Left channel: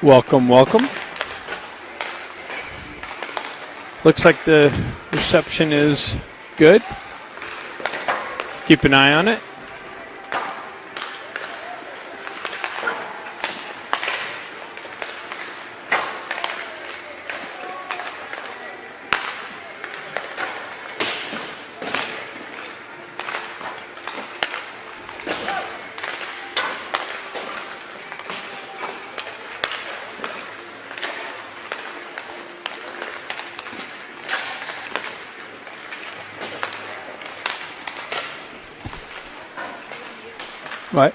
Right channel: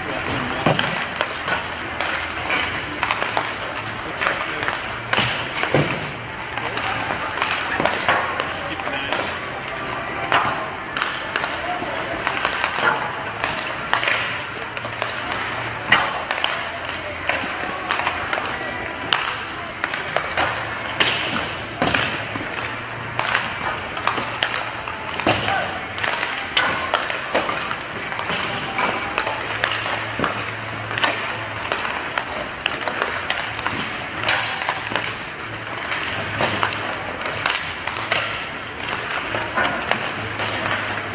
Welcome, welcome. Looks like the reception is good. Keep an eye on it. Right.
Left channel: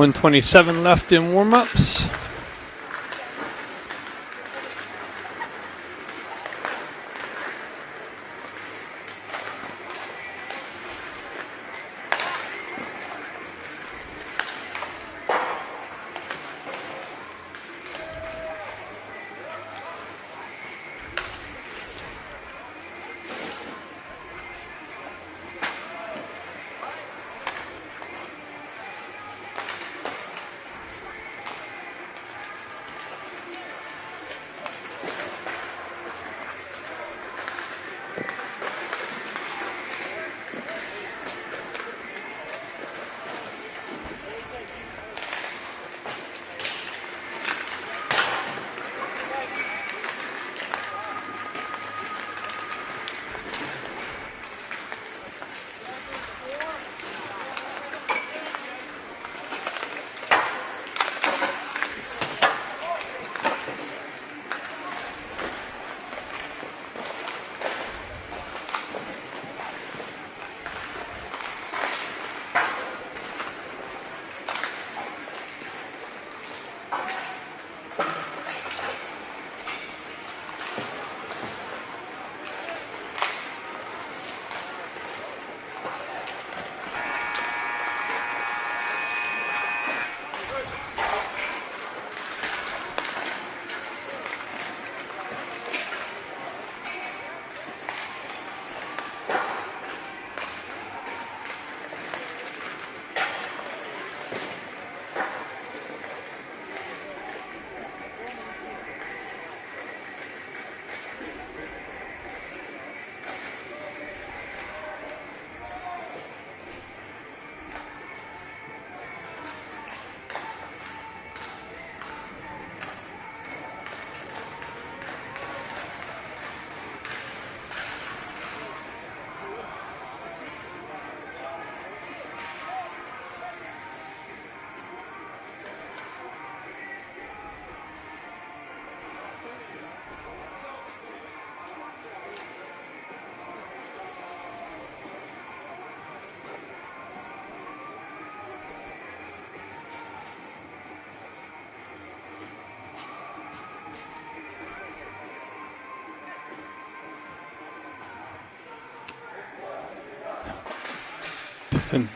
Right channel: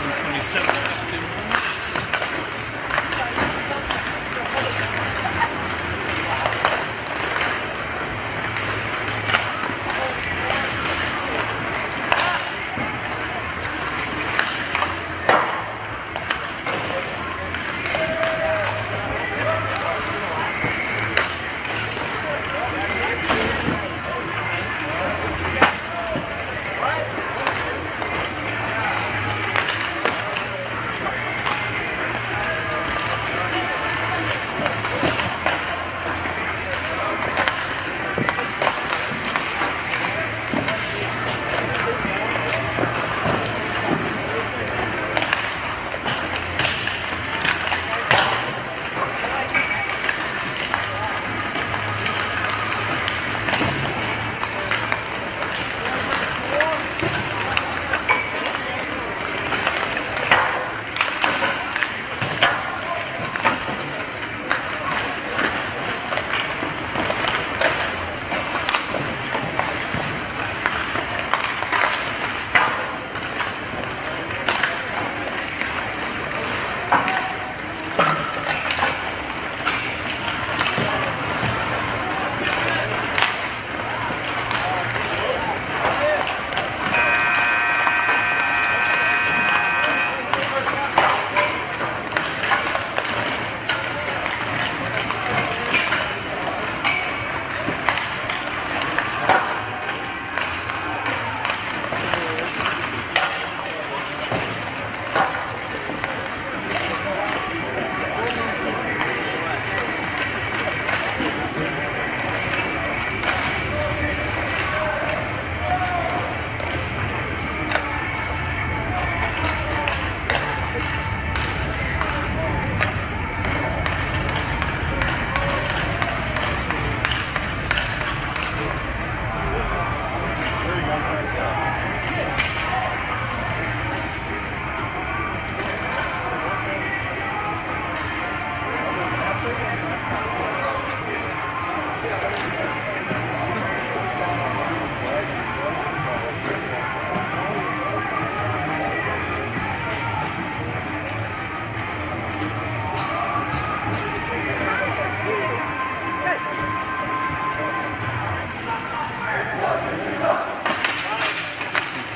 .127 left in warm-ups.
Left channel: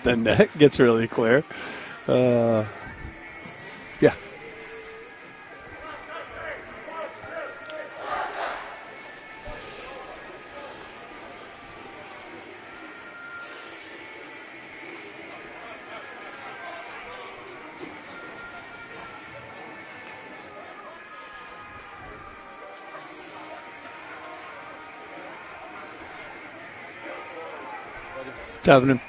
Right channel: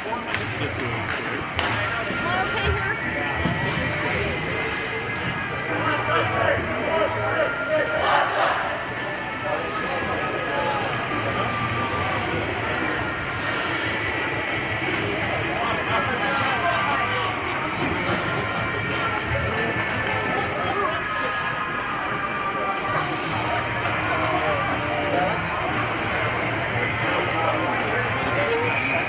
The net gets really clear. Yeah. What's happening?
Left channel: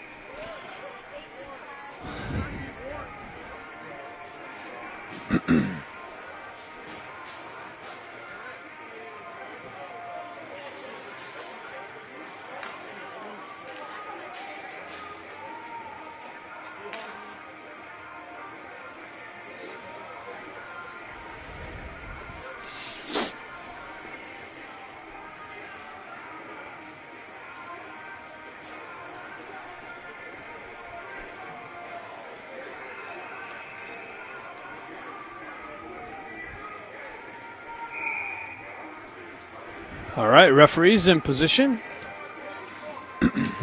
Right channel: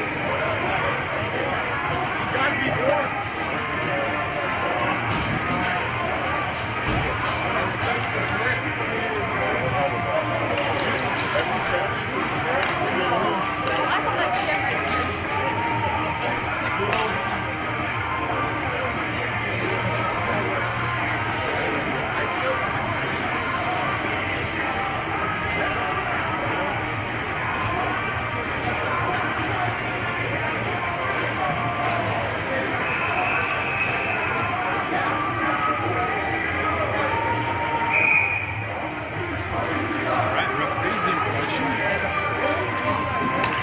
right, referees in position.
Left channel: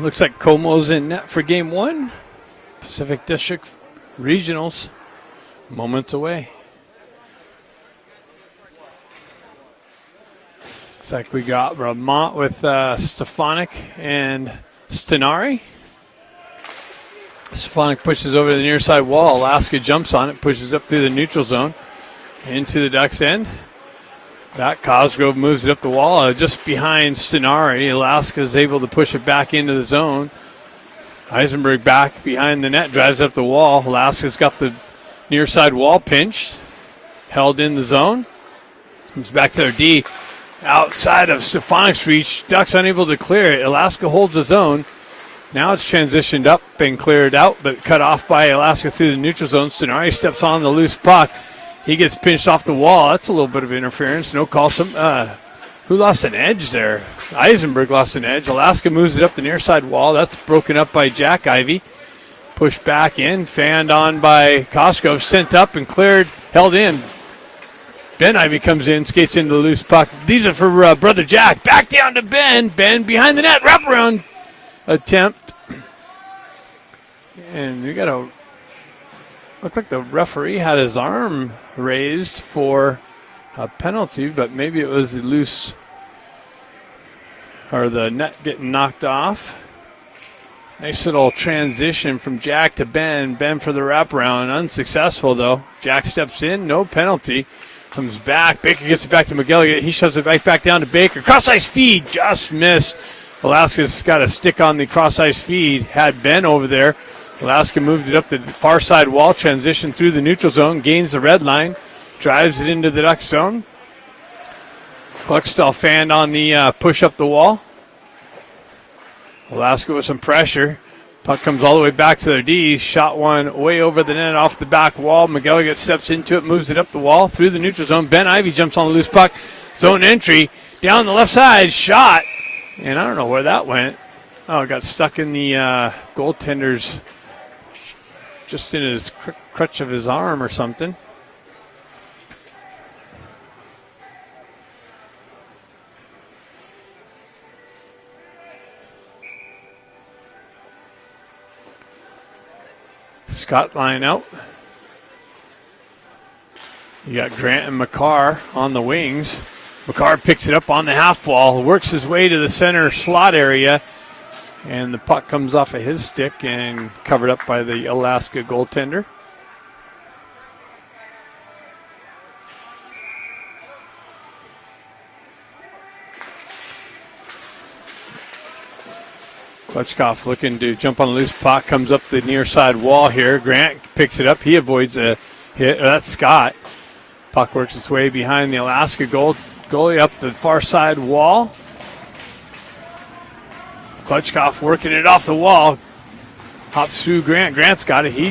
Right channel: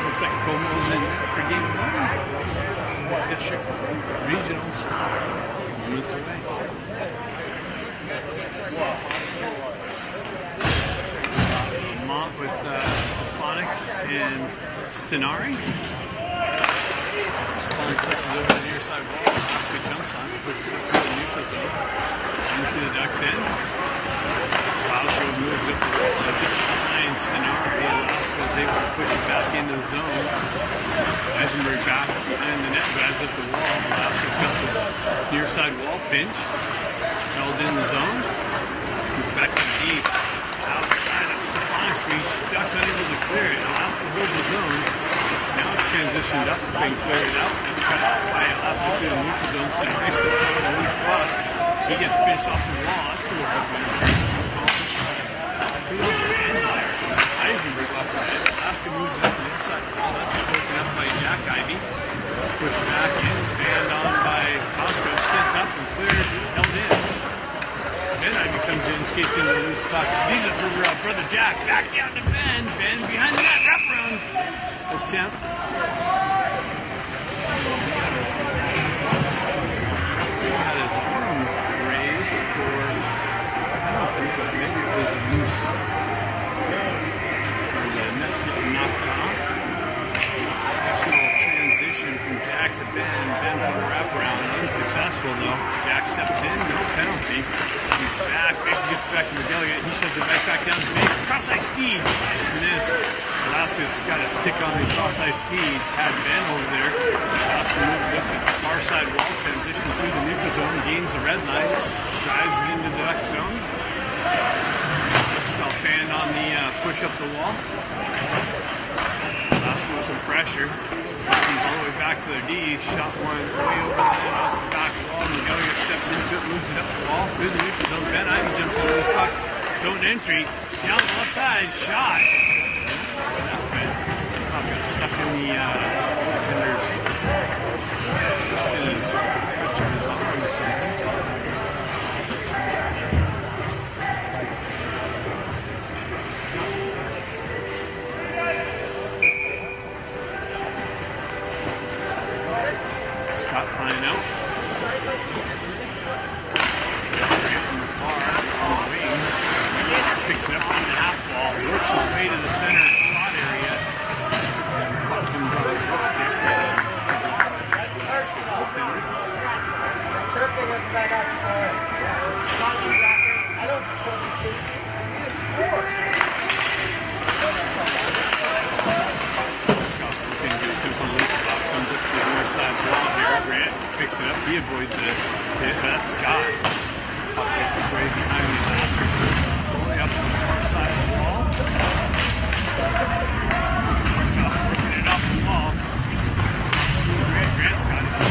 Looks like Como's in net for game 1. Pacific District Regionals, moments away. Looks like we got Vermont with Stefanik and Stenari. Stefanik pushes over the near side wall. Alaska jumps on it, pushes up through the neutral zone into the Ducks' end. That Cosgrove moves it up the wall just behind Stenari. Alaska is able to push it back into the zone. Eisenberg back behind the net, drives up the wall. Alaska's got the near side wall pinched, held in the zone. Comes back to their D. Outside of Stefanik's reach, Ducks unable to clear it. Alaska holds the zone. Now it's transitioned up and cleared out, but cut off by Alaska through the neutral zone. Stenari steps on the loose puck. He gets pinched off the wall. That's a little bit of interference. No call. Who lost an edge there? Eisenberg lost an edge. Alaska moves it up the near side wall. That's broken up by Jack Ivy. Pushed back in, fanned on by Cosgrove, sent up and cleared, held in. Ben Ivy comes in, skates into the loose puck. These are for Brother Jack. Back down to Ben. Ben behind the net, wraparound attempt. And we got a, looked like the referee had his arm raised for a penalty, but maybe it was loose, or the net getting knocked off. Nice little transition from Jack to Ben. Ben for the wraparound, unsuccessful though. Jack steps in, no penalty. Comes back, Baker gets it back to McGilligan. He shoves it right back down to Baker. Cross-ice feed, just missed. Alaska's got a stick on the cross-ice feed. Had Ben over there. Alaska moved it up the far side wall, transition through the neutral zone, gains the red line, drives it into the Duck zone. Cluckstall fanned on the push up the wall. Alaska with some pressure. Puck comes all the way back to their D. Shot one way over the net off the back wall. McGilligan steps into it, moves it up the wall through the neutral zone. Ben Ivy jumps on the loose puck. Zone entry down the left side. Shot. And I don't know where that went. Oh, it got stuck in the goaltender's, just in his crutch of his arm or something. Scott line out. You got Grant and McCarr on the wings. McCarr picks it up on the half wall, works his way to the center slot area, and the puck comes off of his stick and covered up by the Alaska goaltender. Lechkoff looking to jump on the loose puck, comes up the near side wall here. Grant picks it up, he avoids a hit. That's Scott. Puck works its way behind the Alaska goalie up the far side wall. Lechkoff working it off the wall. Hops through Grant. Grant's got it. He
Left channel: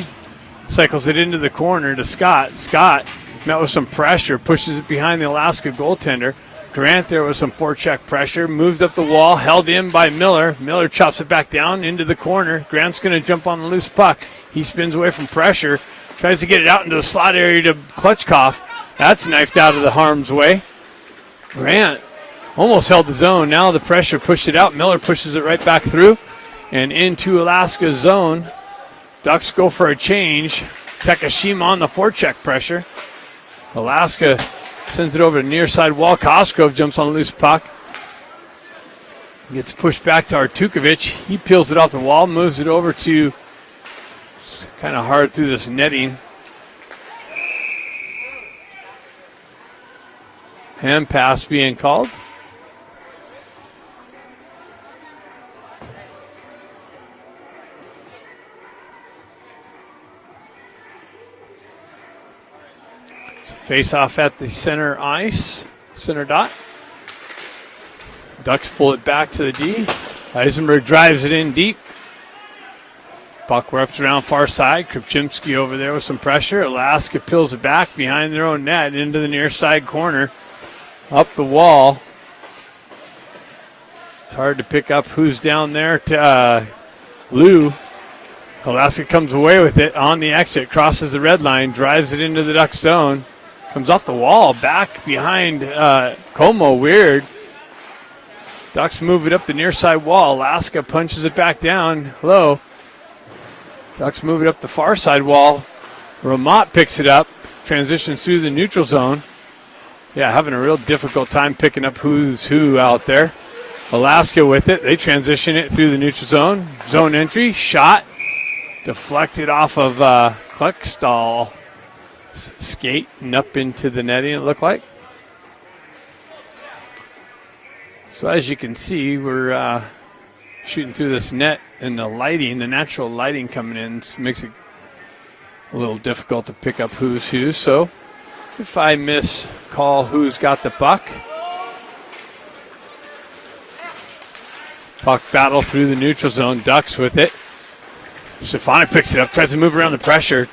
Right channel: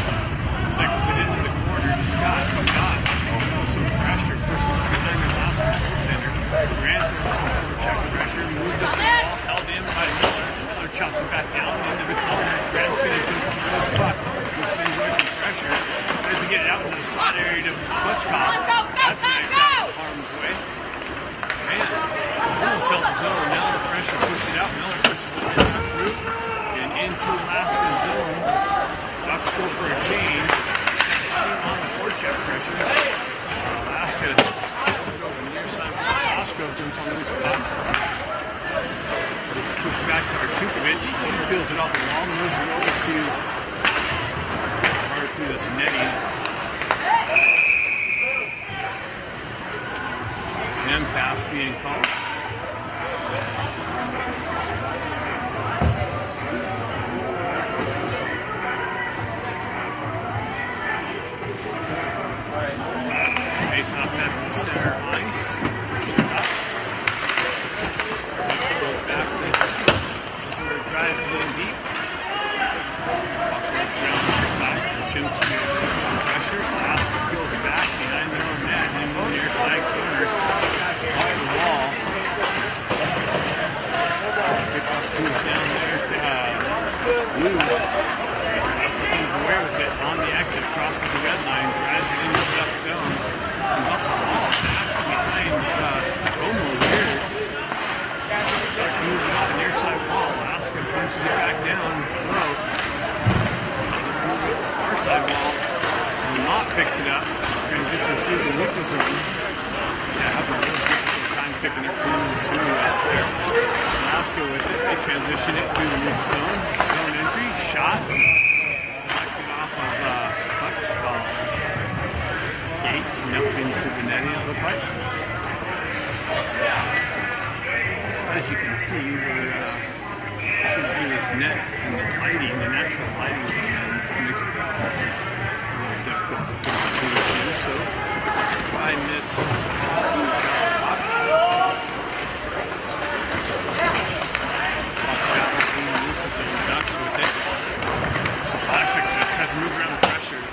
cycles it into the corner to Scott. Scott met with some pressure, pushes it behind the Alaska goaltender. Grant there with some forecheck pressure, moves up the wall, held in by Miller. Miller chops it back down into the corner. Grant's going to jump on the loose puck. He spins away from pressure, tries to get it out into the slot area to Klutchkov. That's knifed out of the harm's way. Grant almost held the zone. Now the pressure pushed it out. Miller pushes it right back through and into Alaska's zone. Ducks go for a change. Takashima on the forecheck pressure. Alaska sends it over to near side wall. Cosgrove jumps on the loose puck. Gets pushed back to Artukovic. He peels it off the wall, moves it over to kind of hard through this netting. Hand pass being called. Face off at the center ice, center dot. Ducks pull it back to the D. Eisenberg drives it in deep. Puck wraps around far side. Krupczynski over there with some pressure. Alaska peels it back behind their own net and into the near side corner. Up the wall. It's hard to pick up who's down there. Lou. Alaska comes away with it on the exit, crosses the red line, drives it into the Duck zone. Comes off the wall, back behind Como, weird. Ducks move it up the near side wall. Alaska punches it back down low. Ducks move it up the far side wall. Ramot picks it up, transitions through the neutral zone. Yeah, having a real difficult time picking up who's who out there. Alaska with it. They transition it through the neutral zone. Zone entry, shot, deflected off of Klexstall. Skating up into the netting, it looked like. So as you can see, we're shooting through this net, and the lighting, the natural lighting coming in, makes it a little difficult to pick up who's who. So if I miss Paul, who's got the puck. Puck battle through the neutral zone. Ducks with it. Stefanik picks it up, tries to move around the pressure.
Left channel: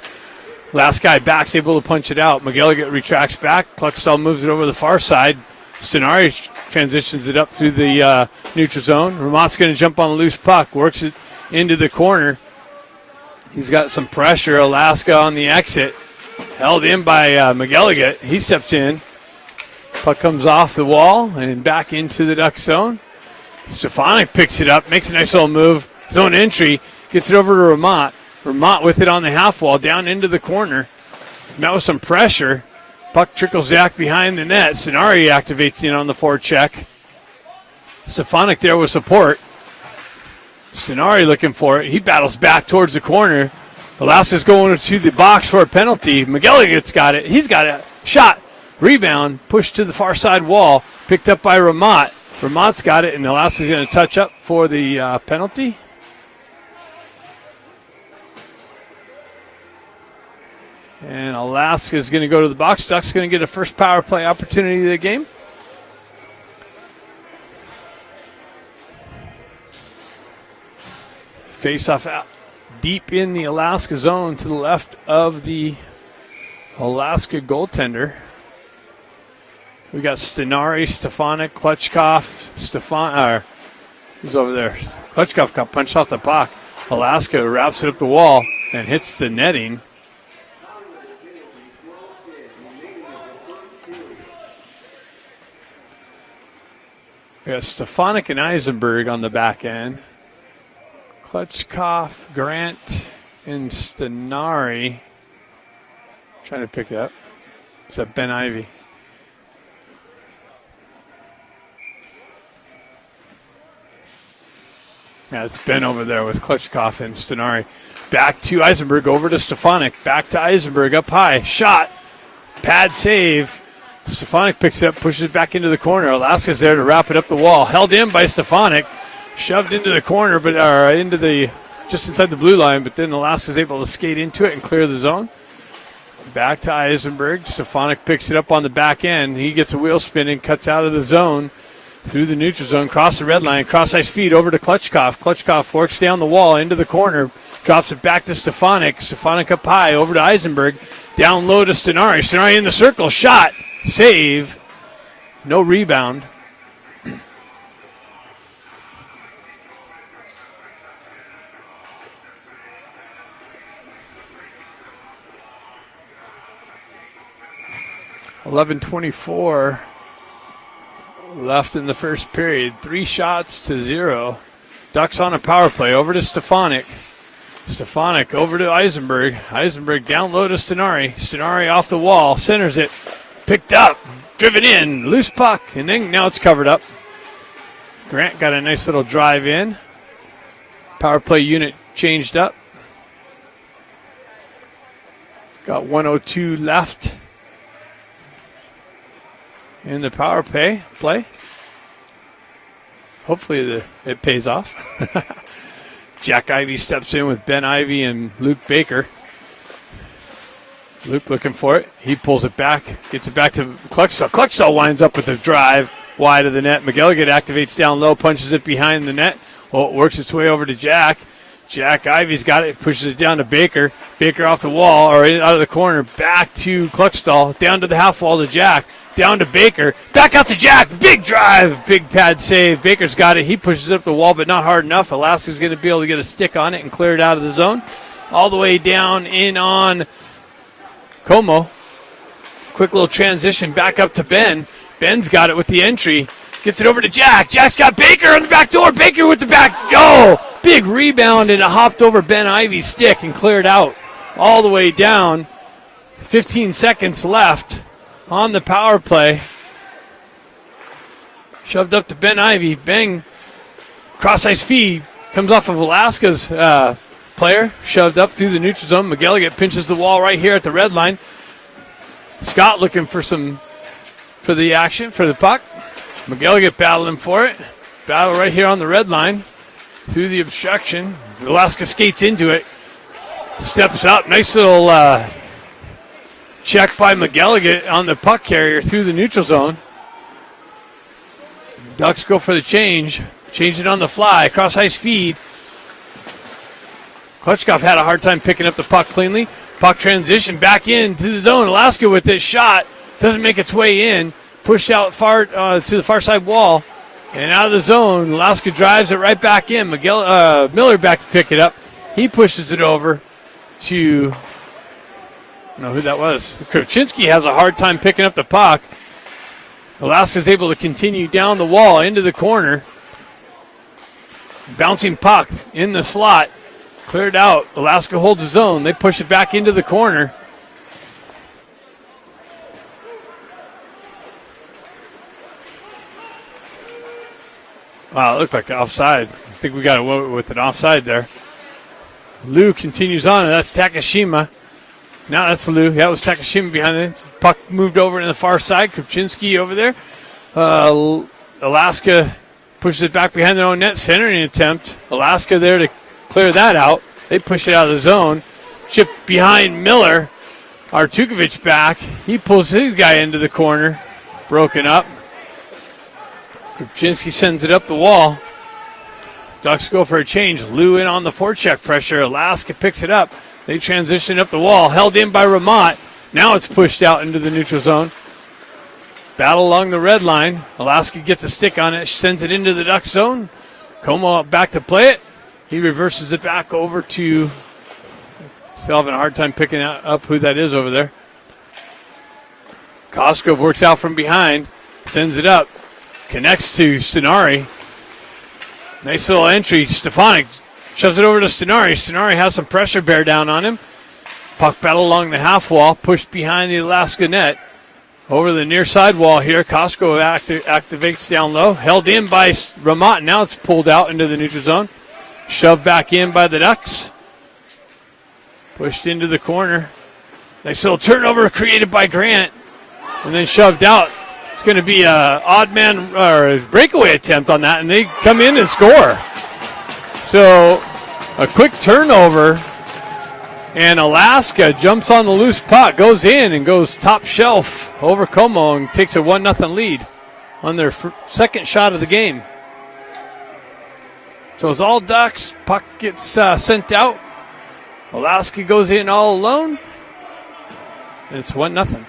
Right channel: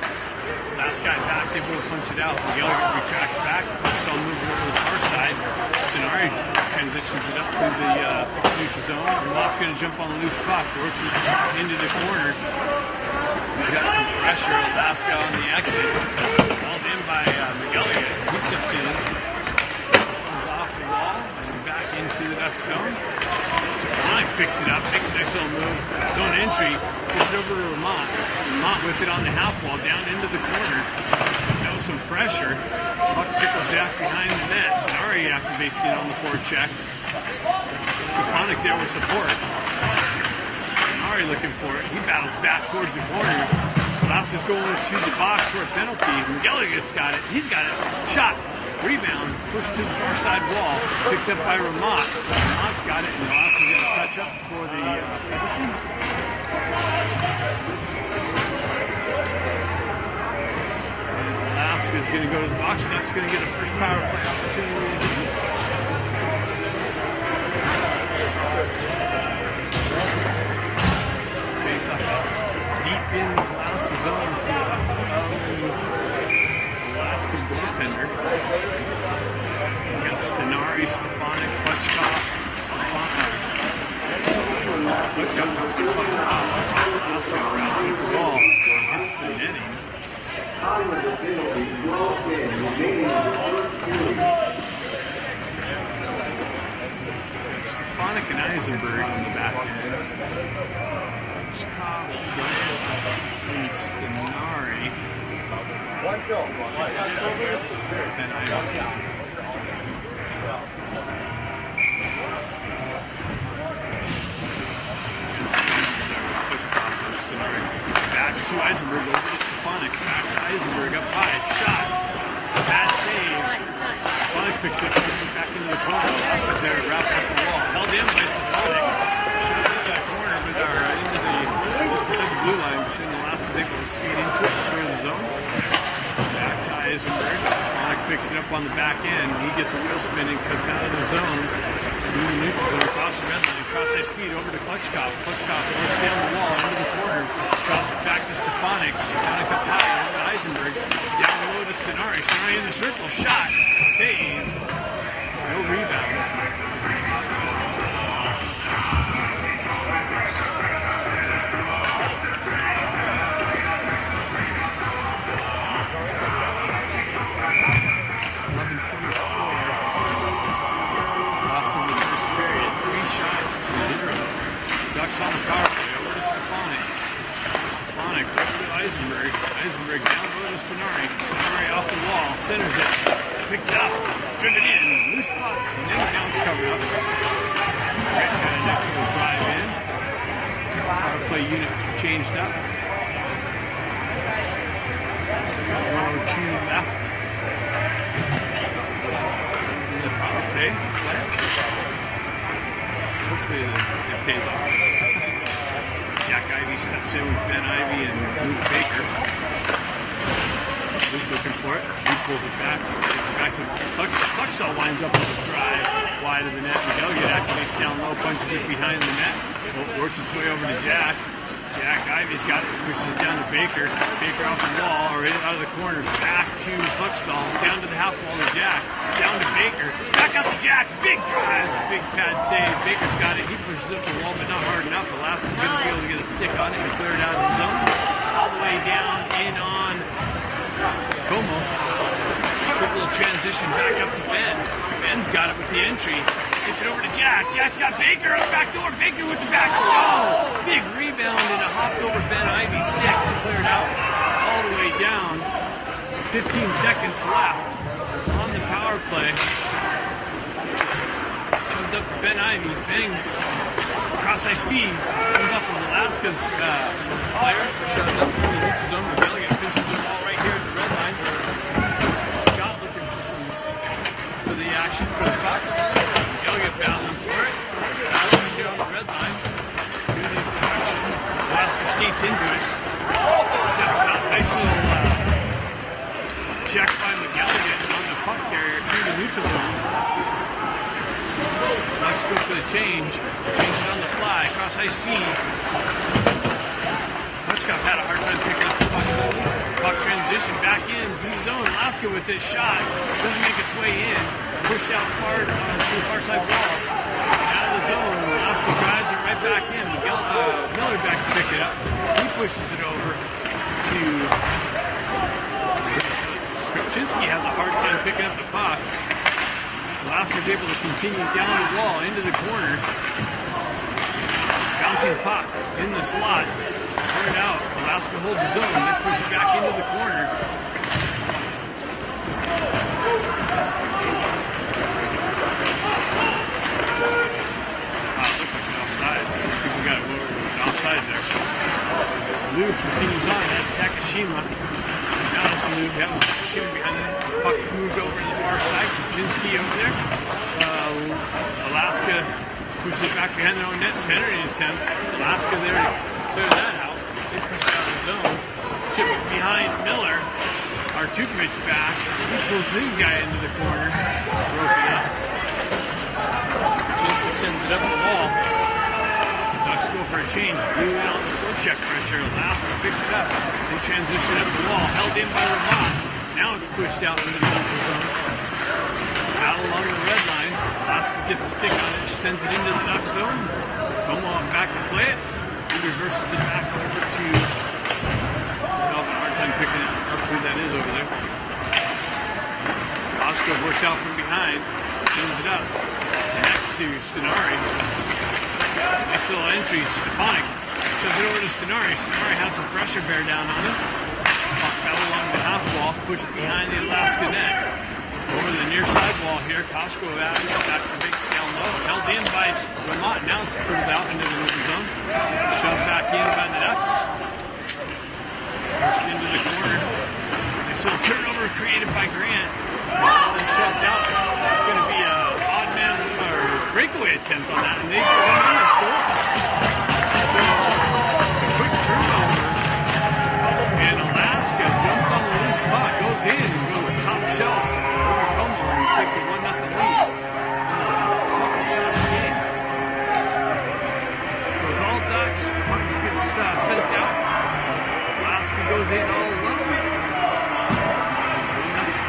Last guy back's able to punch it out. McGilligan retracts back. Klexstall moves it over the far side. Stenari transitions it up through the neutral zone. Ramot's going to jump on a loose puck, works it into the corner. He's got some pressure. Alaska on the exit. Held in by McGilligan. He steps in. Puck comes off the wall and back into the Duck zone. Stefanik picks it up, makes a nice little move. Zone entry, gets it over to Ramot. Ramot with it on the half wall, down into the corner. Met with some pressure. Puck trickles back behind the net. Stenari activates in on the forward check. Stefanik there with support. Stenari looking for it. He battles back towards the corner. Alaska's going to the box for a penalty. McGilligan's got it. He's got it. Shot. Rebound. Pushed to the far side wall. Picked up by Ramot. Ramot's got it, and Alaska's going to touch up for the penalty. Alaska's going to go to the box. Ducks going to get a first power play opportunity of the game. Face off out deep in the Alaska zone to the left of the Alaska goaltender. We got Stenari, Stefanik, Klechkov. Who's over there? Klechkov got punched off the puck. Alaska wraps it up the wall and hits the netting. Yeah, Stefanik and Eisenberg on the back end. Klechkov, Grant, and Stenari. Trying to pick it up. Except Ben Ivy. Yeah, it's Ben over there with Klechkov and Stenari. Back to Eisenberg, over to Stefanik. Back to Eisenberg, up high. Shot. Pad save. Stefanik picks it up, pushes it back into the corner. Alaska's there to wrap it up the wall. Held in by Stefanik. Shoved into the corner, but into the just inside the blue line. But then Alaska's able to skate into it and clear the zone. Back to Eisenberg. Stefanik picks it up on the back end. He gets a wheel spin and cuts out of the zone. Through the neutral zone, across the red line, cross ice feed over to Klechkov. Klechkov works down the wall into the corner, drops it back to Stefanik. Stefanik up high, over to Eisenberg. Down low to Stenari. Stenari in the circle, shot, save, no rebound. .24 left in the first period. 3 shots to 0. Ducks on a power play. Over to Stefanik. Stefanik over to Eisenberg. Eisenberg down low to Stenari. Stenari off the wall. Centers it. Picked up. Driven in. Loose puck. And then now it's covered up. Grant got a nice little drive in. Power play unit changed up. Got 1:02 left in the power play. Hopefully it pays off. Jack Ivey steps in with Ben Ivey and Luke Baker. Luke looking for it. He pulls it back, gets it back to Klechstall. Klechstall winds up with a drive wide of the net. McGilligan activates down low, punches it behind the net. Oh, it works its way over to Jack. Jack Ivey's got it, pushes it down to Baker. Baker off the wall, or out of the corner, back to Klechstall, down to the half wall to Jack. Down to Baker, back out to Jack, big drive, big pad save. Baker's got it, he pushes it up the wall, but not hard enough. Alaska's going to be able to get a stick on it and clear it out of the zone. All the way down in on Como. Quick little transition back up to Ben. Ben's got it with the entry. Gets it over to Jack. Jack's got Baker on the back door. Baker with the back. Oh, big rebound, and it hopped over Ben Ivy's stick and cleared out all the way down. 15 seconds left on the power play. Shoved up to Ben Ivy. Bang. Cross-ice feed. Comes off of Alaska's player. Shoved up through the neutral zone. McGilligan pinches the wall right here at the red line. Scott looking for the action, for the puck. McGilligan battling for it. Battle right here on the red line. Through the obstruction. Alaska skates into it. Steps up. Nice little check by McGilligan on the puck carrier through the neutral zone. Ducks go for the change. Change it on the fly. Cross ice feed. Klitschkov had a hard time picking up the puck cleanly. Puck transition back into the zone. Alaska with this shot. Doesn't make its way in. Pushed out far to the far side wall. And out of the zone. Alaska drives it right back in. Miller back to pick it up. He pushes it over to, I don't know who that was. Kravchinsky has a hard time picking up the puck. Alaska's able to continue down the wall into the corner. Bouncing puck in the slot. Cleared out. Alaska holds his own. They push it back into the corner. Wow, it looked like offside. I think we got away with an offside there. Liu continues on, and that's Takashima. Now that's Liu. That was Takashima behind it. Puck moved over to the far side. Kuczynski over there. Alaska pushes it back behind their own net. Centering attempt. Alaska there to clear that out. They push it out of the zone. Chip behind Miller. Artukovic back. He pulls his guy into the corner. Broken up. Kuczynski sends it up the wall. Ducks go for a change. Liu in on the forecheck pressure. Alaska picks it up. They transition up the wall. Held in by Ramat. Now it's pushed out into the neutral zone. Battle along the red line. Alaska gets a stick on it. Sends it into the Duck zone. Como back to play it. He reverses it back over to... Still having a hard time picking up who that is over there. Koskov works out from behind. Sends it up. Connects to Stenari. Nice little entry. Stefanik shoves it over to Stenari. Stenari has some pressure bear down on him. Puck battle along the half wall. Pushed behind the Alaska net. Over the near side wall here. Koskov activates down low. Held in by Ramat. Now it's pulled out into the neutral zone. Shoved back in by the Ducks. Pushed into the corner. Nice little turnover created by Grant. And then shoved out. It's going to be an odd man or a breakaway attempt on that, and they come in and score. So a quick turnover, and Alaska jumps on the loose puck, goes in and goes top shelf over Como and takes a 1-0 lead on their second shot of the game. So it's all Ducks. Puck gets sent out. Alaska goes in all alone. It's 1-0.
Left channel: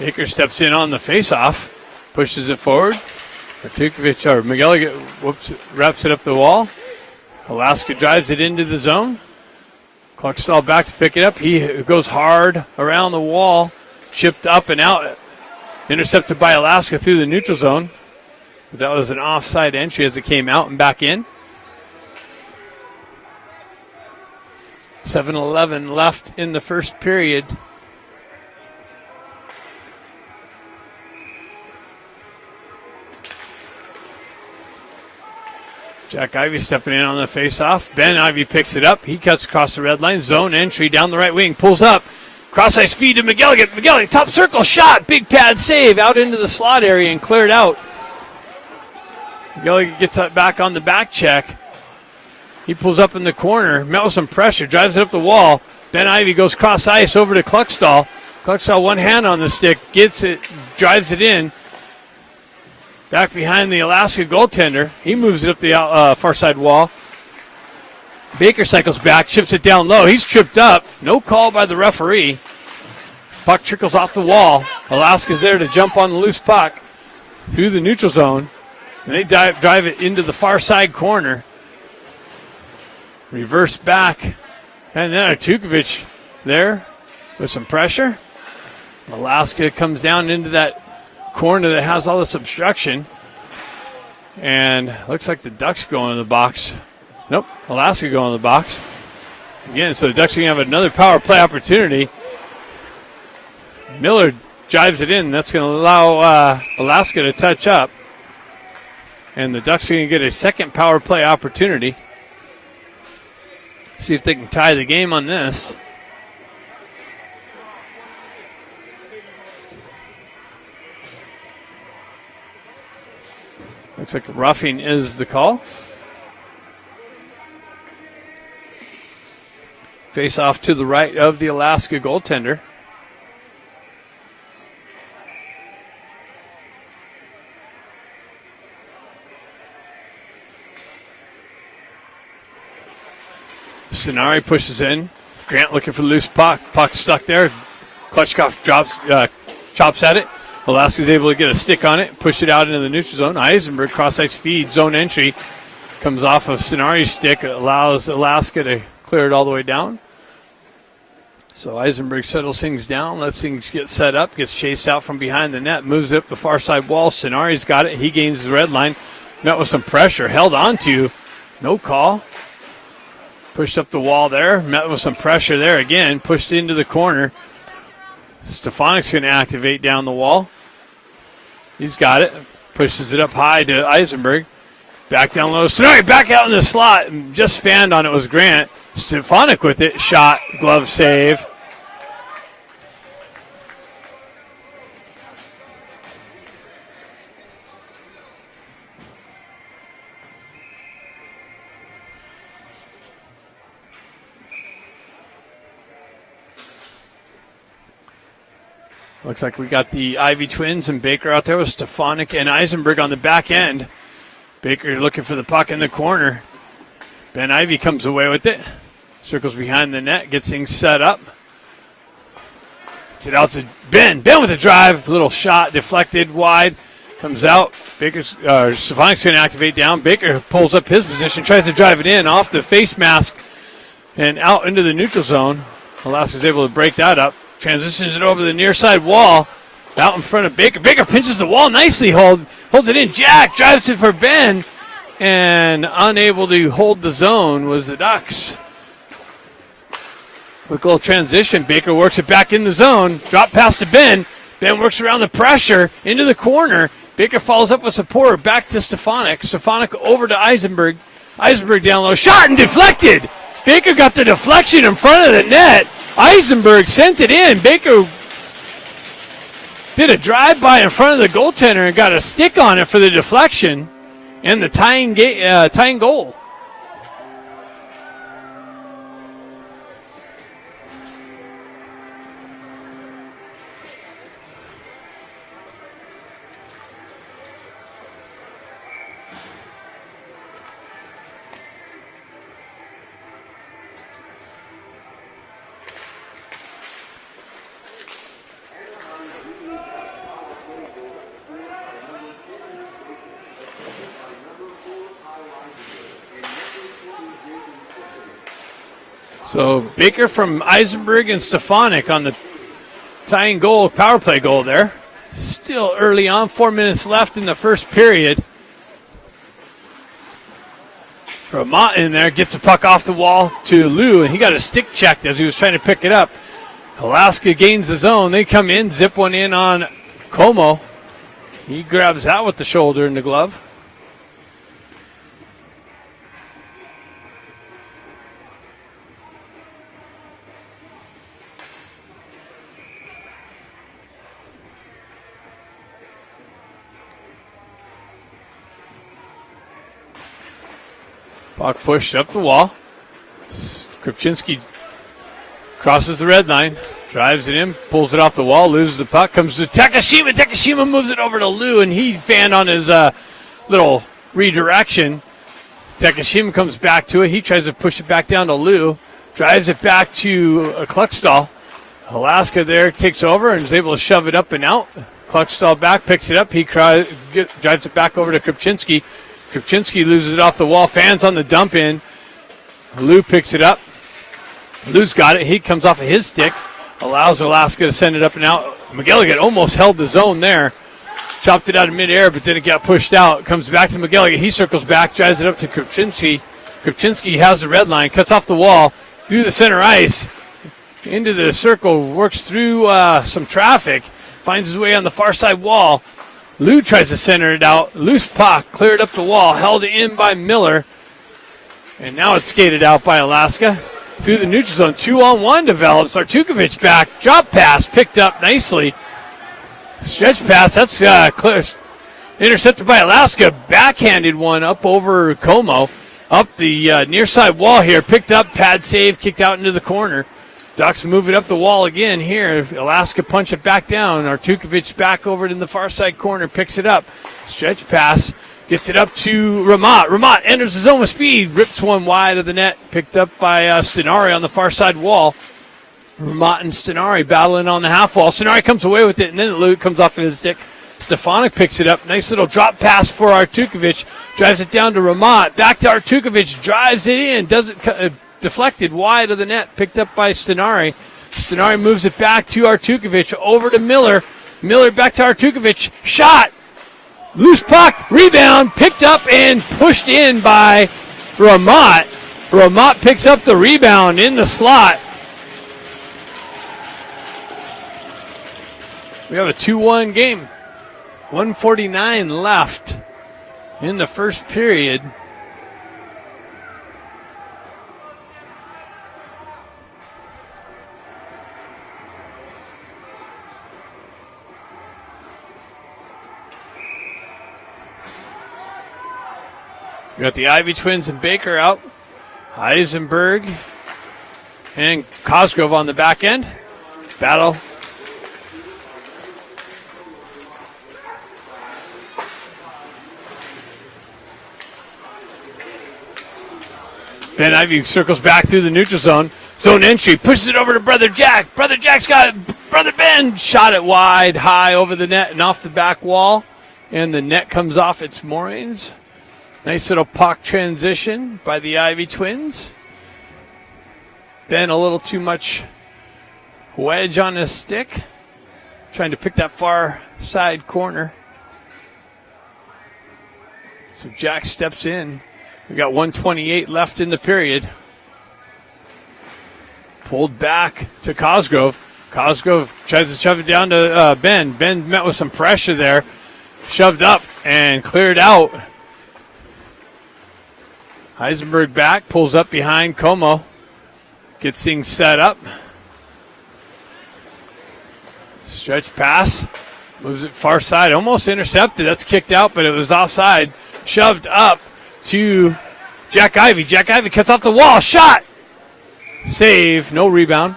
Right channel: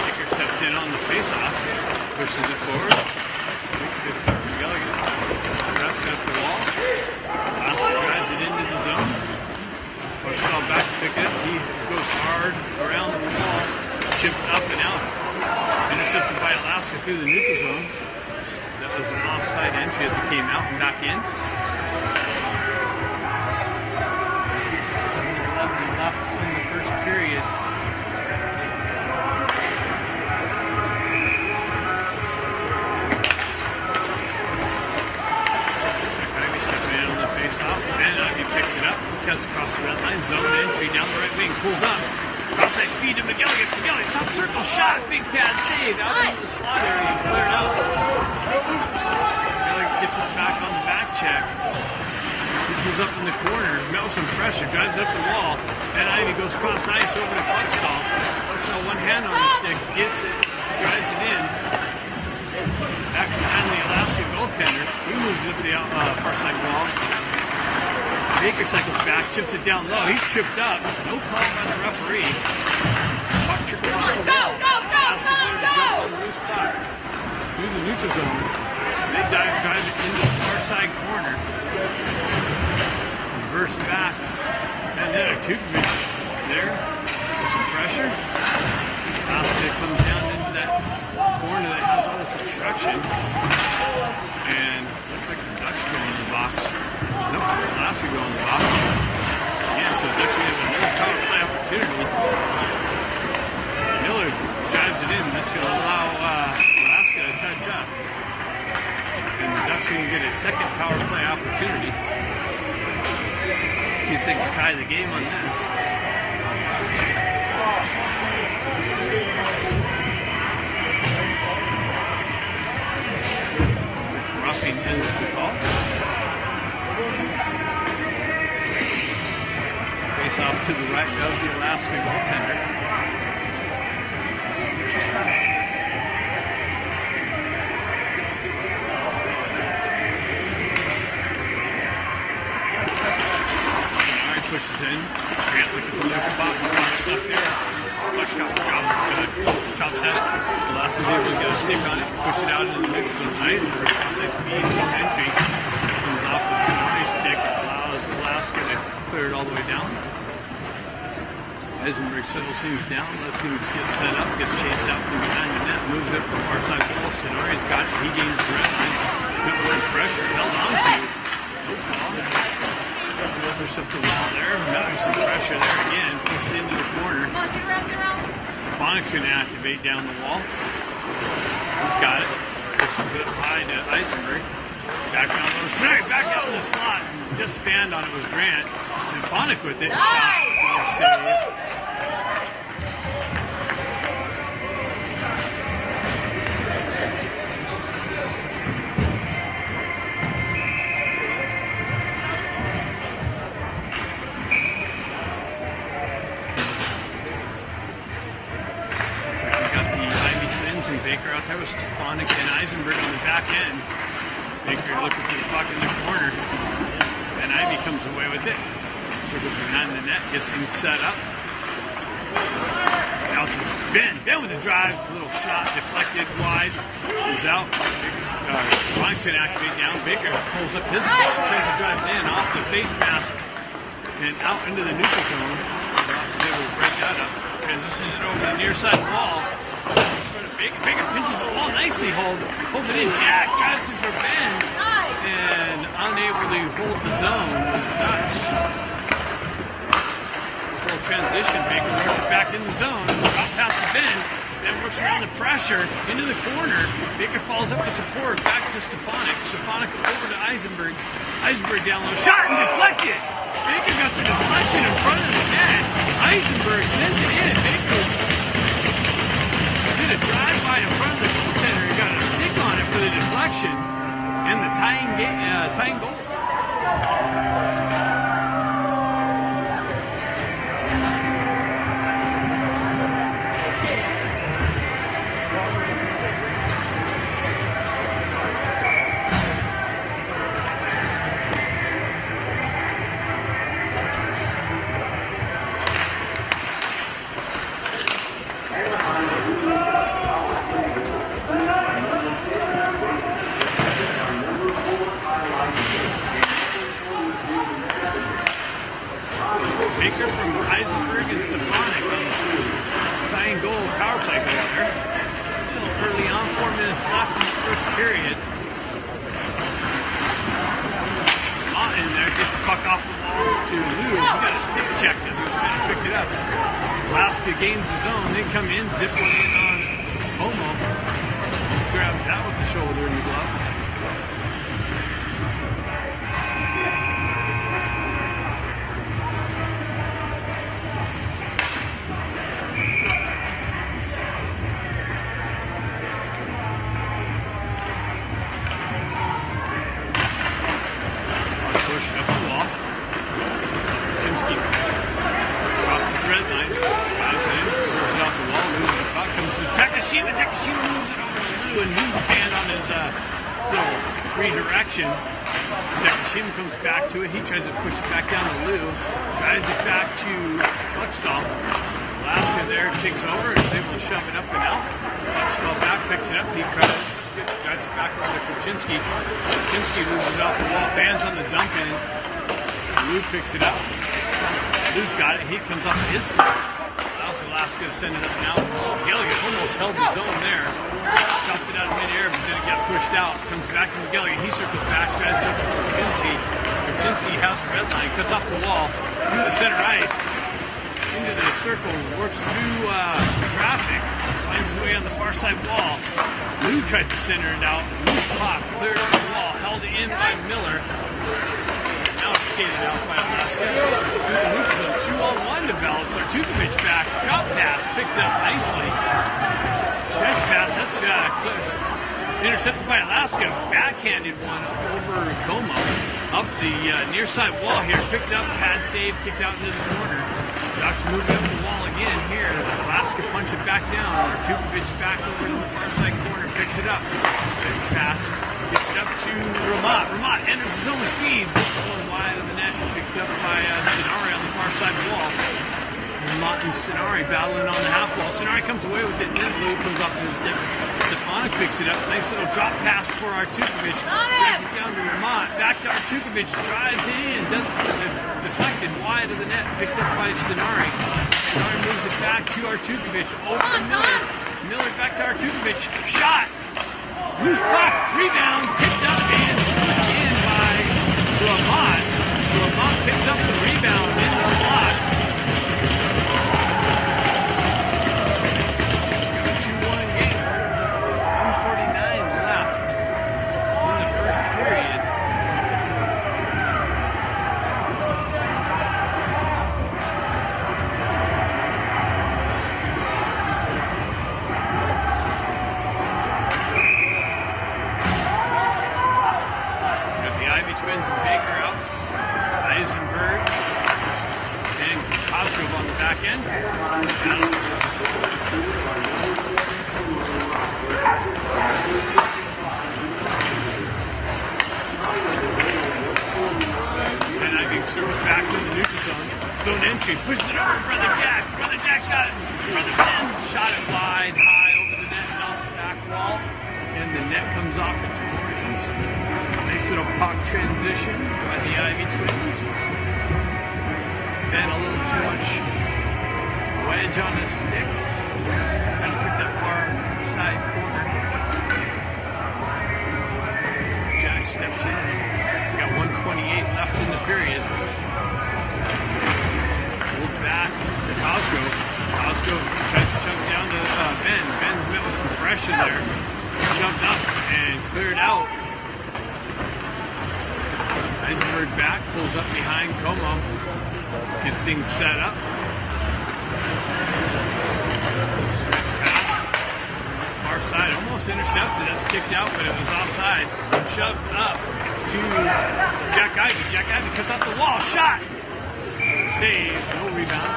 Baker steps in on the face-off, pushes it forward. Tukovic or McGilligan wraps it up the wall. Alaska drives it into the zone. Clarksville back to pick it up. He goes hard around the wall, chipped up and out. Intercepted by Alaska through the neutral zone. That was an offside entry as it came out and back in. 7:11 left in the first period. Jack Ivy stepping in on the face-off. Ben Ivy picks it up. He cuts across the red line. Zone entry down the right wing. Pulls up. Cross-ice feed to McGilligan. McGilligan, top circle shot. Big pad save out into the slot area and cleared out. McGilligan gets up back on the back check. He pulls up in the corner. Met with some pressure. Drives it up the wall. Ben Ivy goes cross-ice over to Kluckstall. Kluckstall one hand on the stick. Gets it. Drives it in. Back behind the Alaska goaltender. He moves it up the far side wall. Baker cycles back, chips it down low. He's tripped up. No call by the referee. Puck trickles off the wall. Alaska's there to jump on the loose puck through the neutral zone. And they drive it into the far side corner. Reverse back. And then Artukovic there with some pressure. Alaska comes down into that corner that has all this obstruction. And looks like the Ducks go in the box. Nope, Alaska go in the box. Again, so the Ducks are going to have another power play opportunity. Miller drives it in. That's going to allow Alaska to touch up. And the Ducks are going to get a second power play opportunity. See if they can tie the game on this. Looks like roughing is the call. Face off to the right of the Alaska goaltender. Scenari pushes in. Grant looking for the loose puck. Puck stuck there. Klutchkov chops at it. Alaska's able to get a stick on it, push it out into the neutral zone. Eisenberg cross-ice feed, zone entry. Comes off of Scenari's stick, allows Alaska to clear it all the way down. So Eisenberg settles things down, lets things get set up, gets chased out from behind the net, moves it up the far side wall. Scenari's got it. He gains the red line. Met with some pressure, held on to. No call. Pushed up the wall there, met with some pressure there again, pushed into the corner. Stefanik's going to activate down the wall. He's got it. Pushes it up high to Eisenberg. Back down low. Scenari back out in the slot. Just fanned on it was Grant. Stefanik with it. Shot, glove save. Looks like we got the Ivy twins and Baker out there with Stefanik and Eisenberg on the back end. Baker looking for the puck in the corner. Ben Ivy comes away with it. Circles behind the net, gets things set up. Gets it out to Ben. Ben with a drive, little shot deflected wide. Comes out. Stefanik's going to activate down. Baker pulls up his position, tries to drive it in off the face mask and out into the neutral zone. Alaska's able to break that up. Transitions it over the near side wall. Out in front of Baker. Baker pinches the wall nicely. Holds it in. Jack drives it for Ben. And unable to hold the zone was the Ducks. Quick little transition. Baker works it back in the zone. Drop pass to Ben. Ben works around the pressure into the corner. Baker follows up with support. Back to Stefanik. Stefanik over to Eisenberg. Eisenberg down low. Shot and deflected. Baker got the deflection in front of the net. Eisenberg sent it in. Baker did a drive-by in front of the goaltender and got a stick on it for the deflection and the tying goal. So Baker from Eisenberg and Stefanik on the tying goal, power play goal there. Still early on, 4 minutes left in the first period. Vermont in there, gets the puck off the wall to Lou, and he got a stick checked as he was trying to pick it up. Alaska gains the zone. They come in, zip one in on Como. He grabs that with the shoulder and the glove. Puck pushed up the wall. Krupczynski crosses the red line, drives it in, pulls it off the wall, loses the puck, comes to Takashima. Takashima moves it over to Lou, and he fanned on his little redirection. Takashima comes back to it. He tries to push it back down to Lou. Drives it back to Kluckstall. Alaska there takes over and is able to shove it up and out. Kluckstall back, picks it up. He drives it back over to Krupczynski. Krupczynski loses it off the wall. Fans on the dump in. Lou picks it up. Lou's got it. He comes off of his stick. Allows Alaska to send it up and out. McGilligan almost held the zone there. Chopped it out of midair, but then it got pushed out. Comes back to McGilligan. He circles back, drives it up to Krupczynski. Krupczynski has the red line, cuts off the wall, through the center ice, into the circle, works through some traffic, finds his way on the far side wall. Lou tries to center it out. Loose puck, cleared up the wall, held in by Miller. And now it's skated out by Alaska. Through the neutral zone, 2-on-1 develops. Artukovic back, drop pass, picked up nicely. Stretch pass, that's clear. Intercepted by Alaska. Backhanded one up over Como. Up the near side wall here. Picked up, pad save, kicked out into the corner. Ducks moving up the wall again here. Alaska punch it back down. Artukovic back over to the far side corner, picks it up. Stretch pass, gets it up to Ramat. Ramat enters the zone with speed, rips one wide of the net. Picked up by Stenari on the far side wall. Mott and Stenari battling on the half wall. Stenari comes away with it, and then Luke comes off of his stick. Stefanik picks it up. Nice little drop pass for Artukovic. Drives it down to Ramat. Back to Artukovic. Drives it in. Doesn't deflected wide of the net. Picked up by Stenari. Stenari moves it back to Artukovic. Over to Miller. Miller back to Artukovic. Shot. Loose puck. Rebound. Picked up and pushed in by Ramat. Ramat picks up the rebound in the slot. We have a 2-1 game. 1:49 left in the first period. We got the Ivy twins and Baker out. Eisenberg and Cosgrove on the back end. Battle. Ben Ivy circles back through the neutral zone. Zone entry, pushes it over to Brother Jack. Brother Jack's got it. Brother Ben shot it wide, high over the net and off the back wall. And the net comes off its moorings. Nice little puck transition by the Ivy twins. Ben a little too much wedge on his stick. Trying to pick that far side corner. So Jack steps in. We got 1:28 left in the period. Pulled back to Cosgrove. Cosgrove tries to shove it down to Ben. Ben met with some pressure there. Shoved up and cleared out. Eisenberg back, pulls up behind Como. Gets things set up. Stretch pass. Moves it far side. Almost intercepted. That's kicked out, but it was offside. Shoved up to Jack Ivy. Jack Ivy cuts off the wall. Shot. Save. No rebound.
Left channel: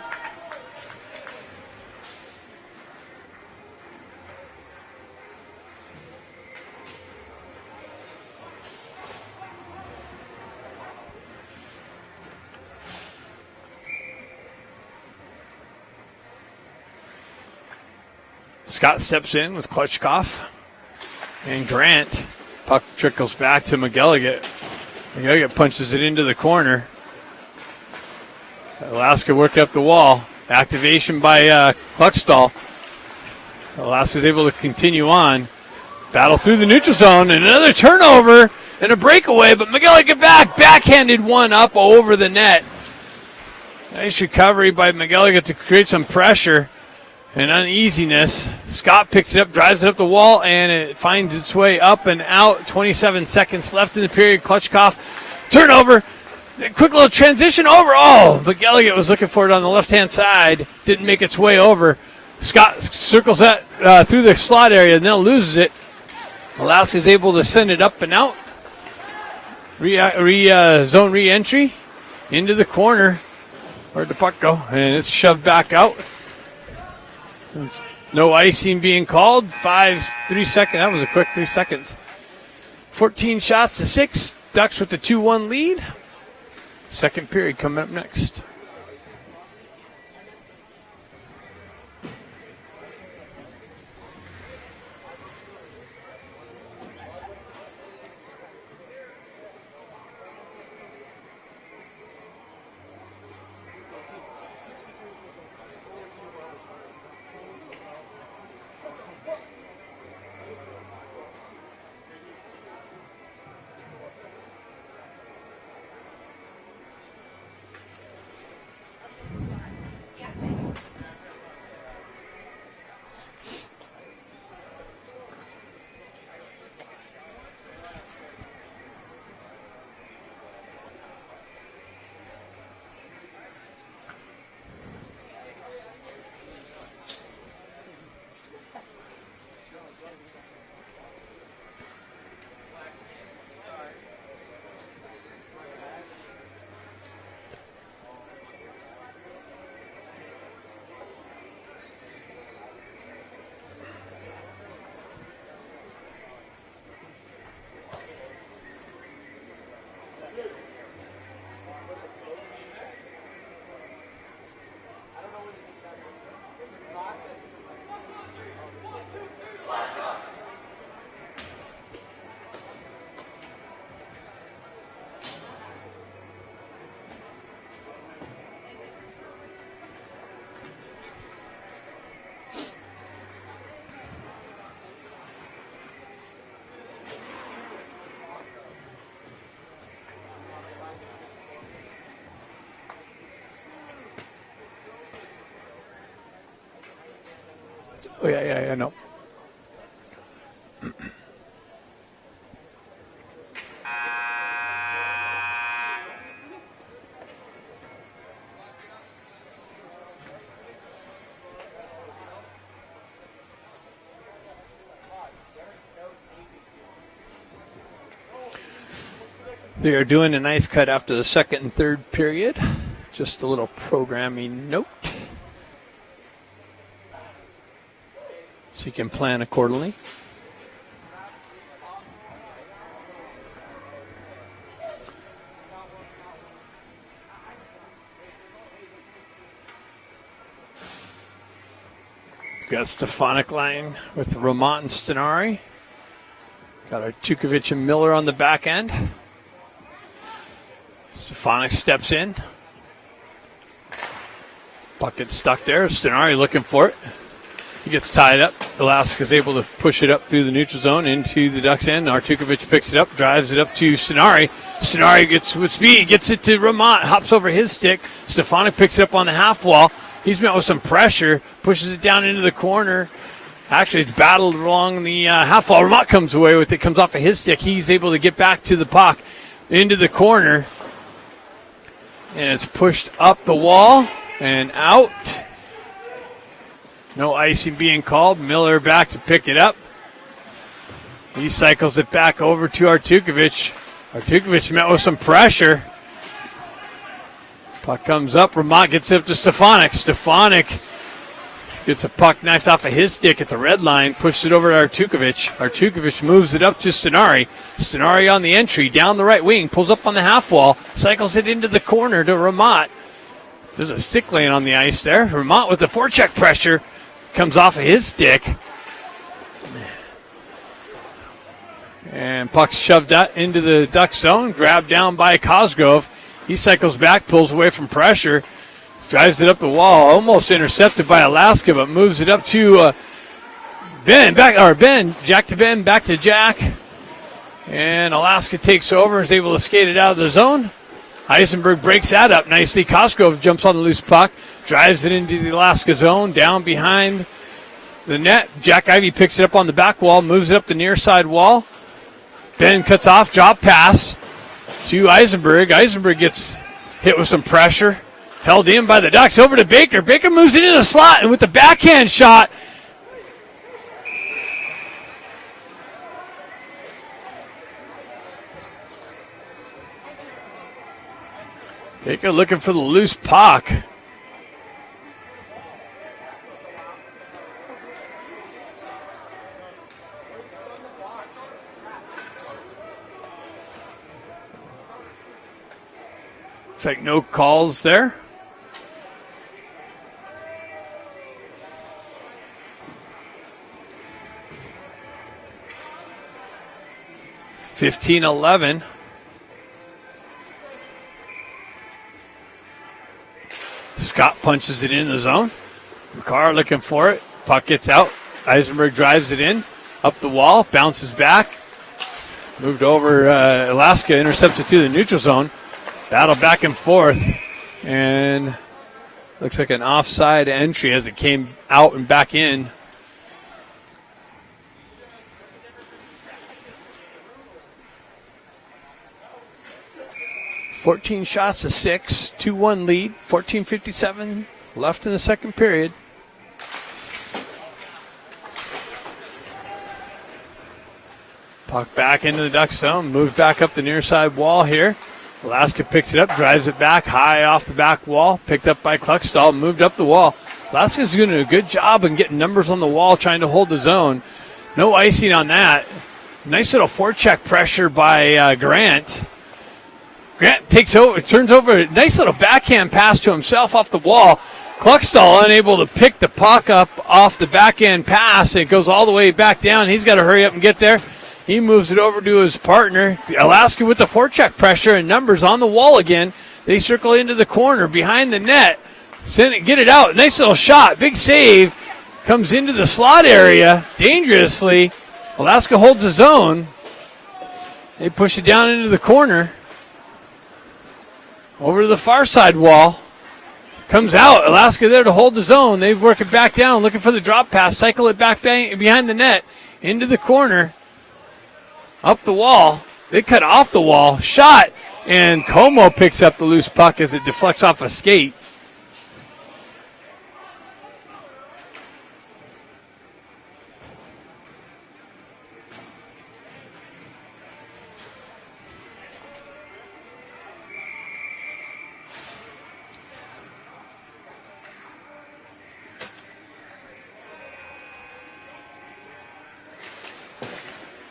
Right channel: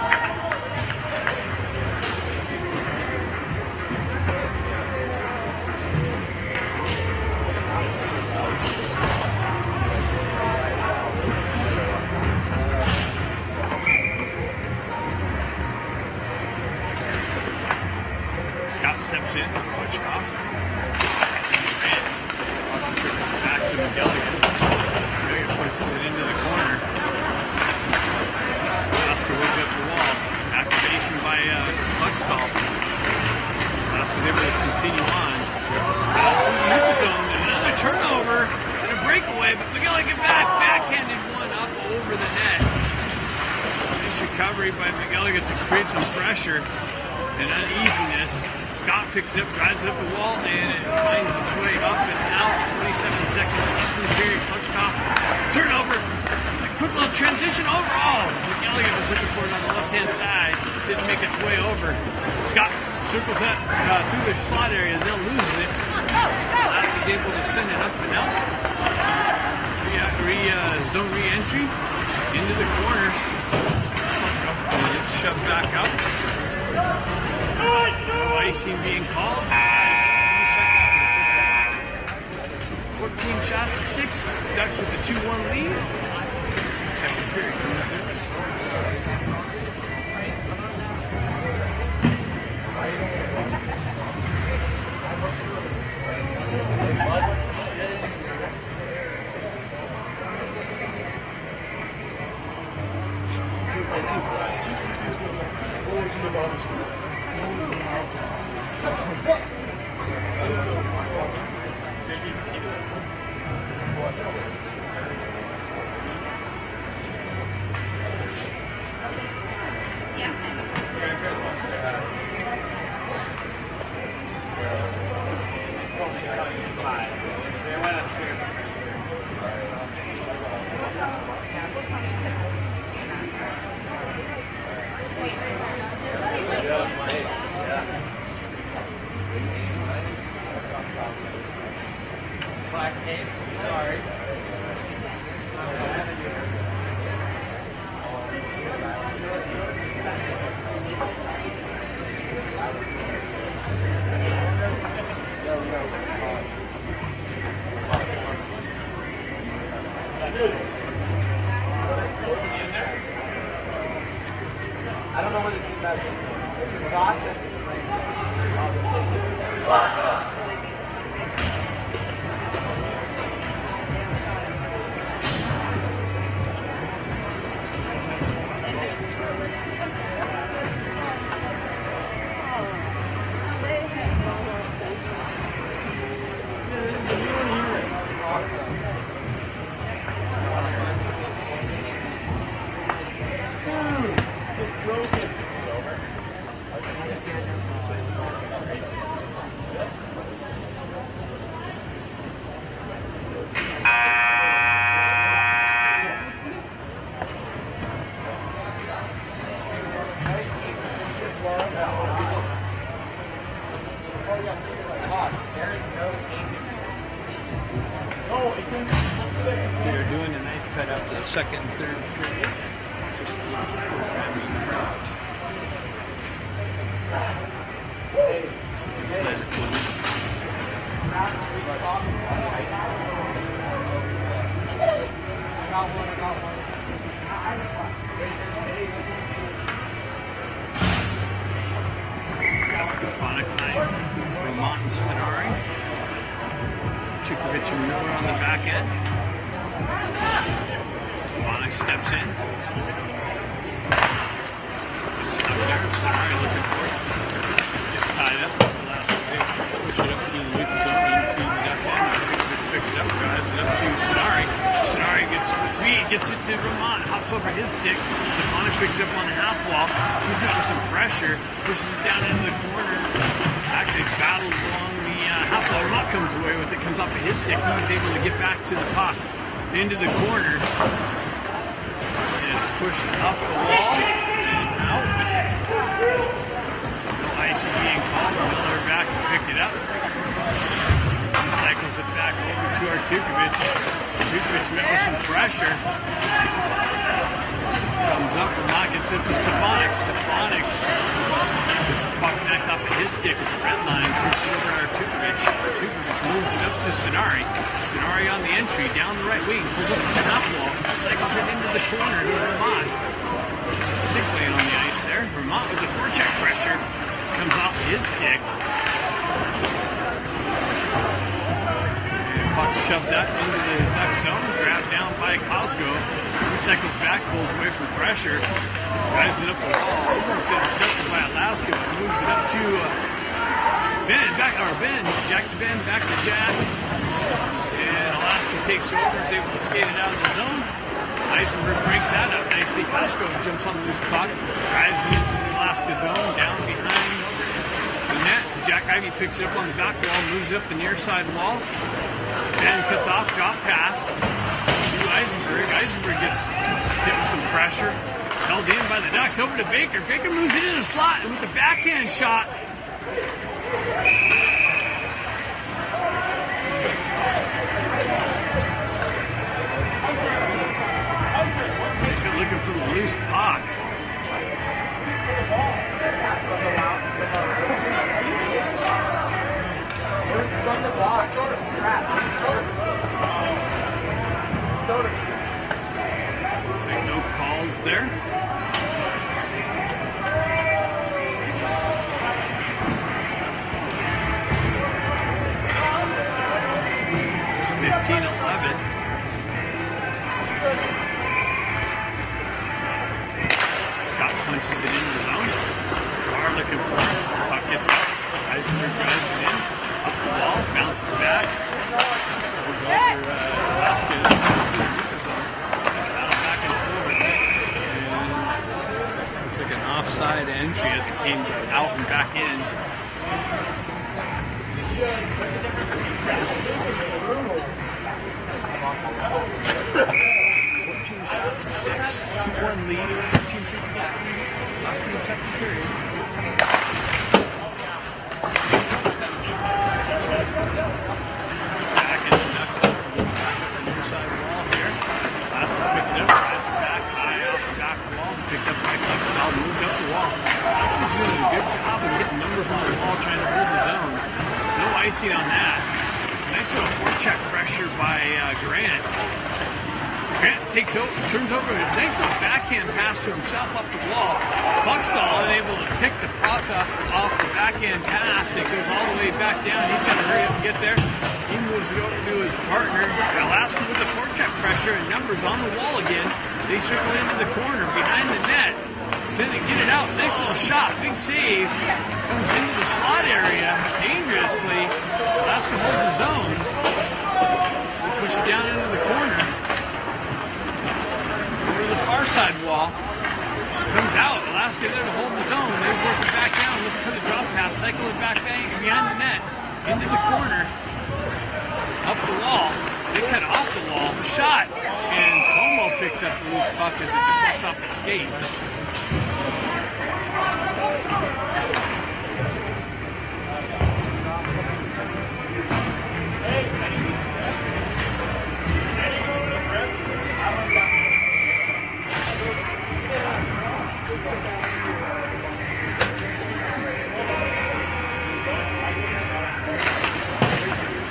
Scott steps in with Klutchkov and Grant. Puck trickles back to McGilligan. McGilligan punches it into the corner. Alaska worked up the wall. Activation by Kluckstall. Alaska's able to continue on. Battle through the neutral zone and another turnover and a breakaway, but McGilligan backhanded one up over the net. Nice recovery by McGilligan to create some pressure and uneasiness. Scott picks it up, drives it up the wall, and it finds its way up and out. 27 seconds left in the period. Klutchkov, turnover, a quick little transition over. Oh, McGilligan was looking for it on the left-hand side. Didn't make its way over. Scott circles that through the slot area and then loses it. Alaska's able to send it up and out. Zone re-entry into the corner. Where'd the puck go? And it's shoved back out. No icing being called. 3 seconds. That was a quick 3 seconds. 14 shots to 6. Ducks with the 2-1 lead. Second period coming up next. We are doing a nice cut after the second and third period. Just a little programming note, so you can plan accordingly. We got Stefanik line with Ramont and Stenari. Tukovic and Miller on the back end. Stefanik steps in. Puck gets stuck there. Stenari looking for it. He gets tied up. Alaska's able to push it up through the neutral zone into the Ducks end. Artukovic picks it up, drives it up to Stenari. Stenari gets with speed, gets it to Ramont, hops over his stick. Stefanik picks it up on the half wall. He's met with some pressure, pushes it down into the corner. Actually, it's battled along the half wall. Ramont comes away with it, comes off of his stick. He's able to get back to the puck into the corner. And it's pushed up the wall and out. No icing being called. Miller back to pick it up. He cycles it back over to Artukovic. Artukovic met with some pressure. Puck comes up. Ramont gets it up to Stefanik. Stefanik gets a puck knifed off of his stick at the red line, pushes it over to Artukovic. Artukovic moves it up to Stenari. Stenari on the entry, down the right wing, pulls up on the half wall, cycles it into the corner to Ramont. There's a stick laying on the ice there. Ramont with the forecheck pressure, comes off of his stick. And puck's shoved out into the Duck zone, grabbed down by Cosgrove. He cycles back, pulls away from pressure. Drives it up the wall, almost intercepted by Alaska, but moves it up to Jack to Ben, back to Jack. And Alaska takes over, is able to skate it out of the zone. Eisenberg breaks that up nicely. Cosgrove jumps on the loose puck, drives it into the Alaska zone, down behind the net. Jack Ivey picks it up on the back wall, moves it up the near side wall. Ben cuts off, drop pass to Eisenberg. Eisenberg gets hit with some pressure. Held in by the Ducks, over to Baker. Baker moves it into the slot, and with the backhand shot, Baker looking for the loose puck. like no calls there. (15-11). Scott punches it in the zone. Carr looking for it. Puck gets out. Eisenberg drives it in. Up the wall. Bounces back. Moved over. Alaska intercepted to the neutral zone. Battle back and forth. And looks like an offside entry as it came out and back in. (14 shots to 6, 2-1 lead, 14:57 left in the second period. Puck back into the Duck zone, moved back up the near side wall here. Alaska picks it up, drives it back high off the back wall, picked up by Kluckstall, moved up the wall. Alaska's doing a good job of getting numbers on the wall, trying to hold the zone. No icing on that. Nice little forecheck pressure by Grant. Grant takes over, turns over a nice little backhand pass to himself off the wall. Kluckstall unable to pick the puck up off the backhand pass. It goes all the way back down. He's got to hurry up and get there. He moves it over to his partner. Alaska with the forecheck pressure and numbers on the wall again. They circle into the corner behind the net. Send it, get it out. Nice little shot. Big save. Comes into the slot area dangerously. Alaska holds his own. They push it down into the corner. Over to the far side wall. Comes out. Alaska there to hold his own. They work it back down, looking for the drop pass. Cycle it back behind the net. Into the corner. Up the wall. They cut off the wall. Shot. And Como picks up the loose puck as it deflects off a skate.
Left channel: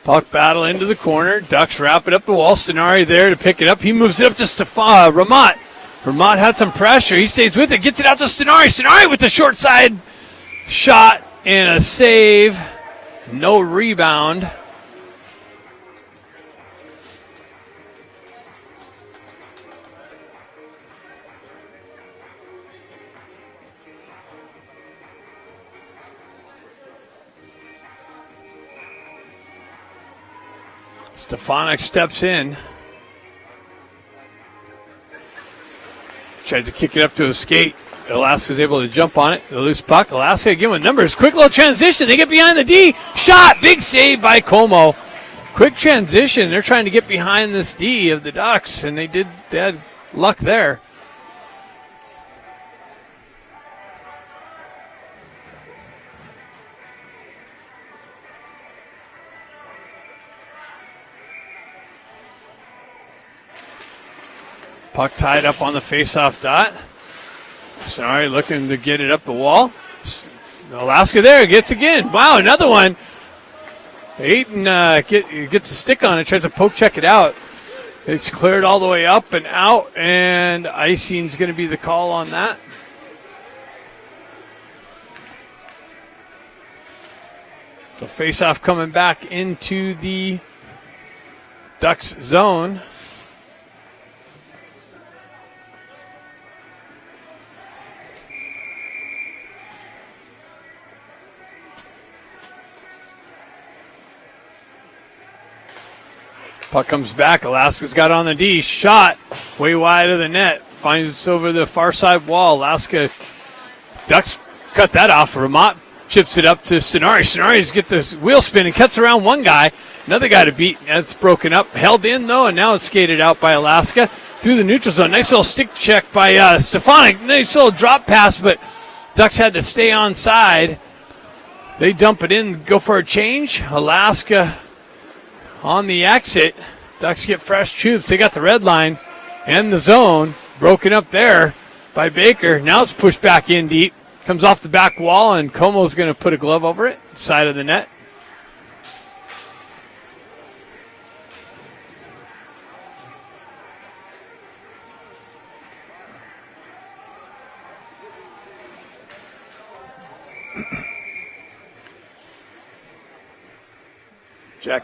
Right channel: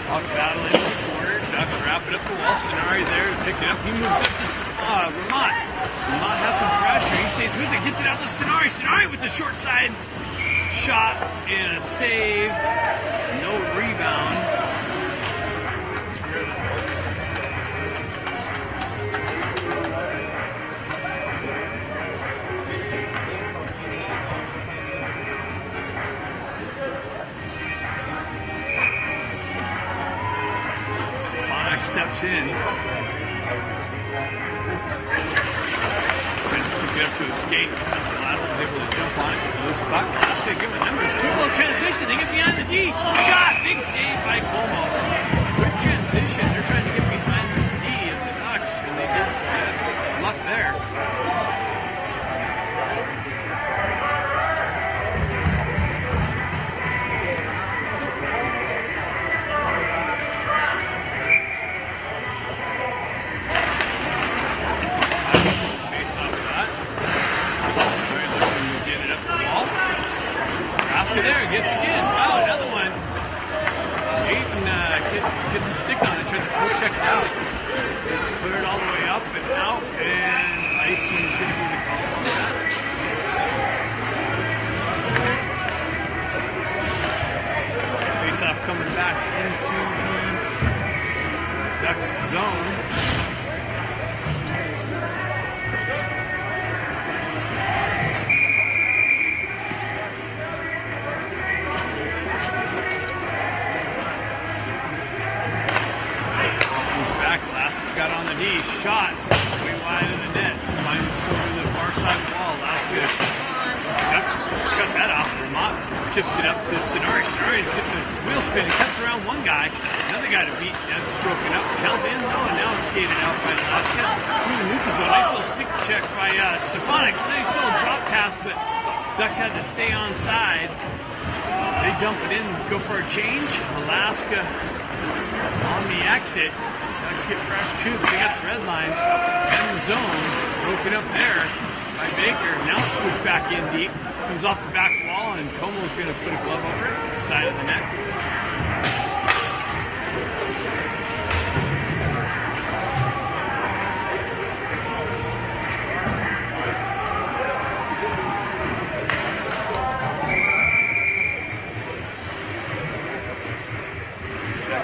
Puck battle into the corner. Ducks wrap it up the wall. Stenari there to pick it up. He moves it up to Ramat. Ramat had some pressure. He stays with it. Gets it out to Stenari. Stenari with the short side shot and a save. No rebound. Stefanik steps in. Tries to kick it up to his skate. Alaska's able to jump on it. The loose puck. Alaska again with numbers. Quick little transition. They get behind the D. Shot. Big save by Como. Quick transition. They're trying to get behind this D of the Ducks, and they had luck there. Puck tied up on the face-off dot. Sorry, looking to get it up the wall. Alaska there, gets again. Wow, another one. Ayton gets a stick on it, tries to poke check it out. It's cleared all the way up and out, and icing's going to be the call on that. Face-off coming back into the Ducks zone. Puck comes back. Alaska's got on the D. Shot way wide of the net. Finds over the far side wall. Alaska Ducks cut that off. Ramat chips it up to Stenari. Stenari's get this wheel spin and cuts around one guy. Another guy to beat. That's broken up. Held in though, and now it's skated out by Alaska through the neutral zone. Nice little stick check by Stefanik. Nice little drop pass, but Ducks had to stay on side. They dump it in, go for a change. Alaska on the exit. Ducks get fresh troops. They got the red line and the zone broken up there by Baker. Now it's pushed back in deep. Comes off the back wall, and Como's going to put a glove over it, side of the net.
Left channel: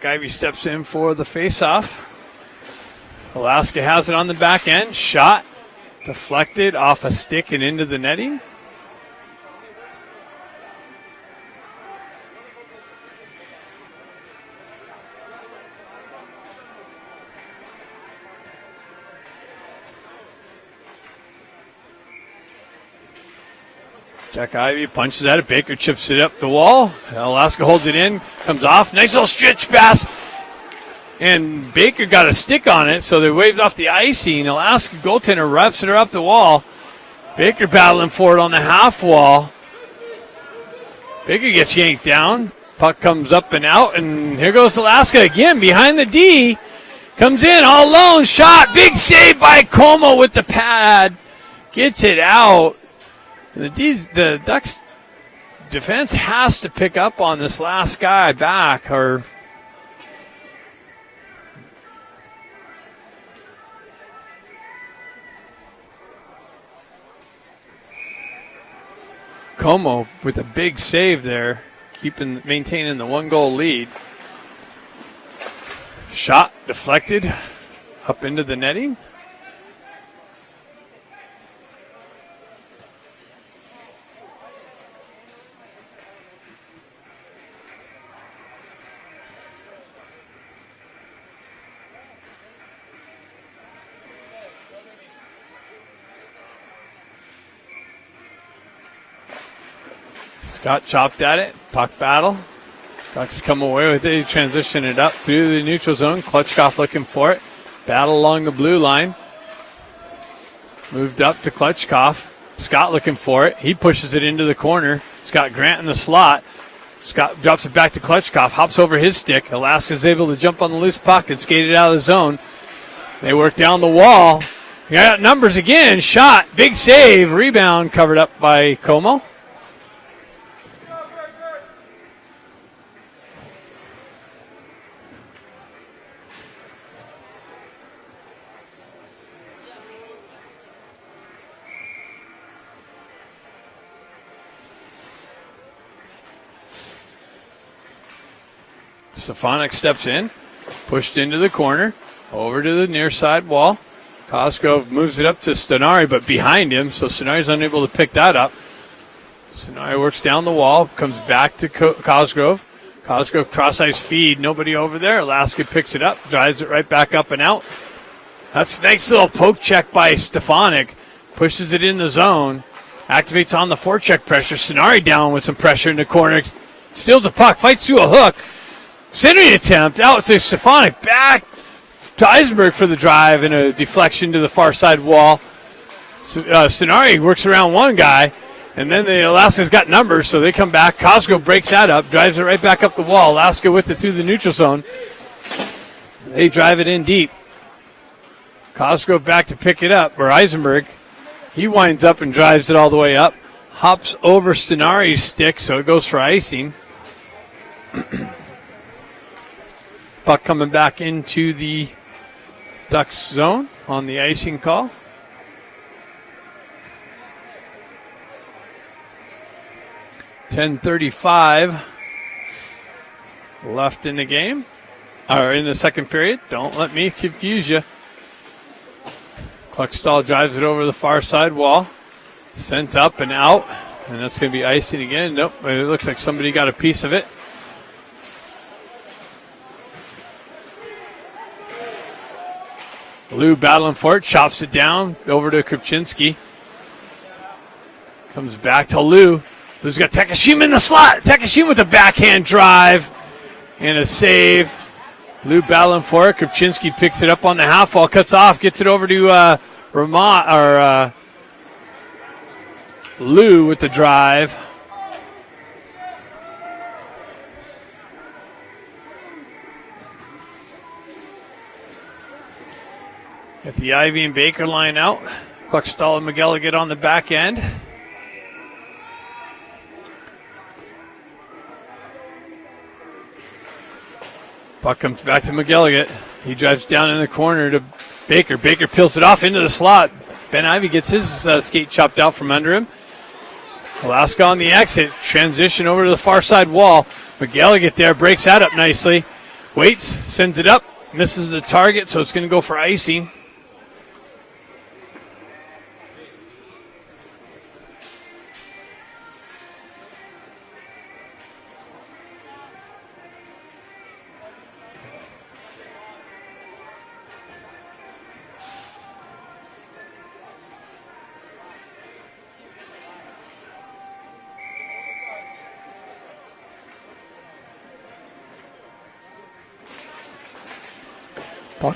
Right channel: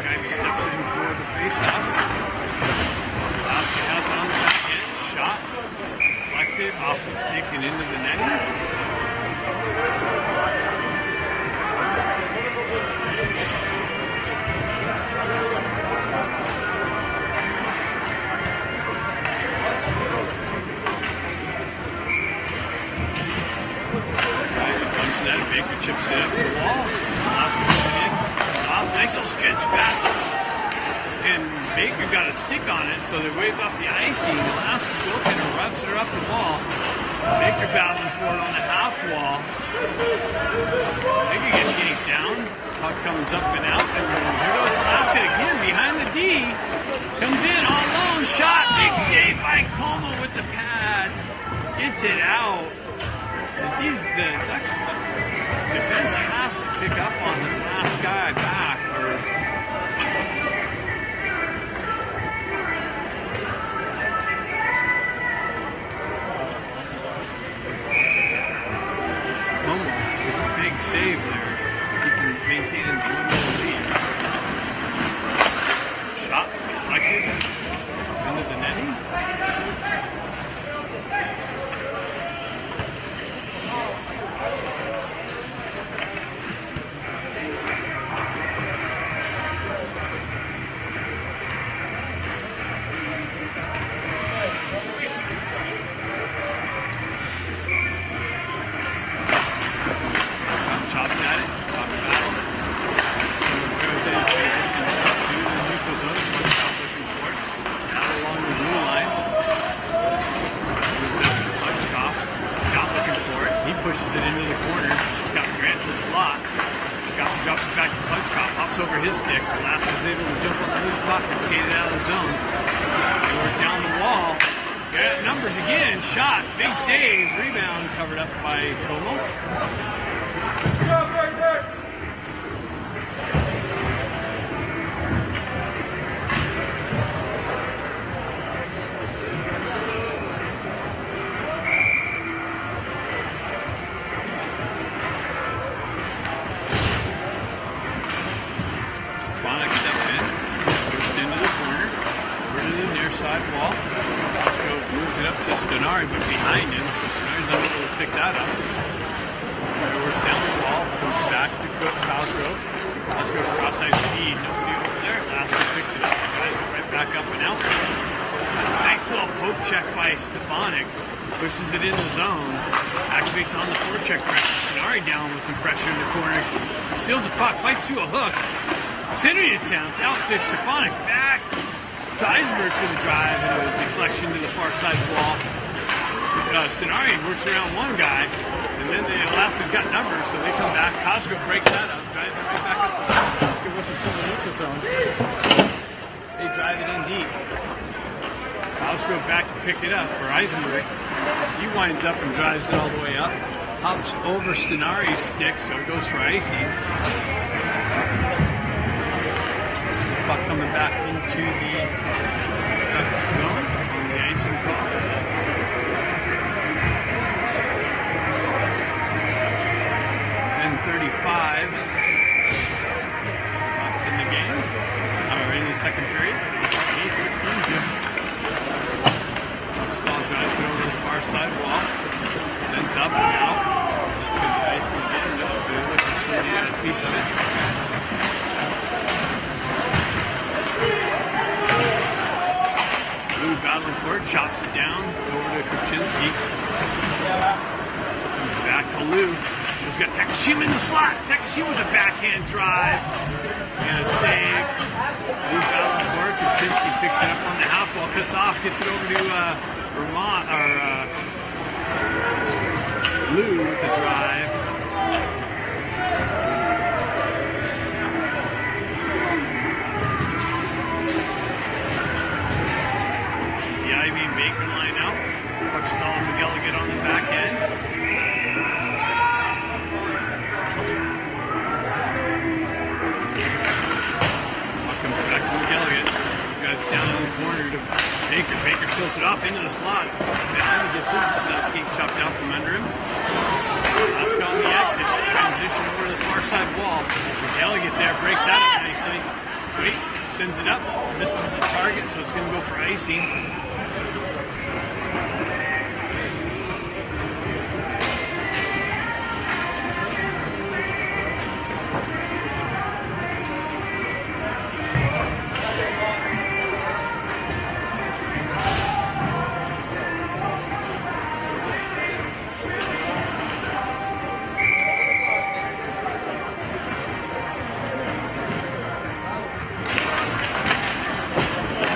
Jack Ivey steps in for the face-off. Alaska has it on the back end. Shot deflected off a stick and into the netting. Jack Ivey punches at it. Baker chips it up the wall. Now Alaska holds it in. Comes off. Nice little stretch pass. And Baker got a stick on it, so they waved off the icing. Alaska goaltender wraps it up the wall. Baker battling for it on the half wall. Baker gets yanked down. Puck comes up and out, and here goes Alaska again behind the D. Comes in all alone. Shot. Big save by Como with the pad. Gets it out. The Ducks defense has to pick up on this last guy back. Or Como with a big save there, maintaining the 1-goal lead. Shot deflected up into the netting. Scott chopped at it. Puck battle. Ducks come away with it. Transition it up through the neutral zone. Klutchkov looking for it. Battle along the blue line. Moved up to Klutchkov. Scott looking for it. He pushes it into the corner. Scott Grant in the slot. Scott drops it back to Klutchkov. Hops over his stick. Alaska's able to jump on the loose puck and skate it out of the zone. They work down the wall. They got numbers again. Shot. Big save. Rebound covered up by Como. Stefanik steps in, pushed into the corner, over to the near side wall. Cosgrove moves it up to Stenari, but behind him, so Stenari's unable to pick that up. Stenari works down the wall, comes back to Cosgrove. Cosgrove cross-ice feed, nobody over there. Alaska picks it up, drives it right back up and out. That's a nice little poke check by Stefanik. Pushes it in the zone, activates on the forecheck pressure. Stenari down with some pressure in the corner, steals a puck, fights through a hook. Centering attempt out to Stefanik, back to Eisenberg for the drive and a deflection to the far side wall. Stenari works around one guy, and then the Alaska's got numbers, so they come back. Cosgrove breaks that up, drives it right back up the wall. Alaska with it through the neutral zone. They drive it in deep. Cosgrove back to pick it up, or Eisenberg. He winds up and drives it all the way up. Hops over Stenari's stick, so it goes for icing. Puck coming back into the Ducks zone on the icing call. .10:35 left in the game, or in the second period. Don't let me confuse you. Puckstall drives it over the far side wall. Sent up and out, and that's going to be icing again. Nope, it looks like somebody got a piece of it. Lou battling for it, chops it down, over to Krupczynski. Comes back to Lou. Lou's got Takashima in the slot. Takashima with a backhand drive and a save. Lou battling for it. Krupczynski picks it up on the half wall, cuts off, gets it over to Lou with the drive. The Ivey and Baker line out. Klutchkov and McGilligan on the back end. Puck comes back to McGilligan. He drives down in the corner to Baker. Baker peels it off into the slot. Ben Ivey gets his skate chopped out from under him. Alaska on the exit. Transition over to the far side wall. McGilligan there breaks that up nicely. Waits, sends it up, misses the target, so it's going to go for icing.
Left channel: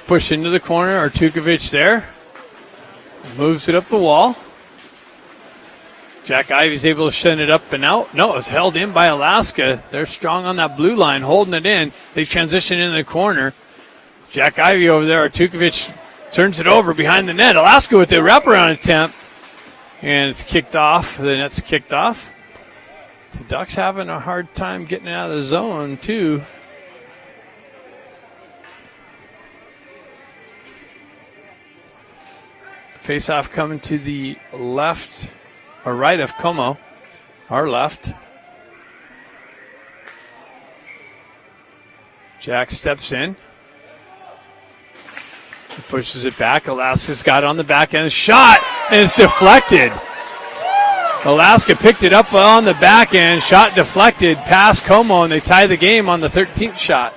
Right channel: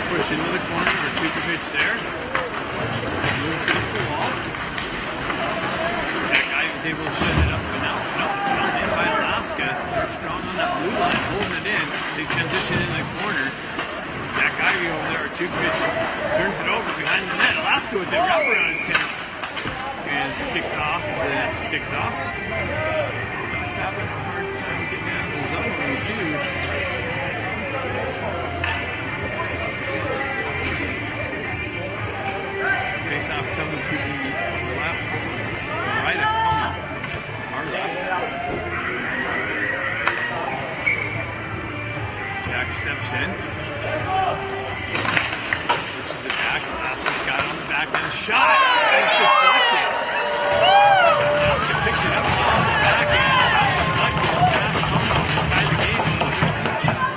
Push into the corner, Artukovic there. Moves it up the wall. Jack Ivey's able to send it up and out. No, it's held in by Alaska. They're strong on that blue line, holding it in. They transition into the corner. Jack Ivey over there, Artukovic turns it over behind the net. Alaska with the wraparound attempt. And it's kicked off. The net's kicked off. The Ducks having a hard time getting out of the zone, too. Face-off coming to the left or right of Como, our left. Jack steps in, pushes it back. Alaska's got it on the back end. Shot, and it's deflected. Alaska picked it up on the back end. Shot deflected past Como, and they tie the game on the 13th shot.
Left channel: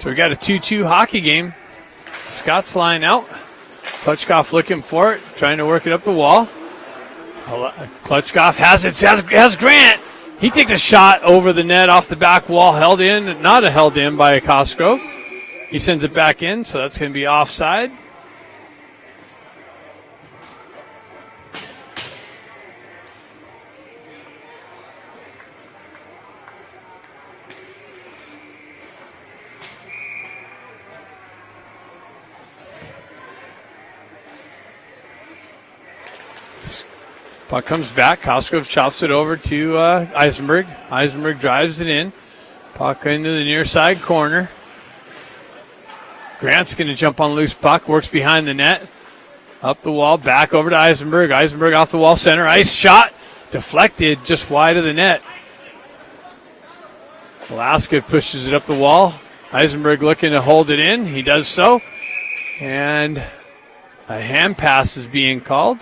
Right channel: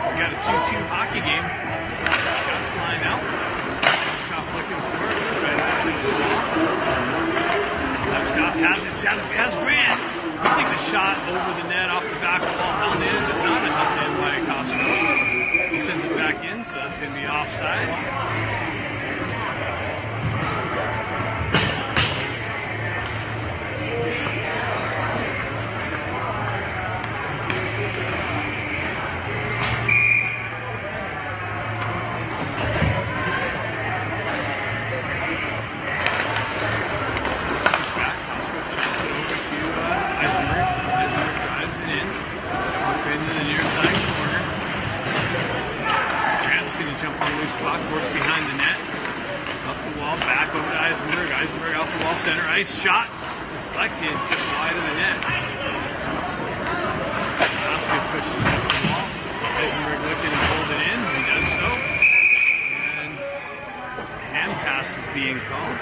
So we got a 2-2 hockey game. Scott's line out. Klutchkov looking for it, trying to work it up the wall. Klutchkov has it, has Grant. He takes a shot over the net off the back wall, held in, not held in by Cosgrove. He sends it back in, so that's going to be offside. Puck comes back. Cosgrove chops it over to Eisenberg. Eisenberg drives it in. Puck into the near side corner. Grant's going to jump on loose puck. Works behind the net. Up the wall. Back over to Eisenberg. Eisenberg off the wall. Center ice shot. Deflected just wide of the net. Alaska pushes it up the wall. Eisenberg looking to hold it in. He does so. And a hand pass is being called.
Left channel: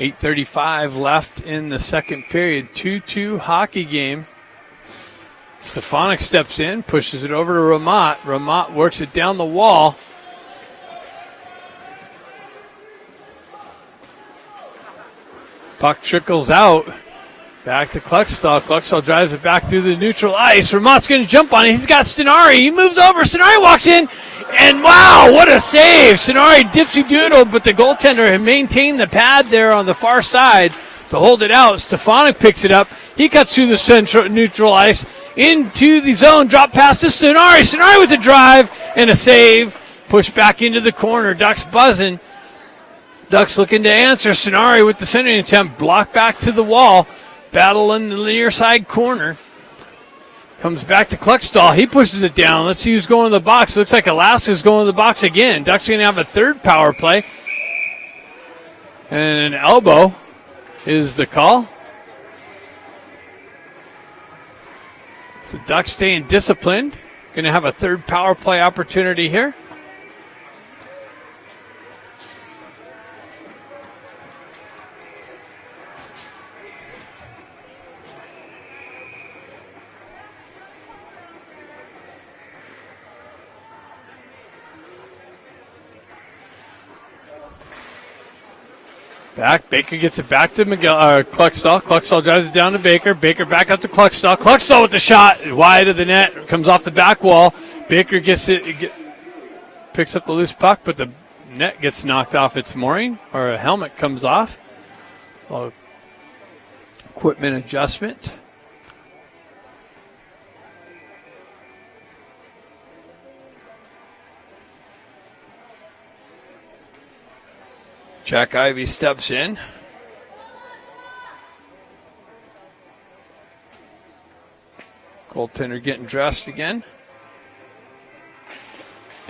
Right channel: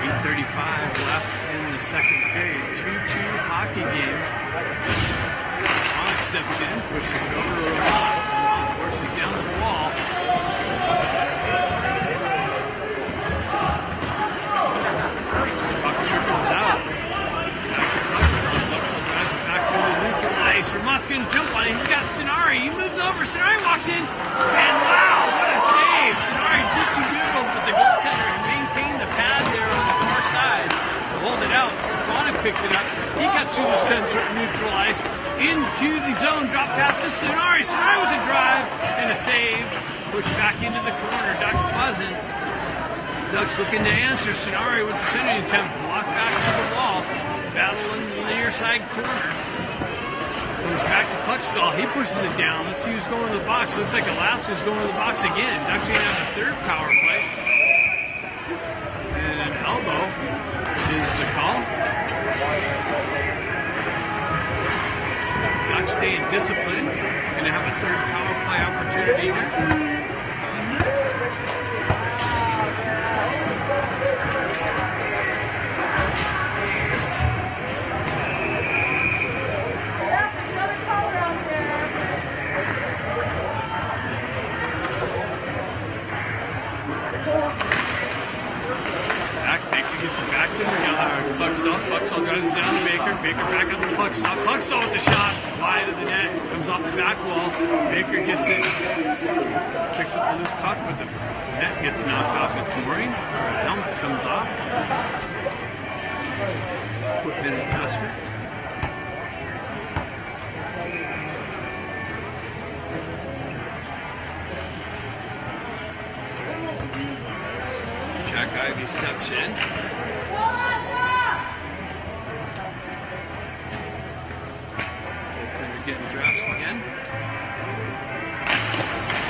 .8:35 left in the second period. 2-2 hockey game. Stefanik steps in, pushes it over to Ramat. Ramat works it down the wall. Puck trickles out. Back to Kluckstall. Kluckstall drives it back through the neutral ice. Ramat's going to jump on it. He's got Stenari. He moves over. Stenari walks in. And wow, what a save. Stenari dipsy doodle, but the goaltender had maintained the pad there on the far side to hold it out. Stefanik picks it up. He cuts through the central neutral ice into the zone. Drop pass to Stenari. Stenari with a drive and a save. Pushed back into the corner. Ducks buzzing. Ducks looking to answer. Stenari with the centering attempt. Blocked back to the wall. Battle in the near side corner. Comes back to Kluckstall. He pushes it down. Let's see who's going to the box. Looks like Alaska's going to the box again. Ducks are going to have a third power play. And an elbow is the call. The Ducks staying disciplined. Going to have a third power play opportunity here. Baker gets it back to Kluckstall. Kluckstall drives it down to Baker. Baker back up to Kluckstall. Kluckstall with the shot wide of the net. Comes off the back wall. Baker gets it, picks up the loose puck, but the net gets knocked off its mooring, or a helmet comes off. Equipment adjustment. Jack Ivey steps in. Goaltender getting dressed again.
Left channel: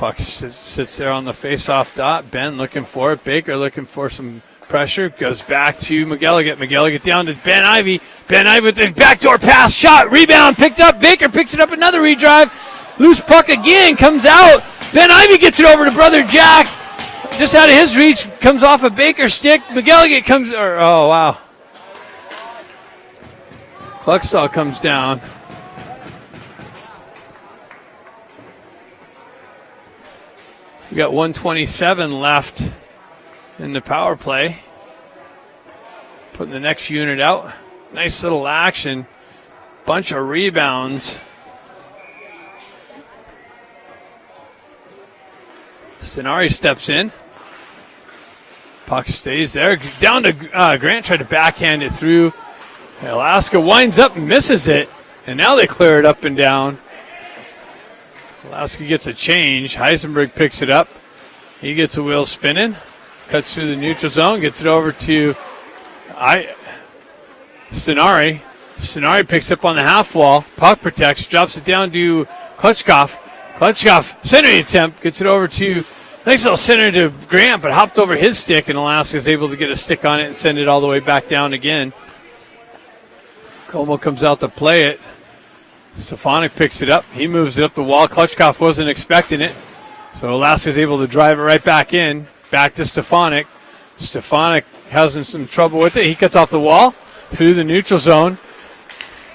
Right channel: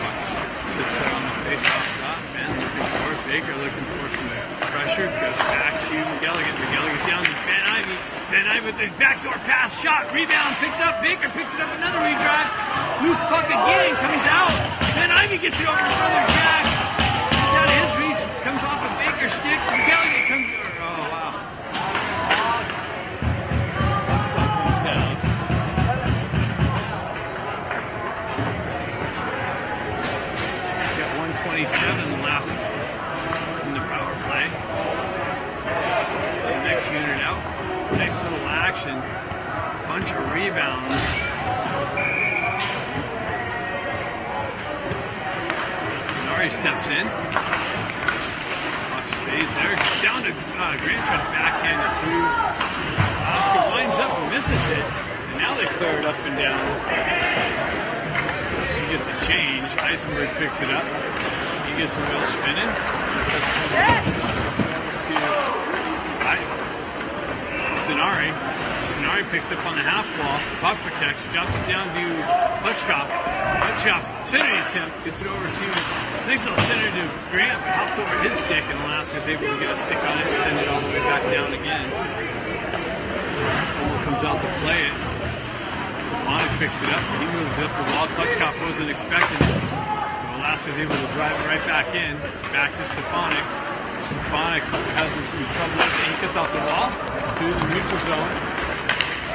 Puck sits there on the face-off dot. Ben looking for it. Baker looking for some pressure. Goes back to McElligott. McElligott down to Ben Ivey. Ben Ivey with the backdoor pass. Shot. Rebound. Picked up. Baker picks it up. Another redrive. Loose puck again. Comes out. Ben Ivey gets it over to brother Jack. Just out of his reach. Comes off a Baker stick. McElligott comes. Oh, wow. Cluckstall comes down. We got 1:27 left in the power play. Put the next unit out. Nice little action. Bunch of rebounds. Stenari steps in. Puck stays there. Down to Grant, tried to backhand it through. Alaska winds up and misses it. And now they clear it up and down. Alaska gets a change. Heisenberg picks it up. He gets the wheel spinning. Cuts through the neutral zone. Gets it over to Stenari. Stenari picks up on the half wall. Puck protects. Drops it down to Klitschkoff. Klitschkoff, centering attempt. Gets it over to, nice little center to Grant, but hopped over his stick, and Alaska's able to get a stick on it and send it all the way back down again. Como comes out to play it. Stefanik picks it up. He moves it up the wall. Klitschkoff wasn't expecting it. So Alaska's able to drive it right back in. Back to Stefanik. Stefanik has some trouble with it. He cuts off the wall. Through the neutral zone.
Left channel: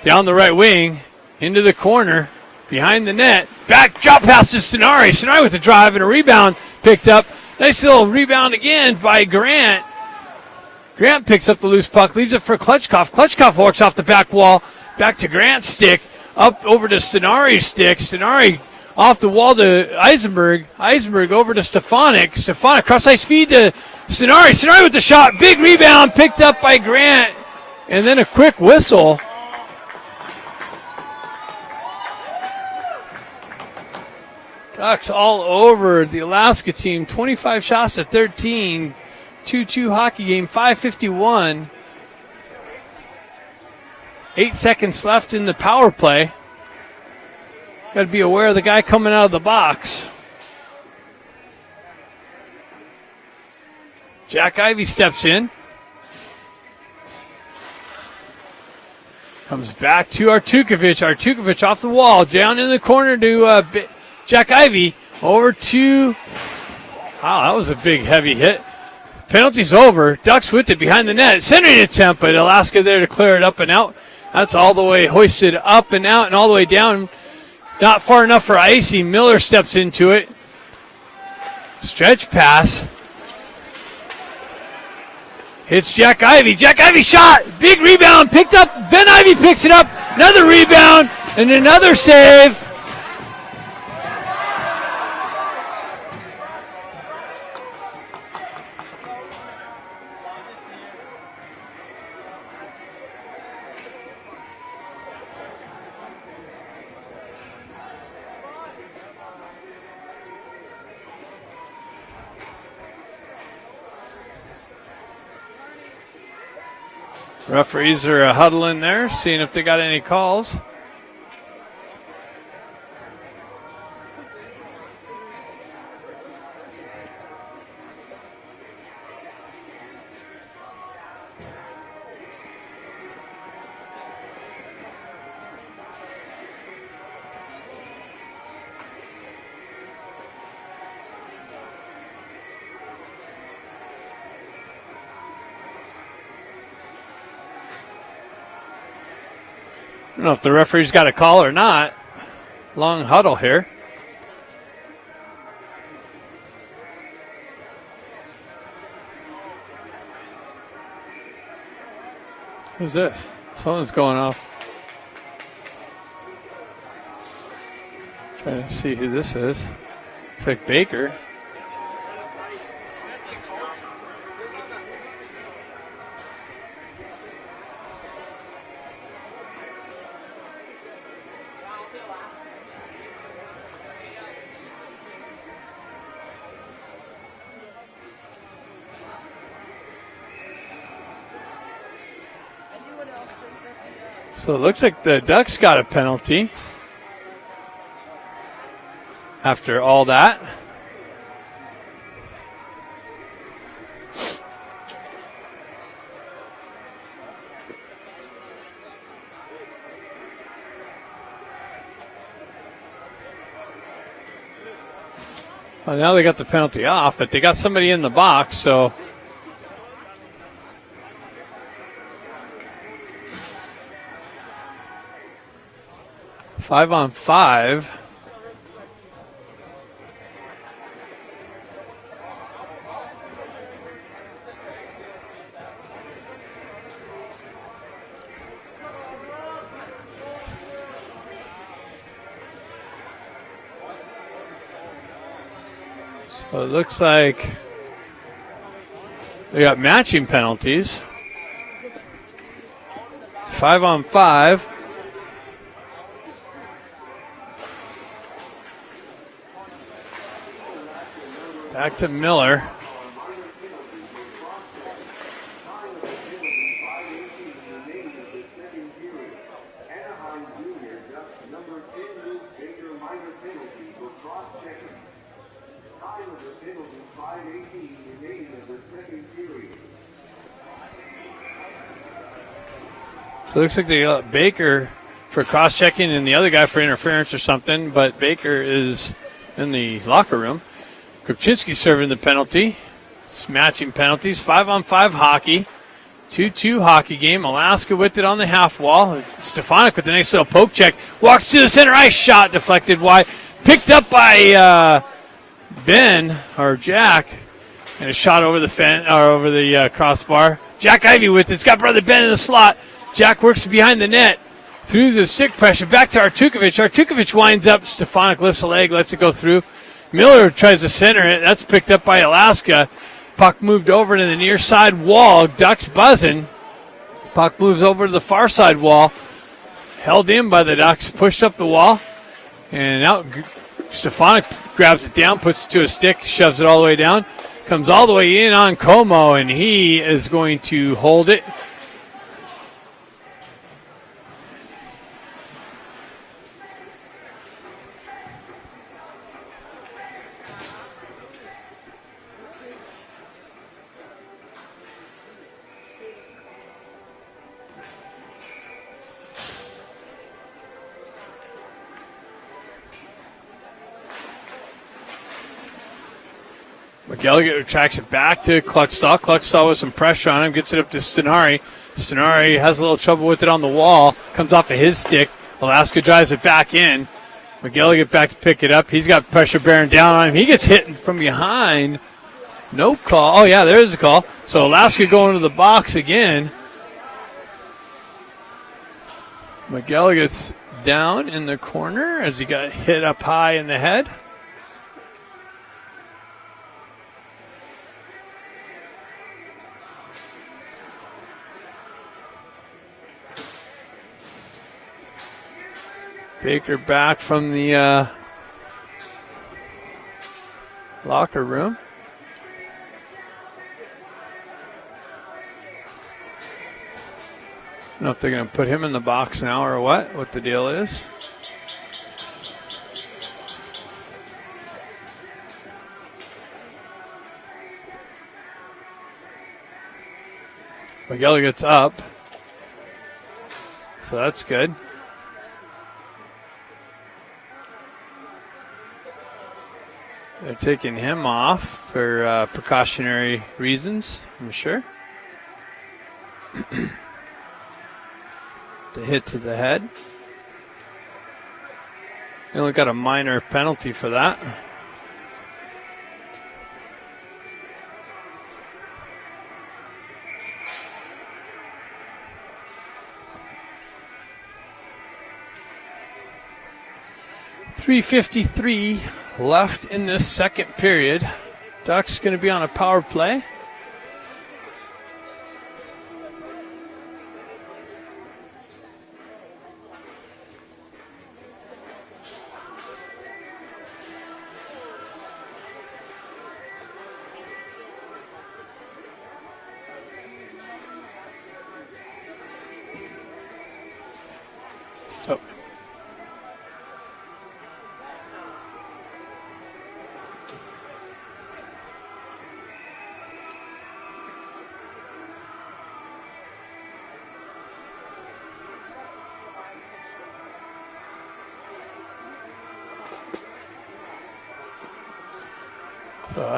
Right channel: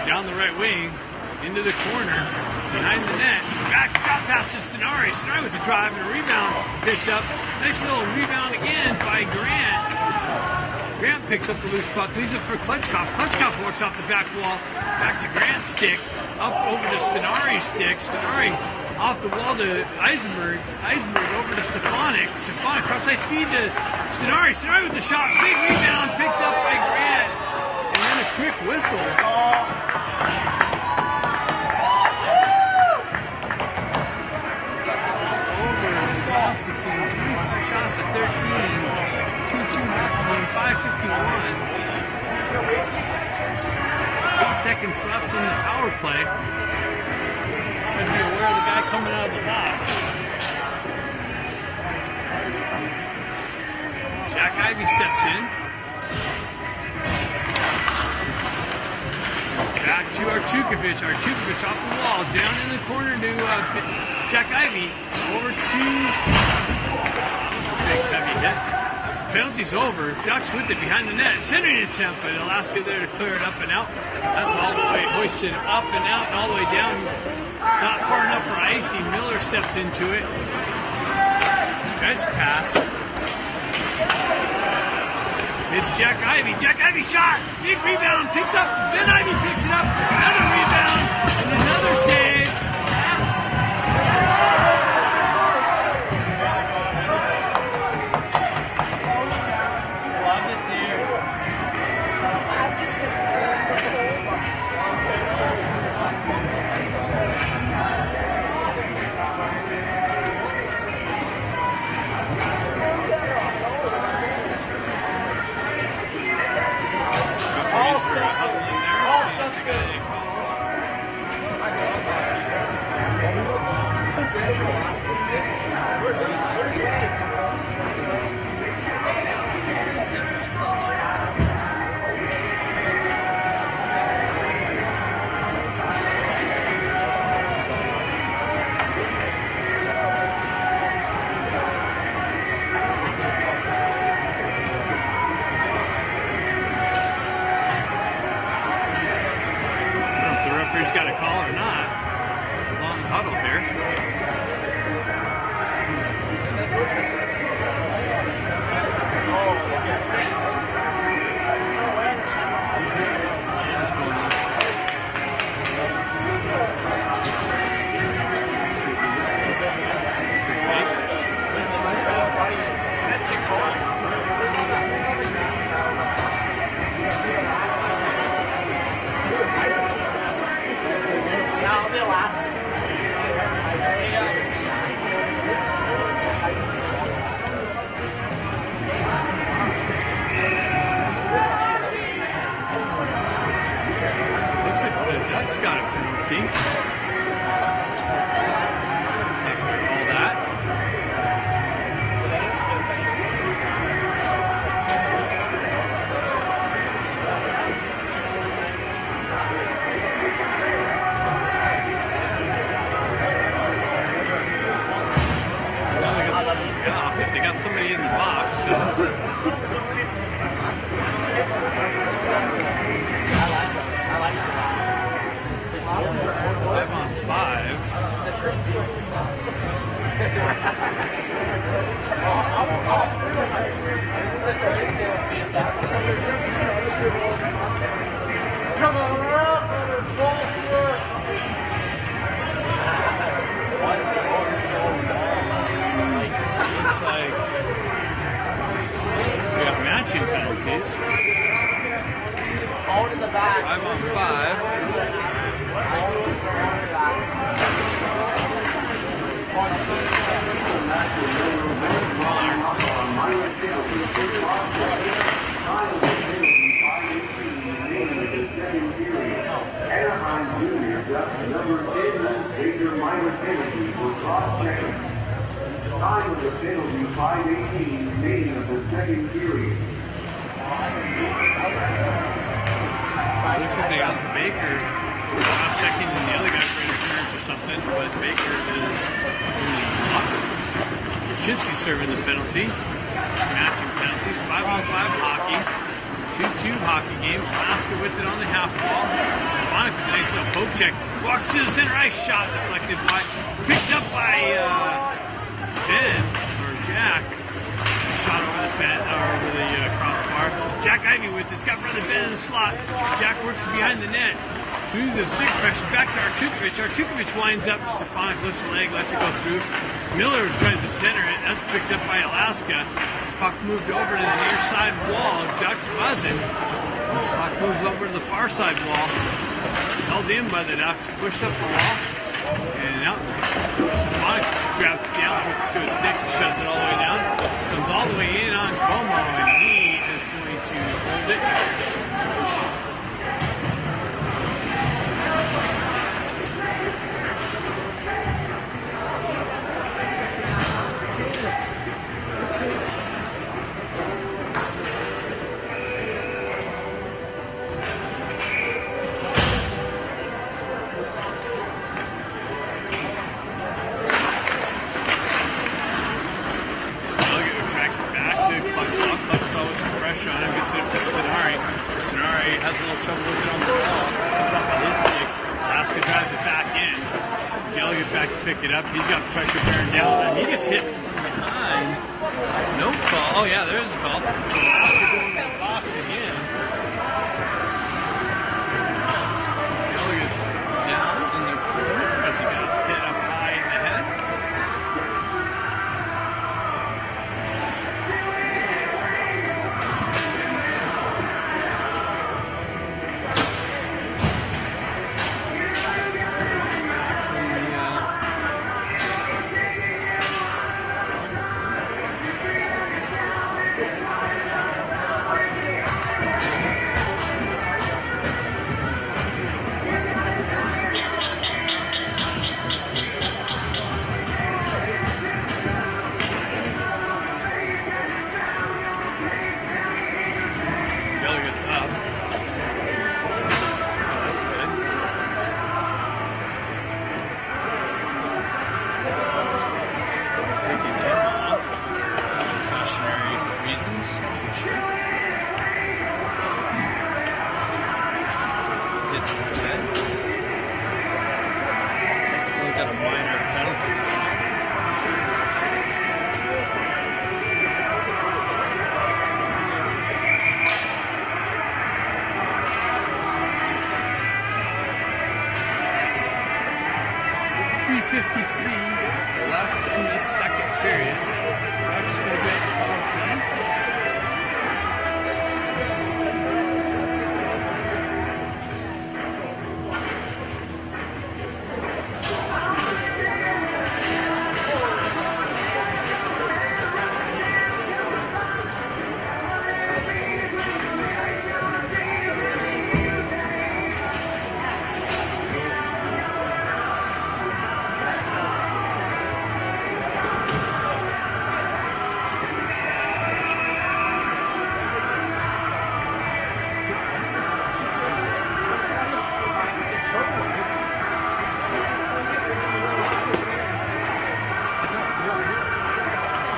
Down the right wing. Into the corner. Behind the net. Back drop pass to Stenari. Stenari with the drive and a rebound. Picked up. Nice little rebound again by Grant. Grant picks up the loose puck. Leaves it for Klitschkoff. Klitschkoff walks off the back wall. Back to Grant's stick. Up over to Stenari's stick. Stenari off the wall to Eisenberg. Eisenberg over to Stefanik. Stefanik cross ice feed to Stenari. Stenari with the shot. Big rebound picked up by Grant. And then a quick whistle. Ducks all over the Alaska team. 25 shots to 13. 2-2 hockey game. 5:51. 8 seconds left in the power play. Got to be aware of the guy coming out of the box. Jack Ivey steps in. Comes back to Artukovic. Artukovic off the wall. Down in the corner to Jack Ivey. Over to... Wow, that was a big, heavy hit. Penalty's over. Ducks with it behind the net. Centering attempt, but Alaska there to clear it up and out. That's all the way hoisted up and out and all the way down. Not far enough for Icy. Miller steps into it. Stretch pass. It's Jack Ivey. Jack Ivey shot. Big rebound. Picked up. Ben Ivey picks it up. Another rebound and another save. Referees are huddling there, seeing if they got any calls. I don't know if the referee's got a call or not. Long huddle here. Who's this? Something's going on. Let's see who this is. It's like Baker. So it looks like the Ducks got a penalty after all that. Well, now they got the penalty off, but they got somebody in the box, so. Five on five. It looks like we got matching penalties. 5 on 5. Back to Miller. Time of the penalty, 5:18 remaining of the second period. So it looks like they got Baker for cross-checking and the other guy for interference or something, but Baker is in the locker room. Kuczynski serving the penalty. It's matching penalties. 5 on 5 hockey. 2-2 hockey game. Alaska with it on the half wall. Stefanik with a nice little poke check. Walks to the center ice. Shot deflected wide. Picked up by Ben or Jack. And a shot over the over the crossbar. Jack Ivey with it. It's got brother Ben in the slot. Jack works behind the net. Through the stick pressure. Back to Artukovic. Artukovic winds up. Stefanik lifts a leg. Lets it go through. Miller tries to center it. That's picked up by Alaska. Puck moved over to the near side wall. Ducks buzzing. Puck moves over to the far side wall. Held in by the Ducks. Pushed up the wall. And out. Stefanik grabs it down, puts it to a stick, shoves it all the way down. Comes all the way in on Como, and he is going to hold it. Delegate tracks it back to Kluckstall. Kluckstall with some pressure on him, gets it up to Stenari. Stenari has a little trouble with it on the wall, comes off of his stick. Alaska drives it back in. McGilligan back to pick it up. He's got pressure bearing down on him. He gets hit from behind. No call. Oh, yeah, there is a call. So Alaska going to the box again. McGilligan's down in the corner as he got hit up high in the head. Baker back from the locker room. I don't know if they're going to put him in the box now or what the deal is. Miguel gets up, so that's good. Taking him off for precautionary reasons, I'm sure. The hit to the head. They only got a minor penalty for that. .353 left in this second period. Ducks going to be on a power play.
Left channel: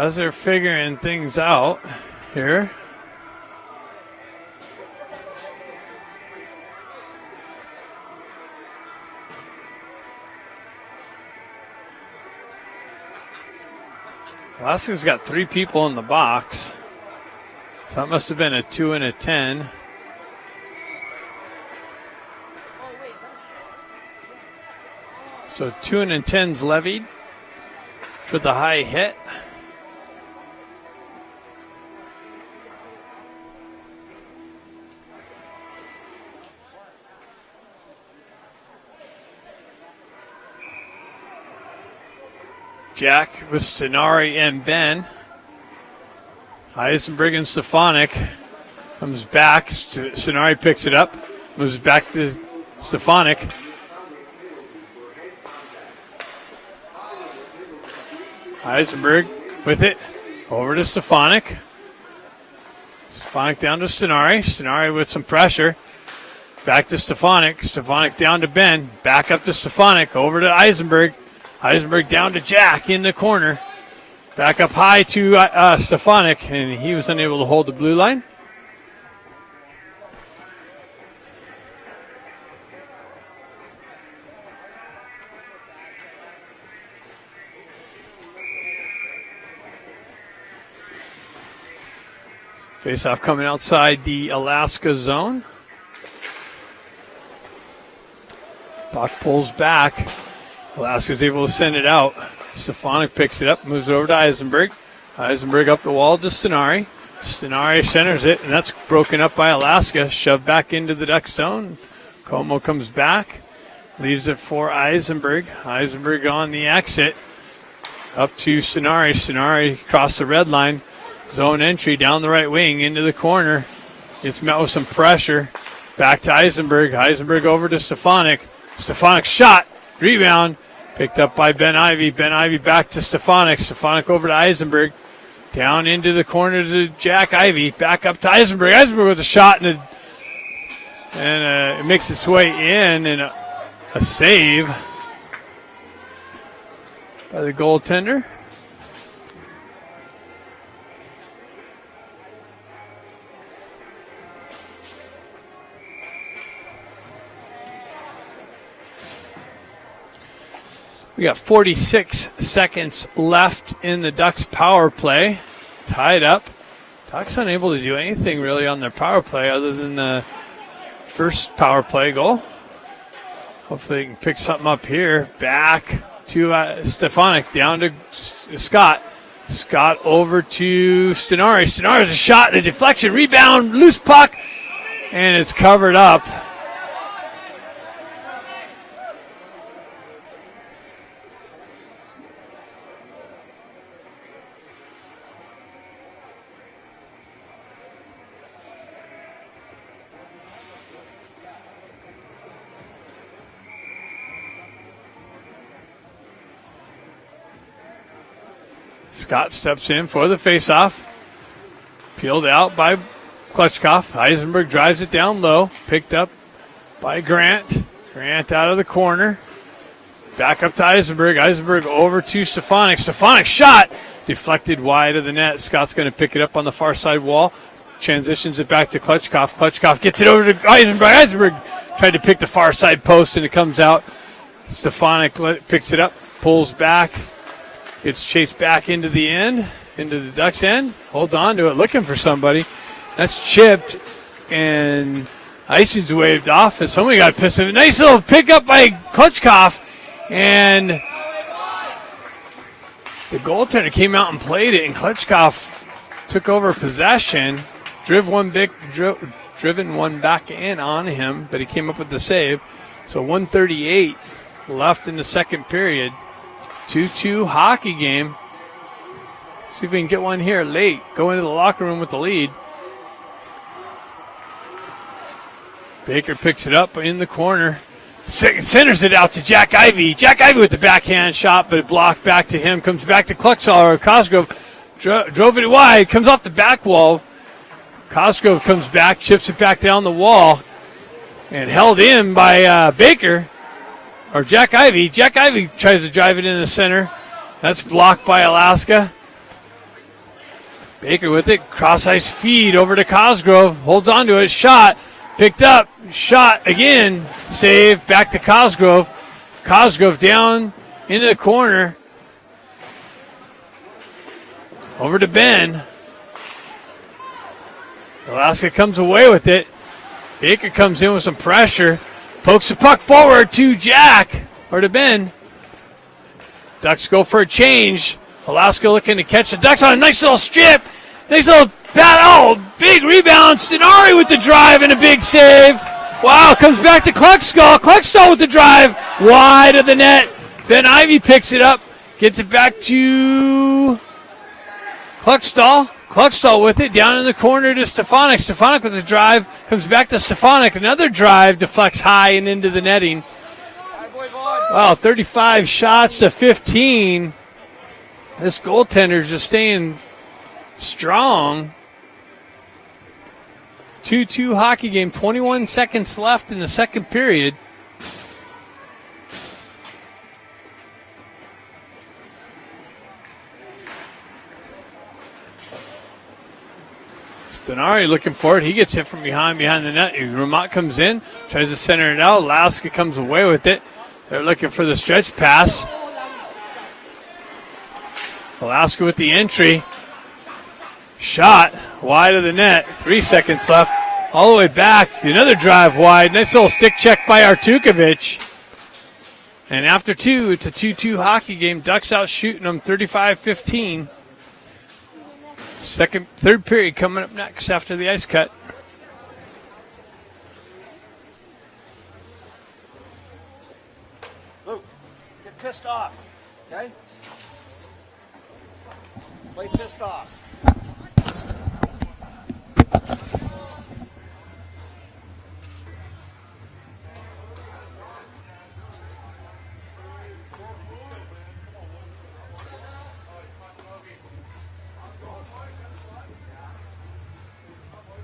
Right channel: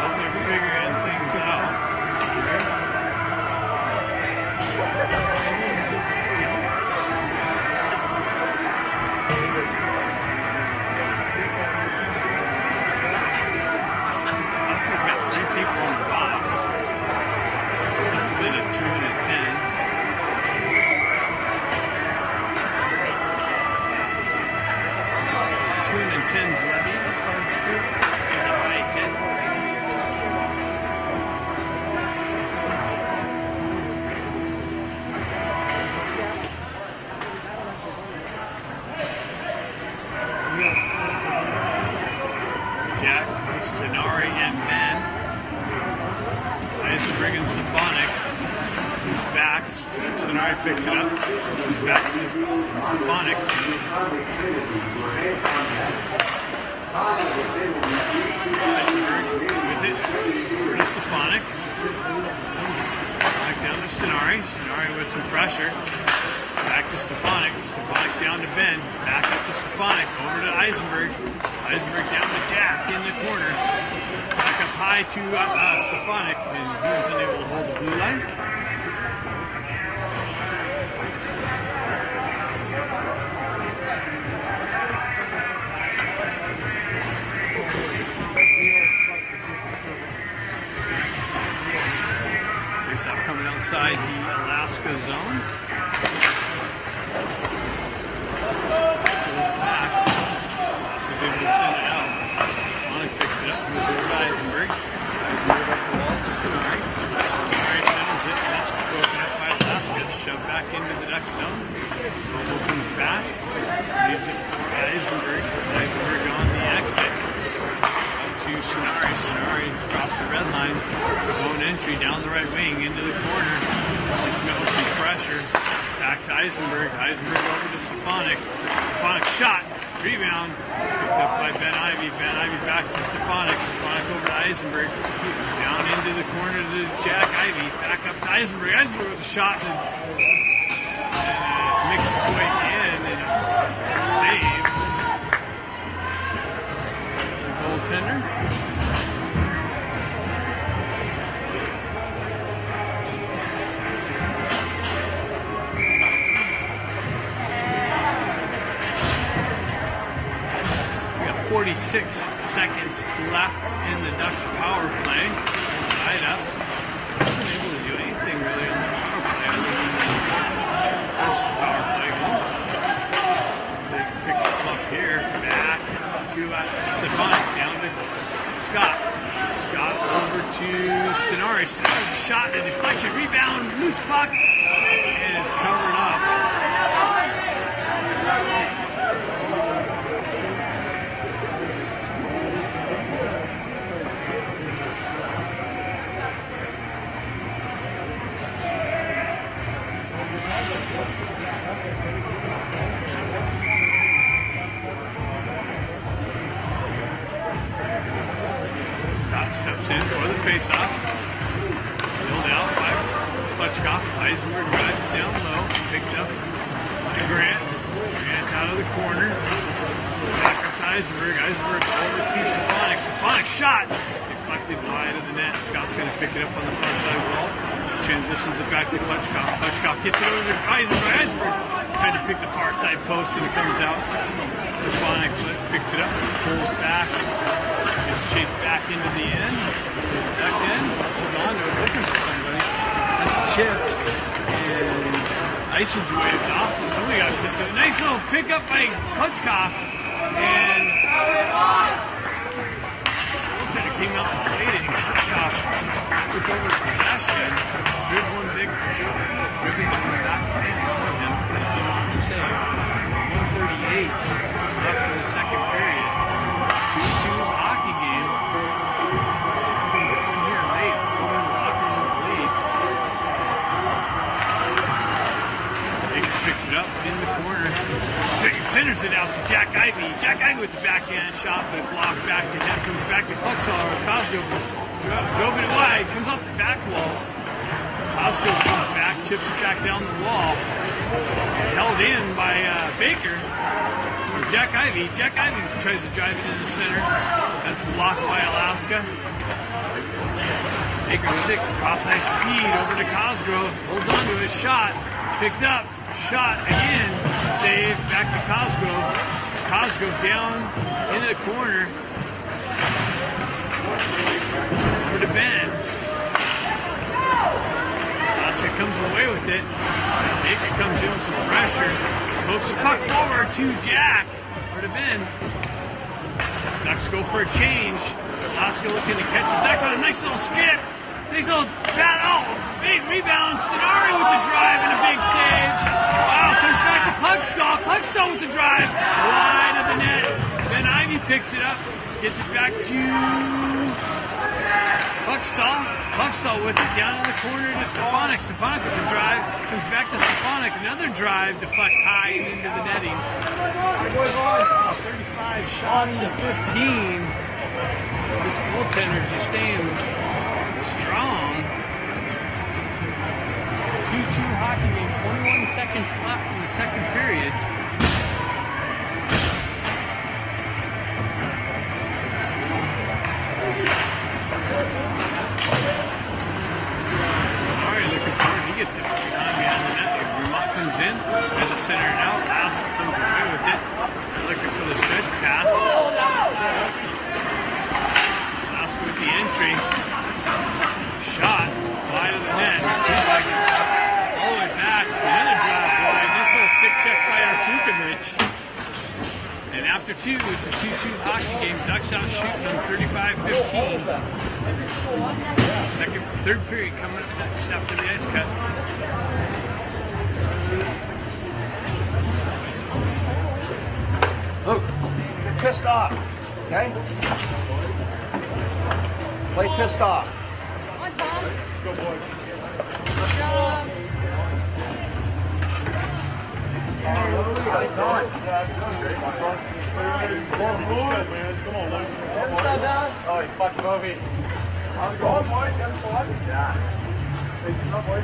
as they're figuring things out here. Alaska's got 3 people in the box. So that must have been a 2 and a 10. So 2 and a 10's levied for the high hit. Jack with Stenari and Ben. Eisenberg and Stefanik. Moves back. Stenari picks it up. Moves back to Stefanik. Eisenberg with it. Over to Stefanik. Stefanik down to Stenari. Stenari with some pressure. Back to Stefanik. Stefanik down to Ben. Back up to Stefanik. Over to Eisenberg. Eisenberg down to Jack in the corner. Back up high to Stefanik, and he was unable to hold the blue line. Face-off coming outside the Alaska zone. Puck pulls back. Alaska's able to send it out. Stefanik picks it up, moves over to Eisenberg. Eisenberg up the wall to Stenari. Stenari centers it, and that's broken up by Alaska. Shoved back into the Duck zone. Como comes back, leaves it for Eisenberg. Eisenberg on the exit. Up to Stenari. Stenari across the red line. Zone entry down the right wing into the corner. It's met with some pressure. Back to Eisenberg. Eisenberg over to Stefanik. Stefanik shot. Rebound. Picked up by Ben Ivy. Ben Ivy back to Stefanik. Stefanik over to Eisenberg. Down into the corner to Jack Ivy. Back up to Eisenberg. Eisenberg with a shot, and it makes its way in, and a save by the goaltender. We got 46 seconds left in the Ducks power play. Tied up. Ducks unable to do anything really on their power play other than the first power play goal. Hopefully they can pick something up here. Back to Stefanik, down to Scott. Scott over to Stenari. Stenari's a shot, a deflection, rebound, loose puck, and it's covered up. Scott steps in for the faceoff. Peeled out by Klutchkov. Eisenberg drives it down low. Picked up by Grant. Grant out of the corner. Back up to Eisenberg. Eisenberg over to Stefanik. Stefanik shot. Deflected wide of the net. Scott's going to pick it up on the far side wall. Transitions it back to Klutchkov. Klutchkov gets it over to Eisenberg. Eisenberg tried to pick the far side post, and it comes out. Stefanik picks it up, pulls back. Gets chased back into the end, into the Ducks end. Holds on to it, looking for somebody. That's chipped, and icing's waved off, and somebody got pissed. A nice little pickup by Klutchkov, and the goaltender came out and played it, and Klutchkov took over possession, driven one back in on him, but he came up with the save. So 1:38 left in the second period. 2-2 hockey game. See if we can get one here late. Go into the locker room with the lead. Baker picks it up in the corner. Centers it out to Jack Ivy. Jack Ivy with the backhand shot, but blocked back to him. Comes back to Klutchkov. Cosgrove drove it wide. Comes off the back wall. Cosgrove comes back, chips it back down the wall, and held in by Baker. Or Jack Ivy. Jack Ivy tries to drive it in the center. That's blocked by Alaska. Baker with it, cross-ice feed over to Cosgrove, holds on to it, shot, picked up, shot again, save, back to Cosgrove. Cosgrove down into the corner, over to Ben. Alaska comes away with it. Baker comes in with some pressure, pokes the puck forward to Jack, or to Ben. Ducks go for a change. Alaska looking to catch the Ducks on a nice little strip. Nice little bat. Oh, big rebound. Stenari with the drive and a big save. Wow, comes back to Kluckstall. Kluckstall with the drive. Wide of the net. Ben Ivy picks it up. Gets it back to Kluckstall. Kluckstall with it. Down in the corner to Stefanik. Stefanik with the drive. Comes back to Stefanik. Another drive. Deflects high and into the netting. Wow, 35 shots to 15. This goaltender's just staying strong. 2-2 hockey game, 21 seconds left in the second period. Stenari looking for it. He gets hit from behind the net. Vermont comes in, tries to center it out. Alaska comes away with it. They're looking for the stretch pass. Alaska with the entry. Shot wide of the net. 3 seconds left. All the way back. Another drive wide. Nice little stick check by Artukovic. And after two, it's a 2-2 hockey game. Ducks out shooting them 35-15. Third period coming up next after the ice cut. Luke, get pissed off, okay? Play pissed off. Oh, you fucking movie. How's it going, boy? You having fun? Yeah. Hey, you up, boy?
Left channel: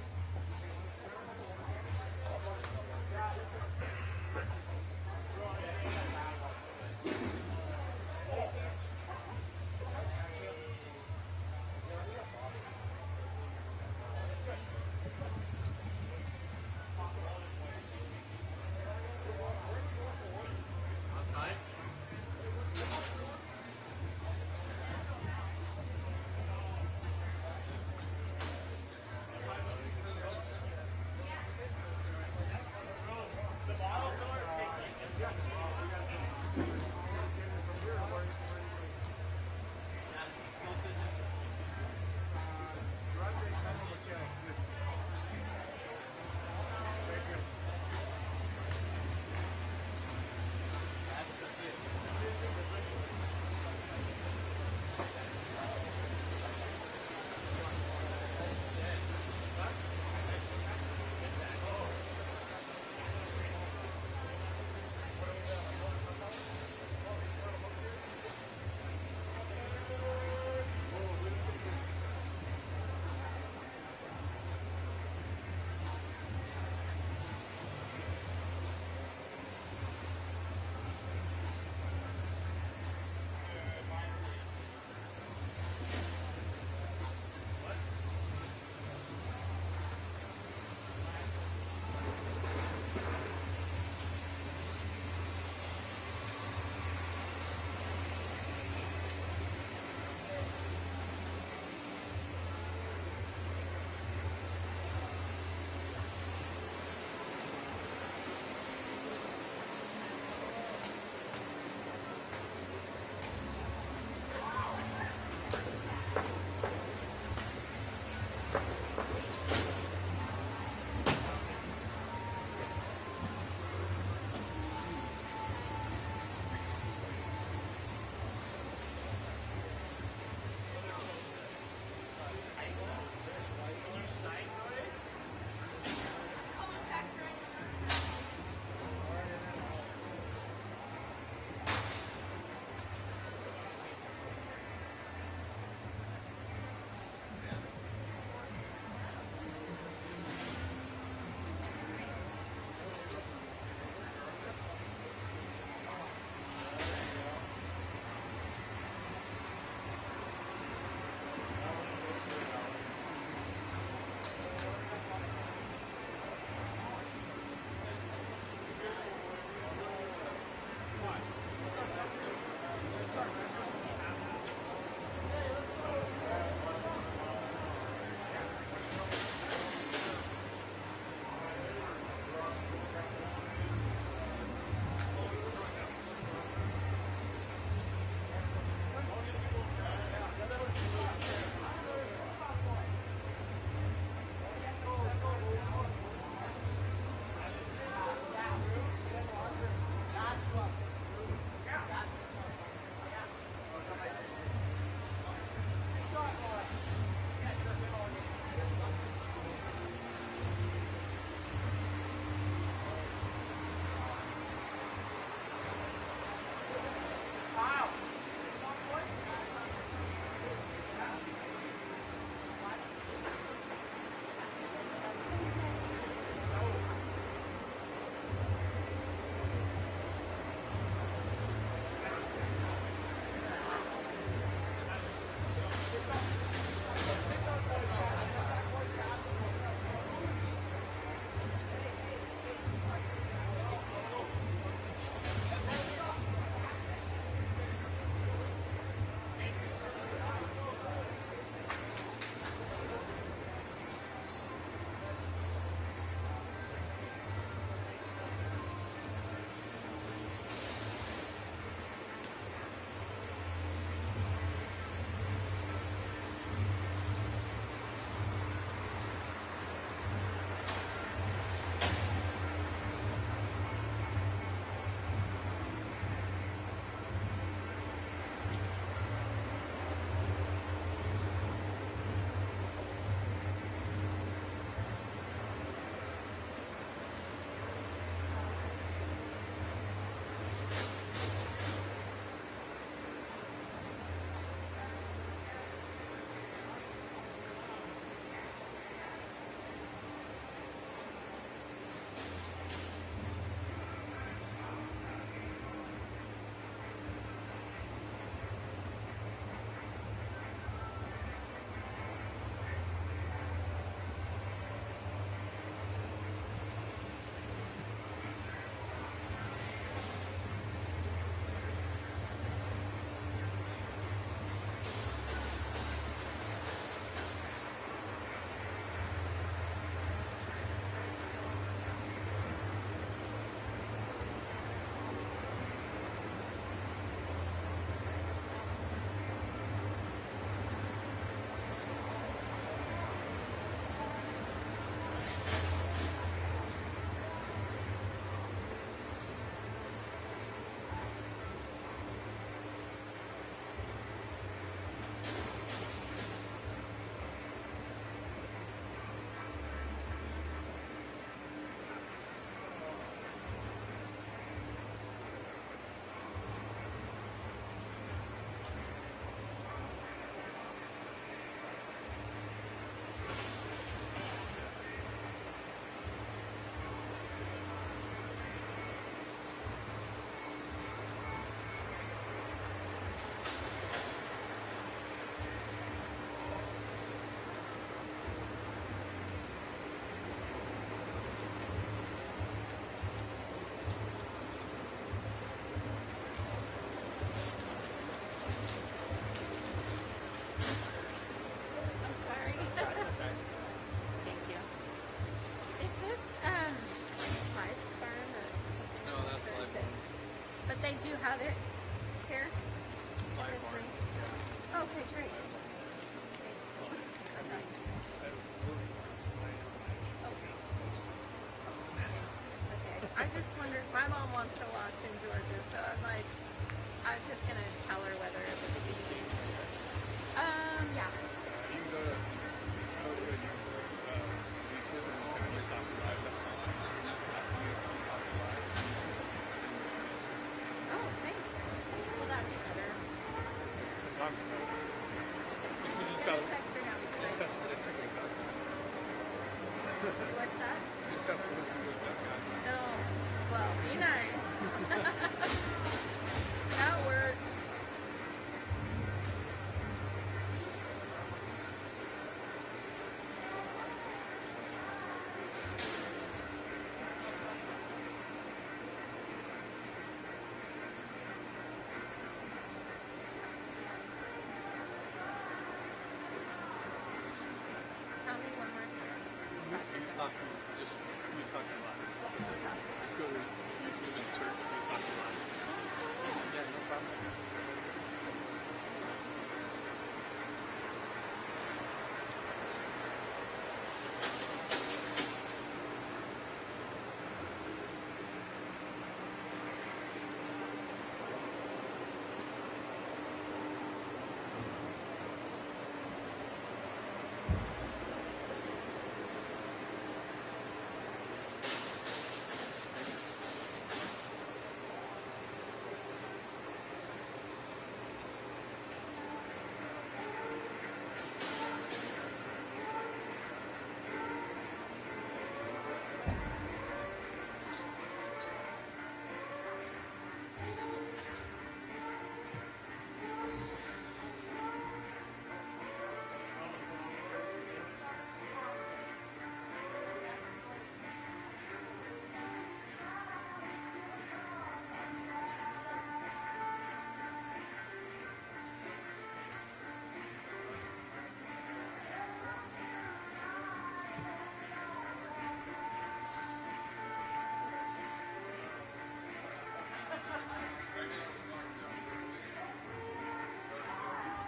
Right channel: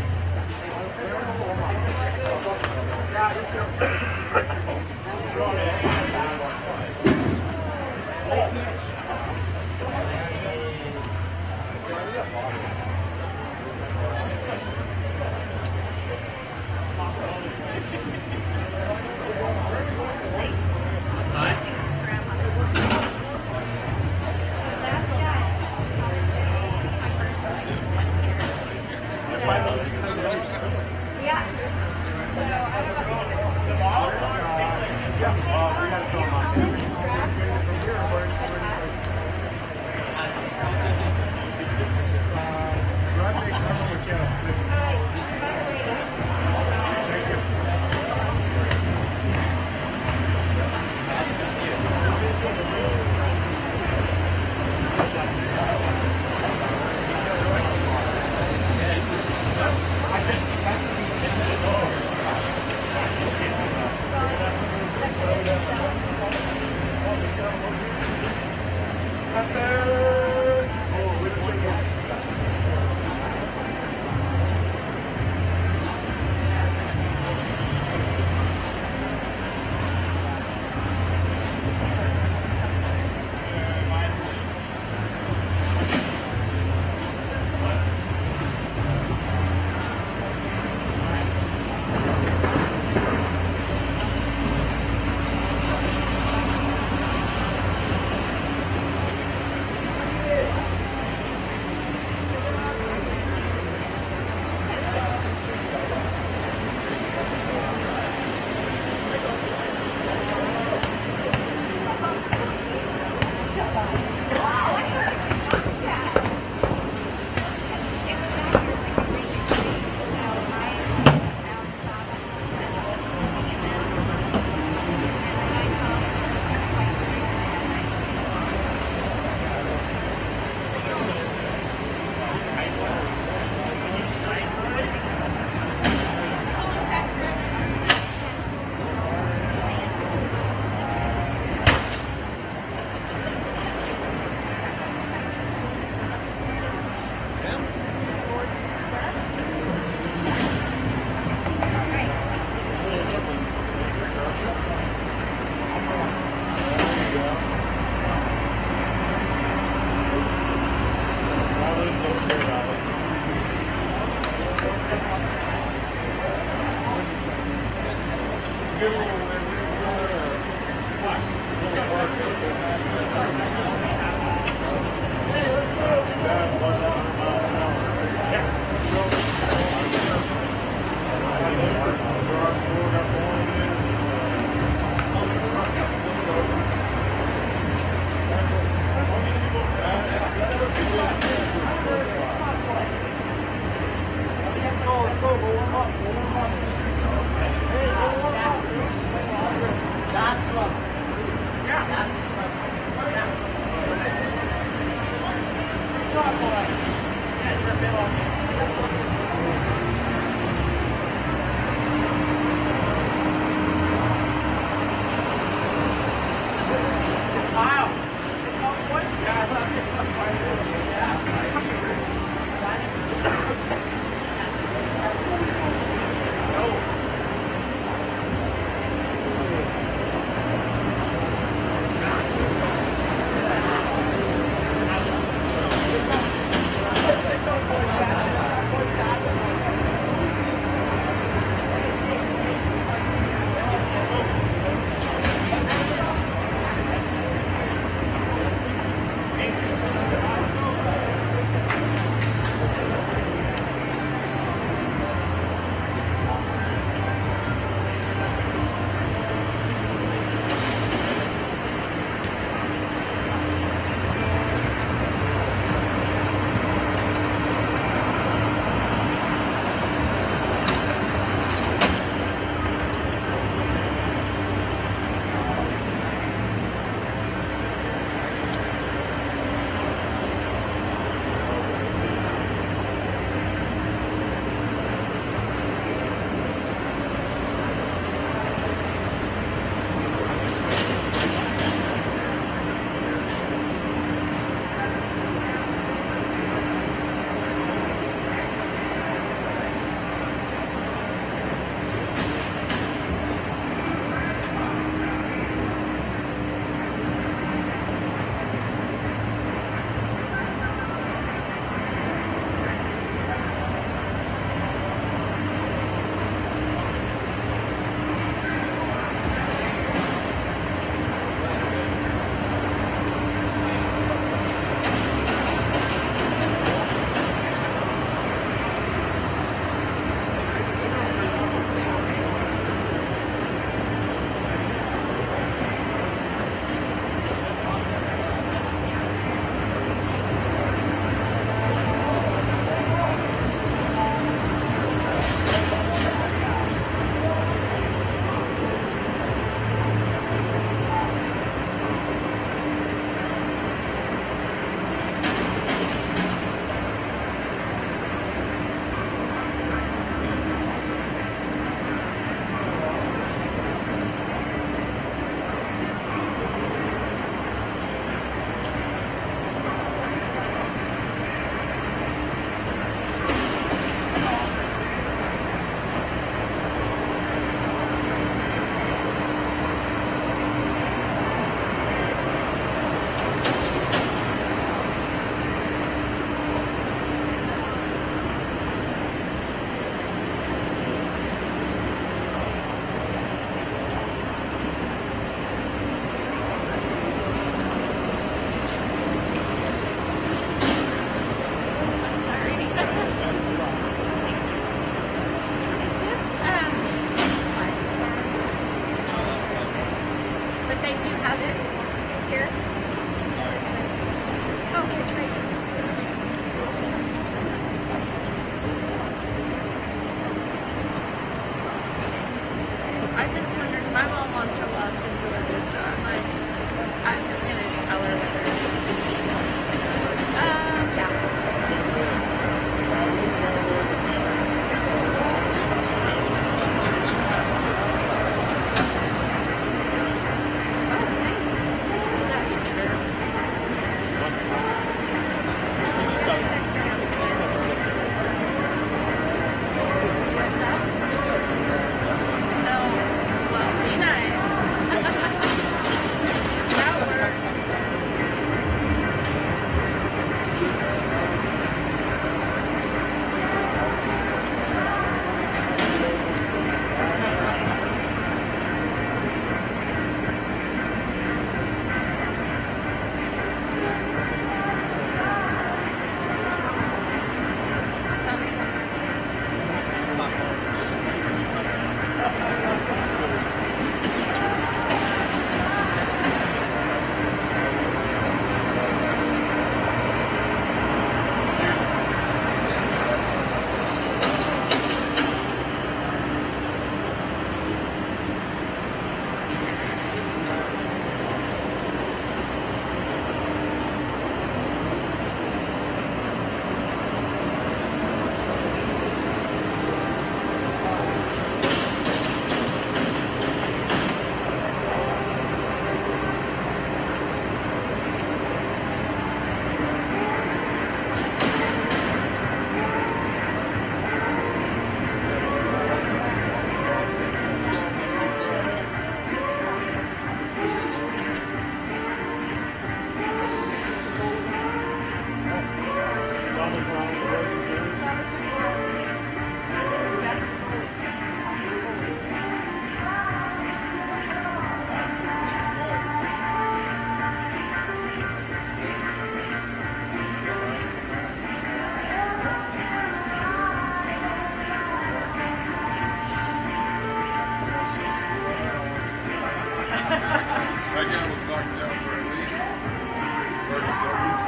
That guy was knocked down for at least 30 seconds.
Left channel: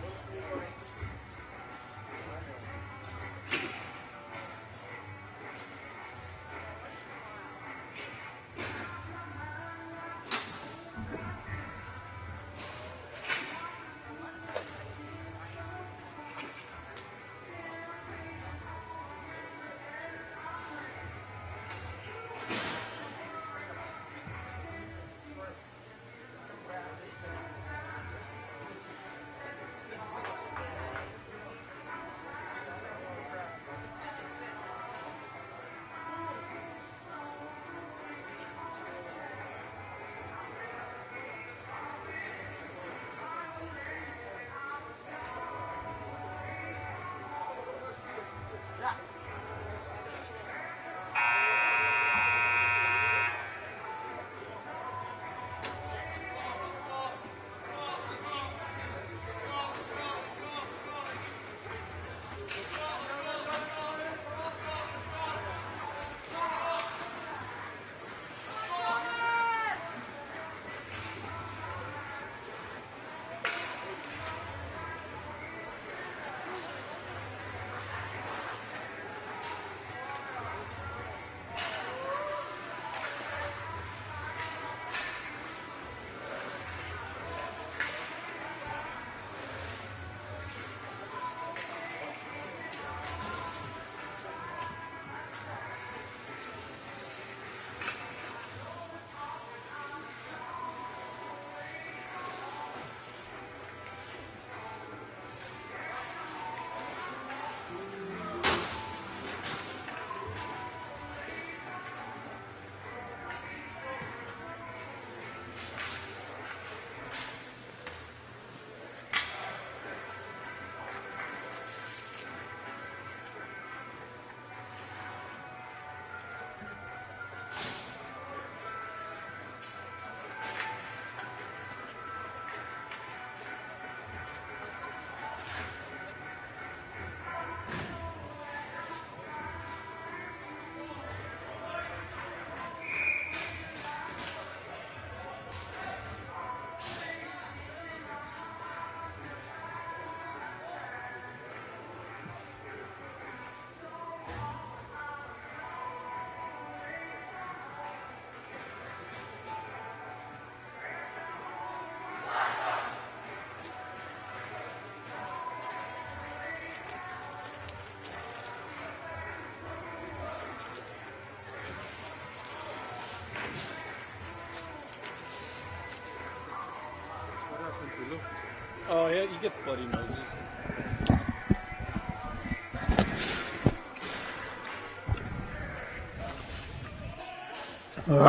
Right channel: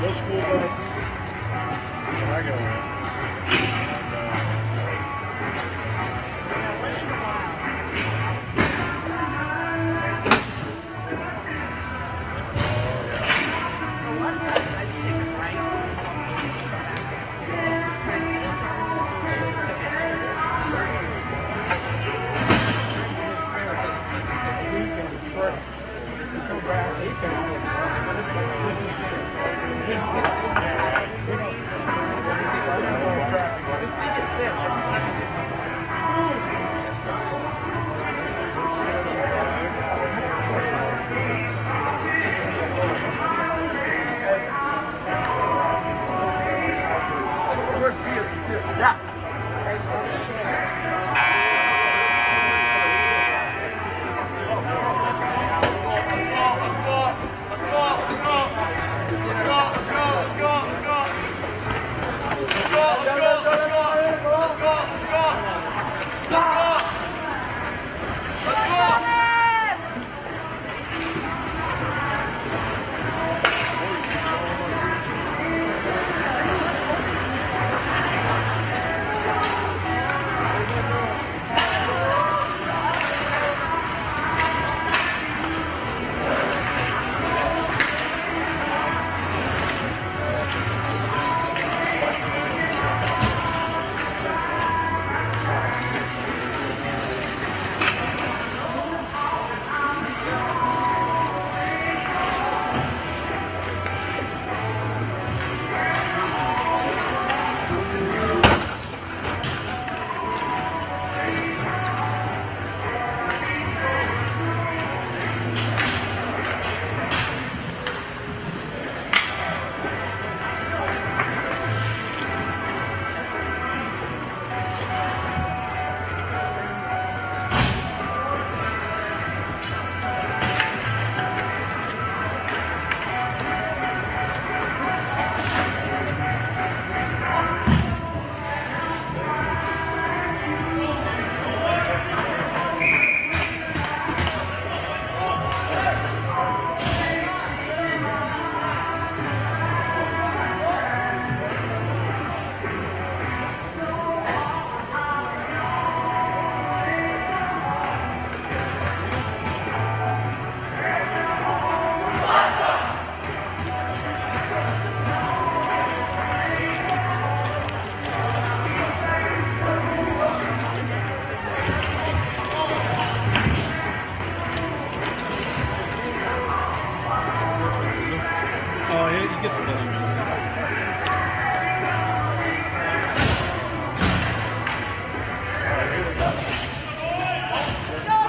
Those school buses, when I go in, A lot of times I just take a right and come back. Just trying to get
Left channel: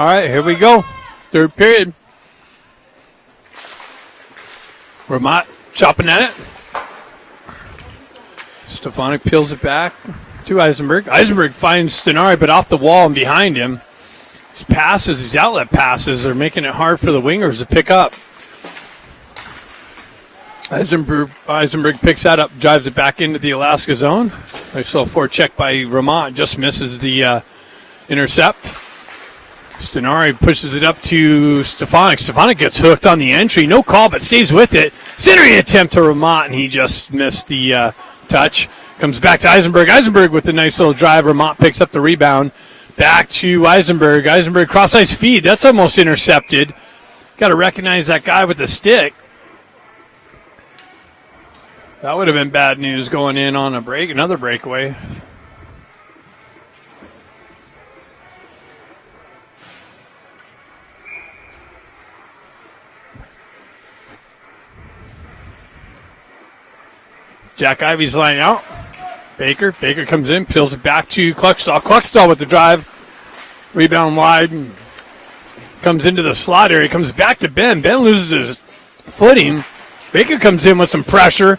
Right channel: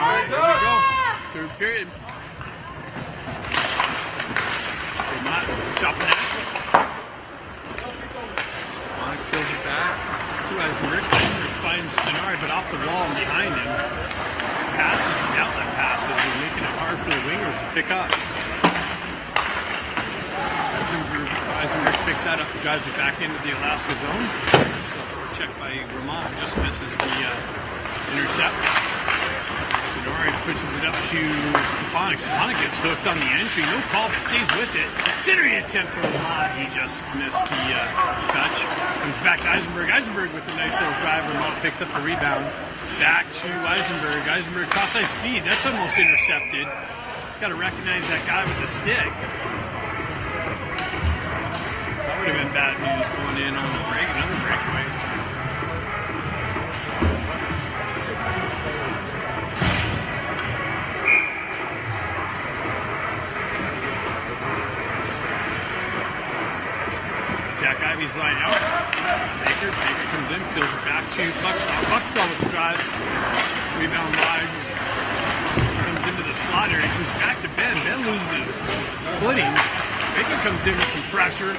right, here we go. Third period. Vermont chopping at it. Stefanik peels it back to Eisenberg. Eisenberg finds Stenari, but off the wall and behind him. His passes, his outlet passes, are making it hard for the wingers to pick up. Eisenberg picks that up, drives it back into the Alaska zone. There's still a forecheck by Vermont, just misses the intercept. Stenari pushes it up to Stefanik. Stefanik gets hooked on the entry. No call, but stays with it. Centering attempt to Vermont, and he just missed the touch. Comes back to Eisenberg. Eisenberg with a nice little drive. Vermont picks up the rebound. Back to Eisenberg. Eisenberg cross-ice feed. That's almost intercepted. Got to recognize that guy with the stick. That would have been bad news going in on a break, another breakaway. Jack Ivey's line out. Baker comes in, peels it back to Kluckstall. Kluckstall with the drive. Rebound wide. And comes into the slot area. Comes back to Ben. Ben loses his footing. Baker comes in with some pressure.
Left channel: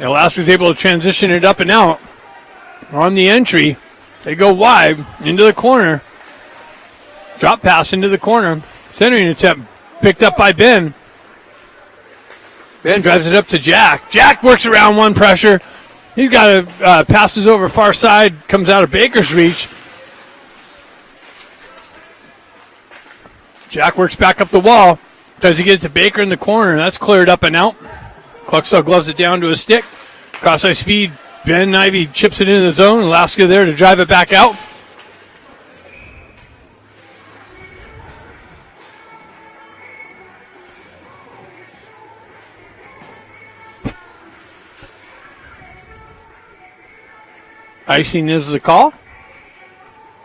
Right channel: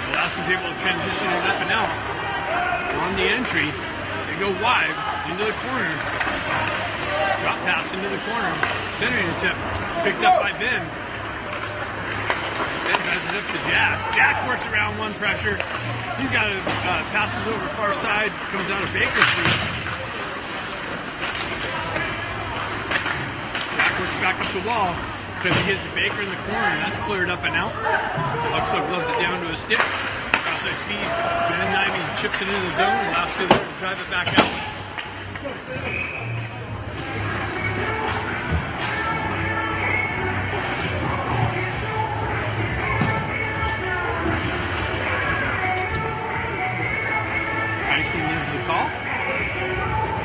Alaska's able to transition it up and out on the entry. They go wide into the corner. Drop pass into the corner. Centering attempt picked up by Ben. Ben drives it up to Jack. Jack works around one pressure. He's got to passes over far side. Comes out of Baker's reach. Jack works back up the wall. Tries to get it to Baker in the corner. That's cleared up and out. Kluckstall gloves it down to a stick. Cross-ice feed. Ben Ivey chips it into the zone. Alaska there to drive it back out. Icing is the call.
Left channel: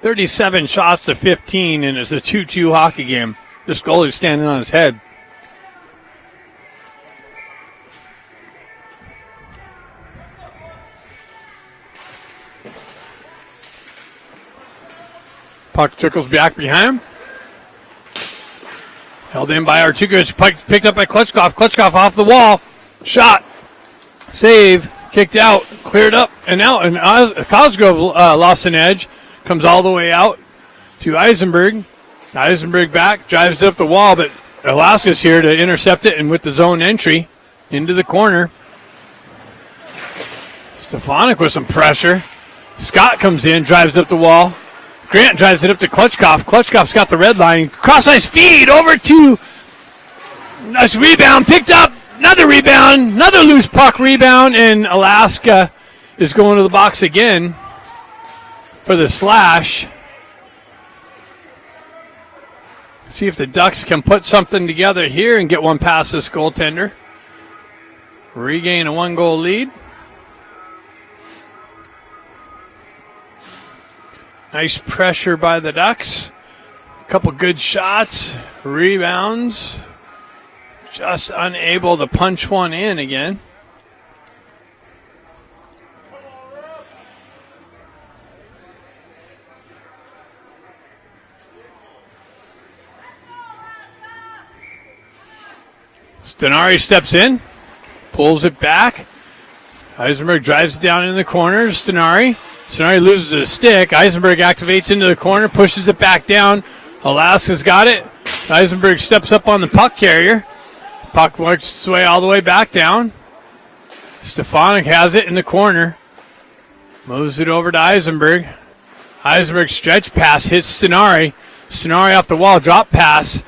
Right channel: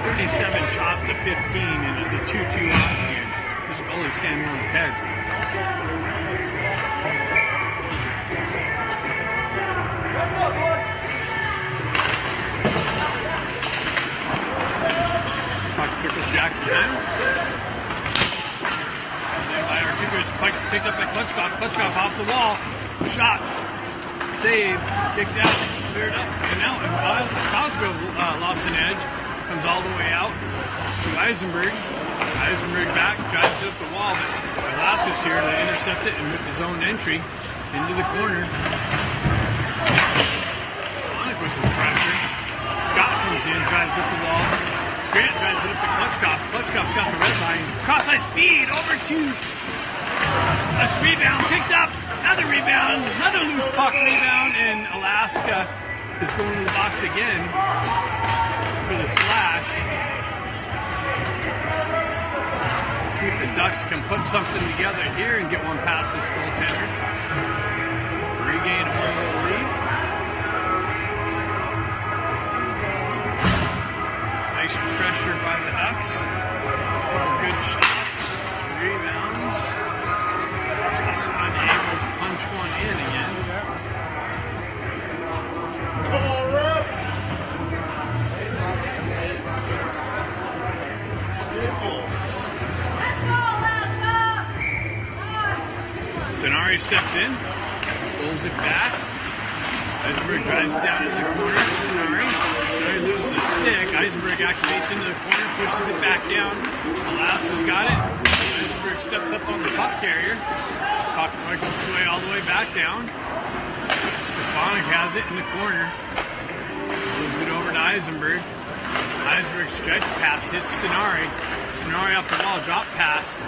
37 shots to 15, and it's a 2-2 hockey game. This goalie's standing on his head. Puck trickles back behind him. Held in by Artukas. Puck picked up by Klitschkov. Klitschkov off the wall. Shot. Save. Kicked out. Cleared up and out. And Cosgrove lost an edge. Comes all the way out to Eisenberg. Eisenberg back. Drives it up the wall, but Alaska's here to intercept it, and with the zone entry into the corner. Stefanik with some pressure. Scott comes in. Drives up the wall. Grant drives it up to Klitschkov. Klitschkov's got the red line. Cross-ice feed over to... Nice rebound. Picked up. Another rebound. Another loose puck rebound. And Alaska is going to the box again for the slash. See if the Ducks can put something together here and get one past this goaltender. Regain a 1-goal lead. Nice pressure by the Ducks. A couple good shots, rebounds. Just unable to punch one in again. Stenari steps in, pulls it back. Eisenberg drives it down in the corner. Stenari loses his stick. Eisenberg activates into the corner, pushes it back down. Alaska's got it. Eisenberg steps up on the puck carrier. Puck works its way all the way back down. Stefanik has it in the corner. Moves it over to Eisenberg. Eisenberg stretch pass hits Stenari. Stenari off the wall, drop pass.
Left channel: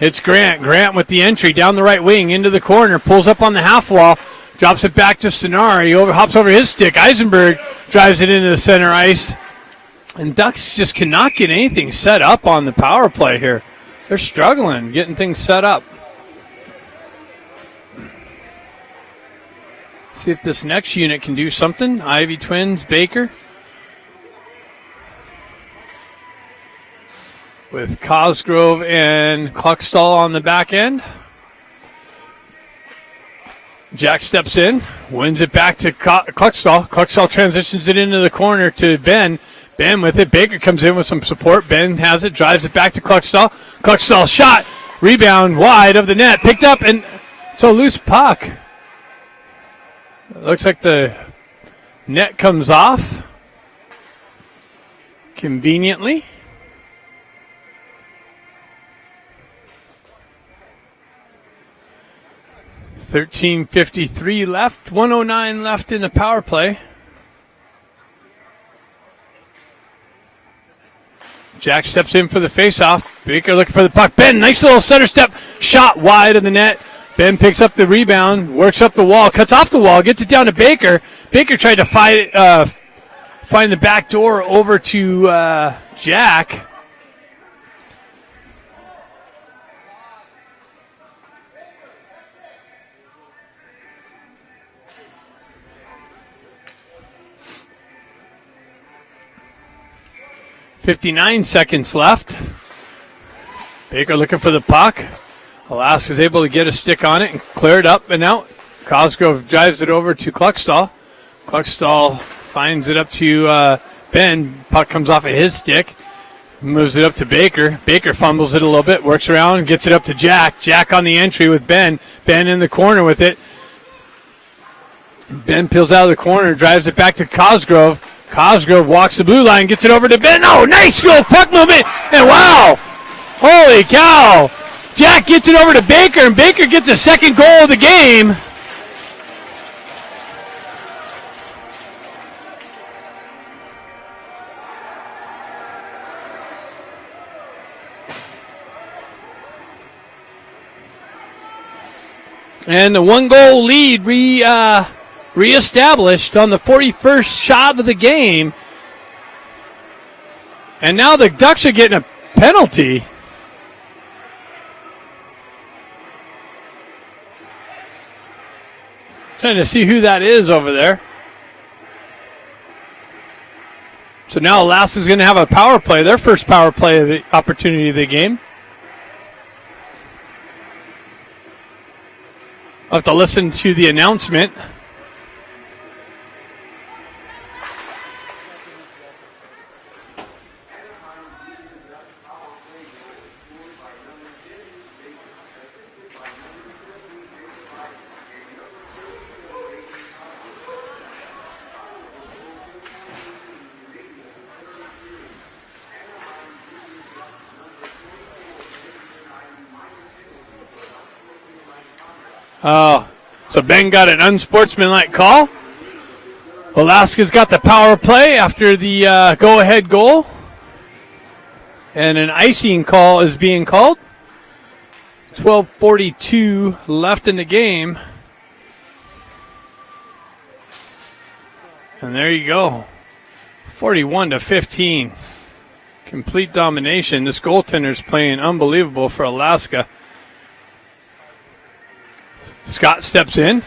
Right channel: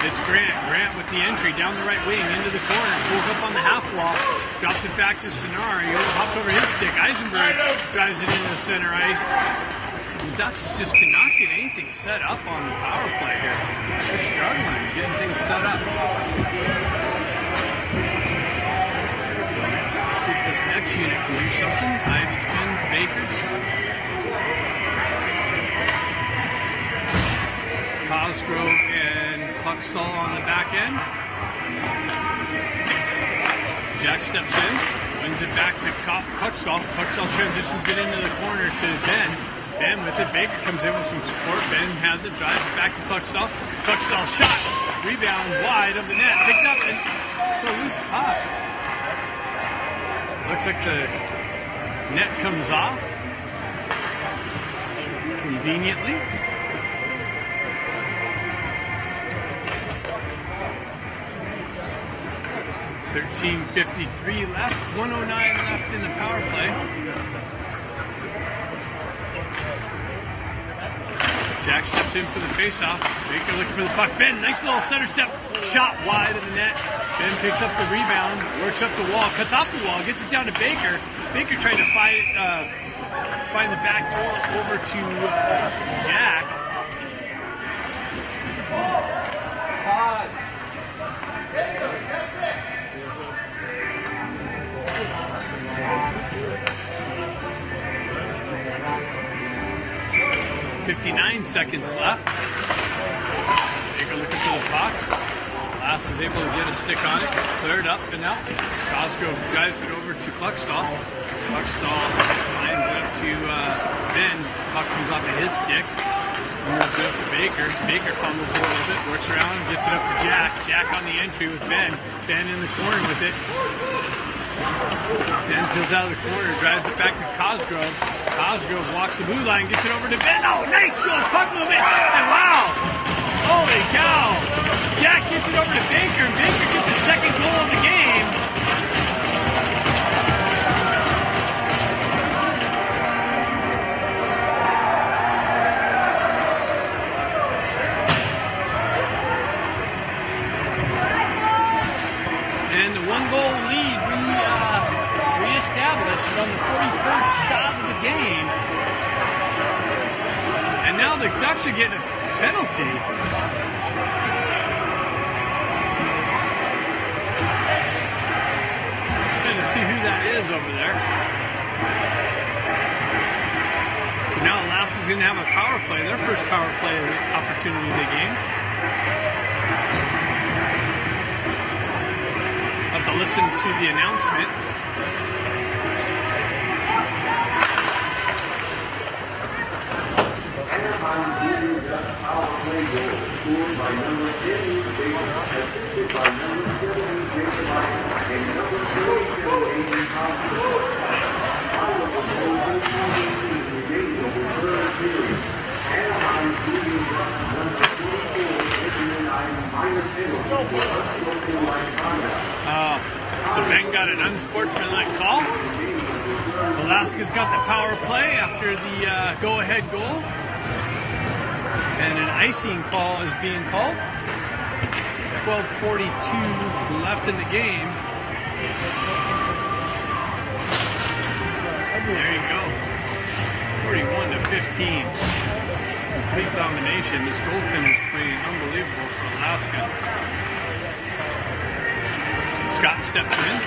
Hits Grant. Grant with the entry down the right wing into the corner. Pulls up on the half wall. Drops it back to Stenari. Hops over his stick. Eisenberg drives it into the center ice. And Ducks just cannot get anything set up on the power play here. They're struggling getting things set up. See if this next unit can do something. Ivy Twins, Baker. With Cosgrove and Kluckstall on the back end. Jack steps in, wins it back to Kluckstall. Kluckstall transitions it into the corner to Ben. Ben with it. Baker comes in with some support. Ben has it, drives it back to Cluckstall. Cluckstall shot, rebound wide of the net, picked up, and it's a loose puck. Looks like the net comes off conveniently. .53 left, 1:09 left in the power play. Jack steps in for the faceoff. Baker looking for the puck. Ben, nice little center step, shot wide of the net. Ben picks up the rebound, works up the wall, cuts off the wall, gets it down to Baker. Baker tried to find the back door over to Jack. .59 seconds left. Baker looking for the puck. Alaska's able to get a stick on it and clear it up and out. Cosgrove drives it over to Cluckstall. Cluckstall finds it up to Ben. Puck comes off of his stick. Moves it up to Baker. Baker fumbles it a little bit, works around, gets it up to Jack. Jack on the entry with Ben. Ben in the corner with it. Ben peels out of the corner, drives it back to Cosgrove. Cosgrove walks the blue line, gets it over to Ben. Oh, nice little puck movement. And wow, holy cow. Jack gets it over to Baker, and Baker gets a second goal of the game. And the one-goal lead reestablished on the 41st shot of the game. And now the Ducks are getting a penalty. Trying to see who that is over there. So now Alaska's going to have a power play, their first power play of the opportunity of the game. I'll have to listen to the announcement. So Ben got an unsportsmanlike call. Alaska's got the power play after the go-ahead goal. And an icing call is being called. 12:42 left in the game. And there you go. 41-15. Complete domination. This goaltender's playing unbelievable for Alaska. Scott steps in,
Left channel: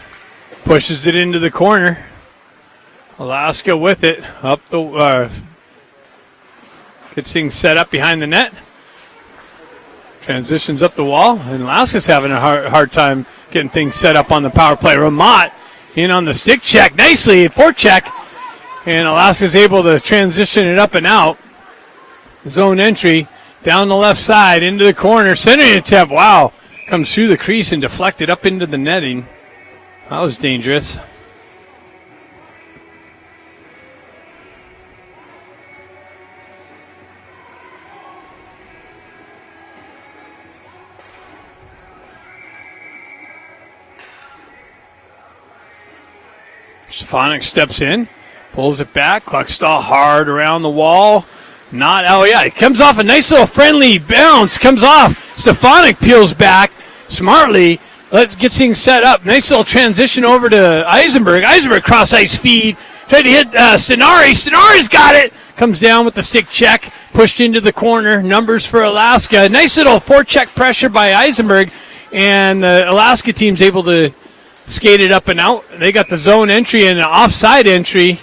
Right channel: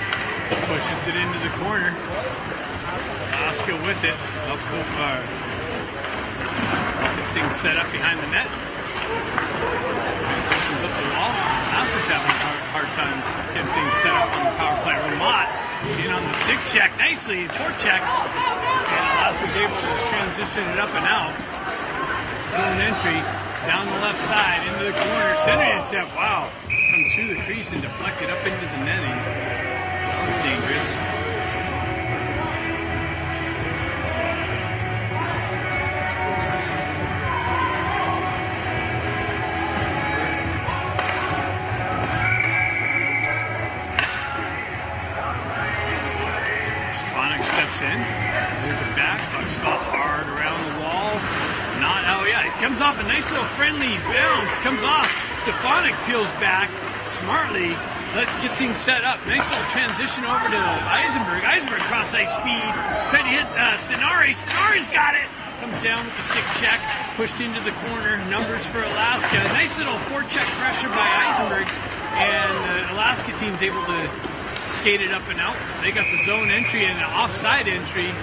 pushes it into the corner. Alaska with it, up the gets things set up behind the net. Transitions up the wall, and Alaska's having a hard time getting things set up on the power play. Ramat in on the stick check, nicely, forecheck, and Alaska's able to transition it up and out. Zone entry down the left side into the corner, centering attempt. Wow. Comes through the crease and deflected up into the netting. That was dangerous. Stefanik steps in, pulls it back. Cluckstall hard around the wall. It comes off a nice little friendly bounce. Comes off. Stefanik peels back smartly. Gets things set up. Nice little transition over to Eisenberg. Eisenberg cross ice feed. Tried to hit Stenari. Stenari's got it. Comes down with the stick check. Pushed into the corner. Numbers for Alaska. Nice little forecheck pressure by Eisenberg. And the Alaska team's able to skate it up and out. They got the zone entry and an offside entry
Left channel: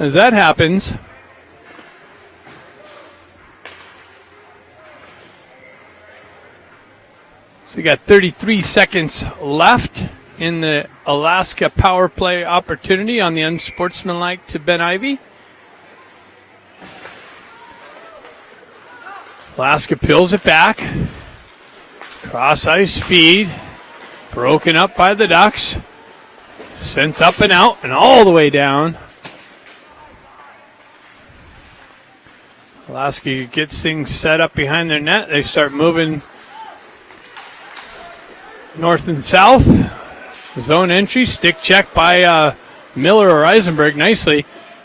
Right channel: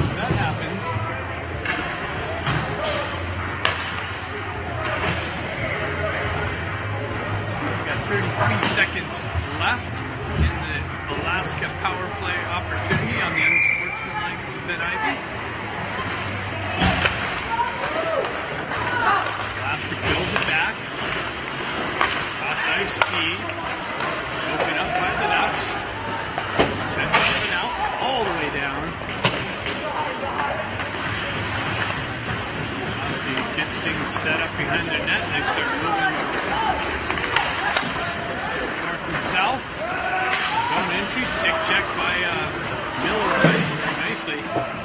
as that happens. We got 33 seconds left in the Alaska power play opportunity on the unsportsmanlike to Ben Ivy. Alaska peels it back. Cross ice feed. Broken up by the Ducks. Sent up and out and all the way down. Alaska gets things set up behind their net. They start moving north and south. Zone entry, stick check by Miller or Eisenberg nosely.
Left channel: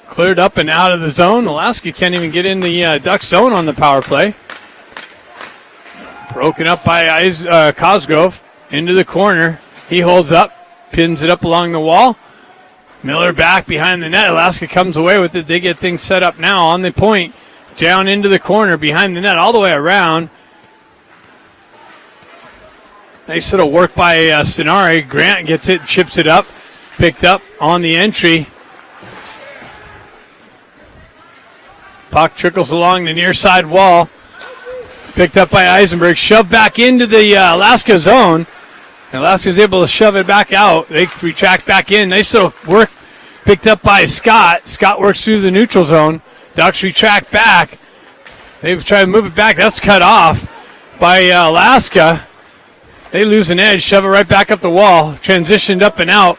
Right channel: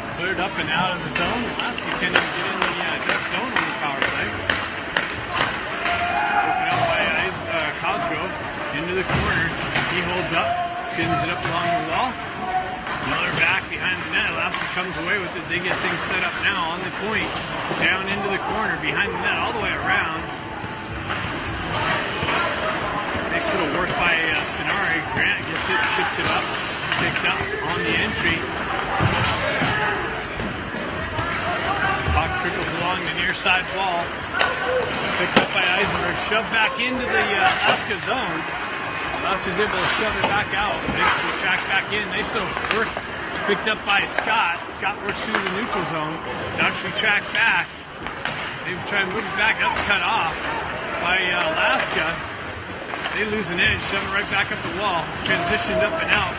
Cleared up and out of the zone. Alaska can't even get in the Duck zone on the power play. Broken up by Cosgrove into the corner. He holds up, pins it up along the wall. Miller back behind the net. Alaska comes away with it. They get things set up now on the point. Down into the corner behind the net all the way around. Nice little work by Stenari. Grant gets it, chips it up. Picked up on the entry. Puck trickles along the near side wall. Picked up by Eisenberg. Shoved back into the Alaska zone. Alaska's able to shove it back out. They retract back in. Nice little work picked up by Scott. Scott works through the neutral zone. Ducks retract back. They've tried to move it back. That's cut off by Alaska. They lose an edge, shove it right back up the wall. Transitioned up and out.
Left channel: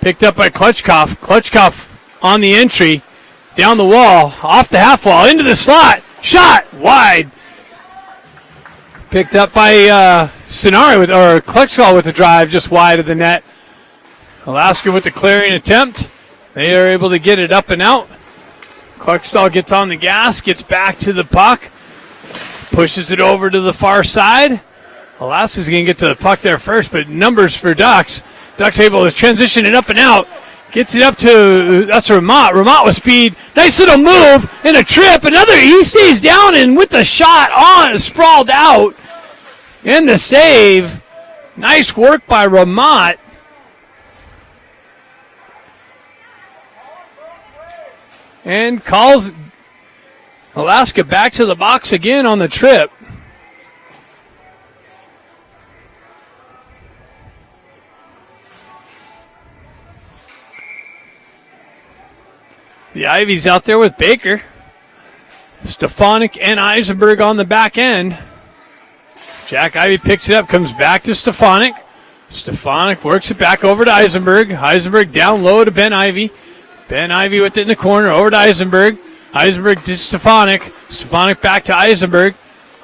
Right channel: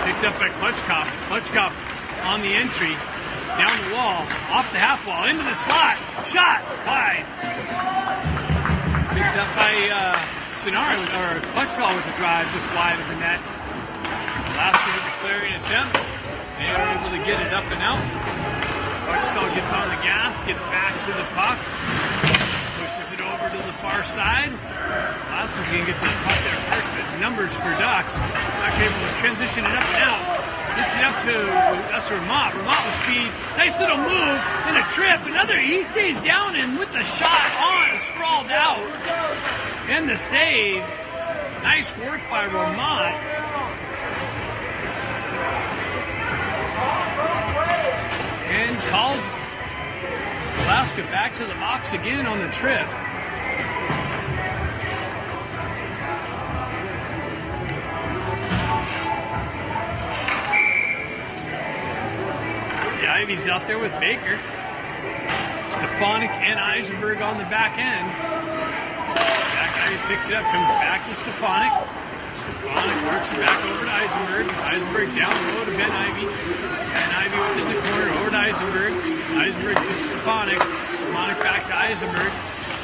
Picked up by Klutchkov. Klutchkov on the entry. Down the wall, off the half wall, into the slot. Shot wide. Picked up by Stenari or Klutchkov with the drive just wide of the net. Alaska with the clearing attempt. They are able to get it up and out. Klutchkov gets on the gas, gets back to the puck, pushes it over to the far side. Alaska's going to get to the puck there first, but numbers for Ducks. Ducks able to transition it up and out. Gets it up to, that's Ramat. Ramat with speed. Nice little move and a trip. He stays down and with the shot on, sprawled out. And the save. Nice work by Ramat. And calls Alaska back to the box again on the trip. The Ivies out there with Baker. Stefanik and Eisenberg on the back end. Jack Ivey picks it up, comes back to Stefanik. Stefanik works it back over to Eisenberg. Eisenberg down low to Ben Ivey. Ben Ivey with it in the corner, over to Eisenberg. Eisenberg to Stefanik. Stefanik back to Eisenberg.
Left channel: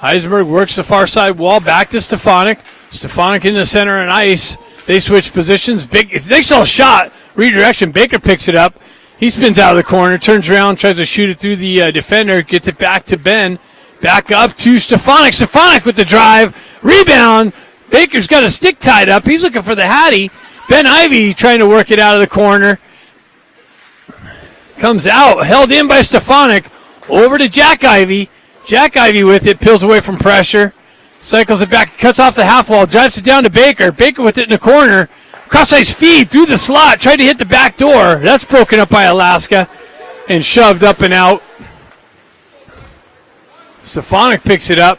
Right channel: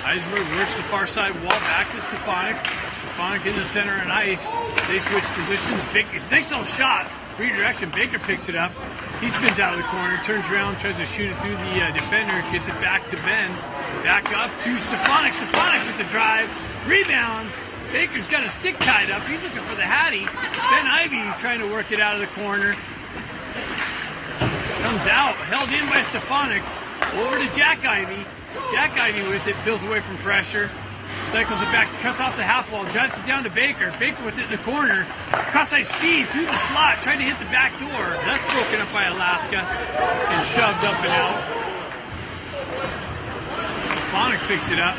Eisenberg works the far side wall, back to Stefanik. Stefanik in the center and ice. They switch positions. It's a nice little shot. Redirection. Baker picks it up. He spins out of the corner, turns around, tries to shoot it through the defender, gets it back to Ben. Back up to Stefanik. Stefanik with the drive. Rebound. Baker's got a stick tied up. He's looking for the Hattie. Ben Ivey trying to work it out of the corner. Comes out, held in by Stefanik. Over to Jack Ivey. Jack Ivey with it, peels away from pressure. Cycles it back, cuts off the half wall, drives it down to Baker. Baker with it in the corner. Cross-ice feed through the slot, tried to hit the back door. That's broken up by Alaska and shoved up and out. Stefanik picks it up.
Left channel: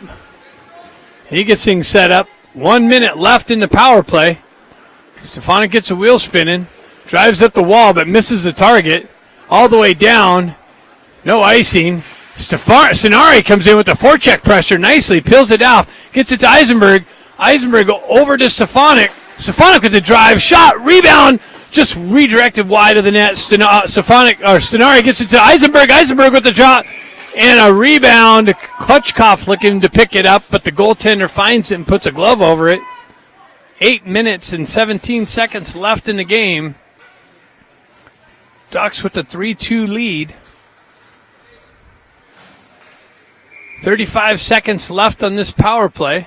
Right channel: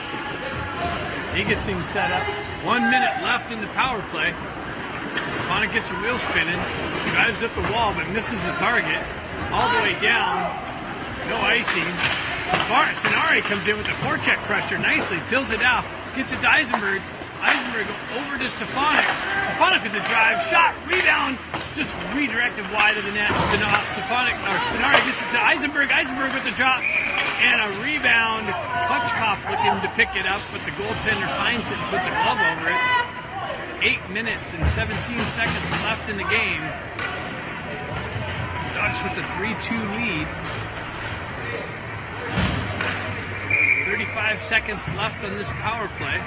He gets things set up. 1 minute left in the power play. Stefanik gets a wheel spinning, drives up the wall but misses the target. All the way down, no icing. Stenari comes in with the forecheck pressure nicely, peels it off, gets it to Eisenberg. Eisenberg over to Stefanik. Stefanik with the drive, shot, rebound, just redirected wide of the net. Stenari gets it to Eisenberg. Eisenberg with the drop and a rebound. Klutchkov looking to pick it up, but the goaltender finds it and puts a glove over it. 8 minutes and 17 seconds left in the game. Ducks with the 3-2 lead. 35 seconds left on this power play.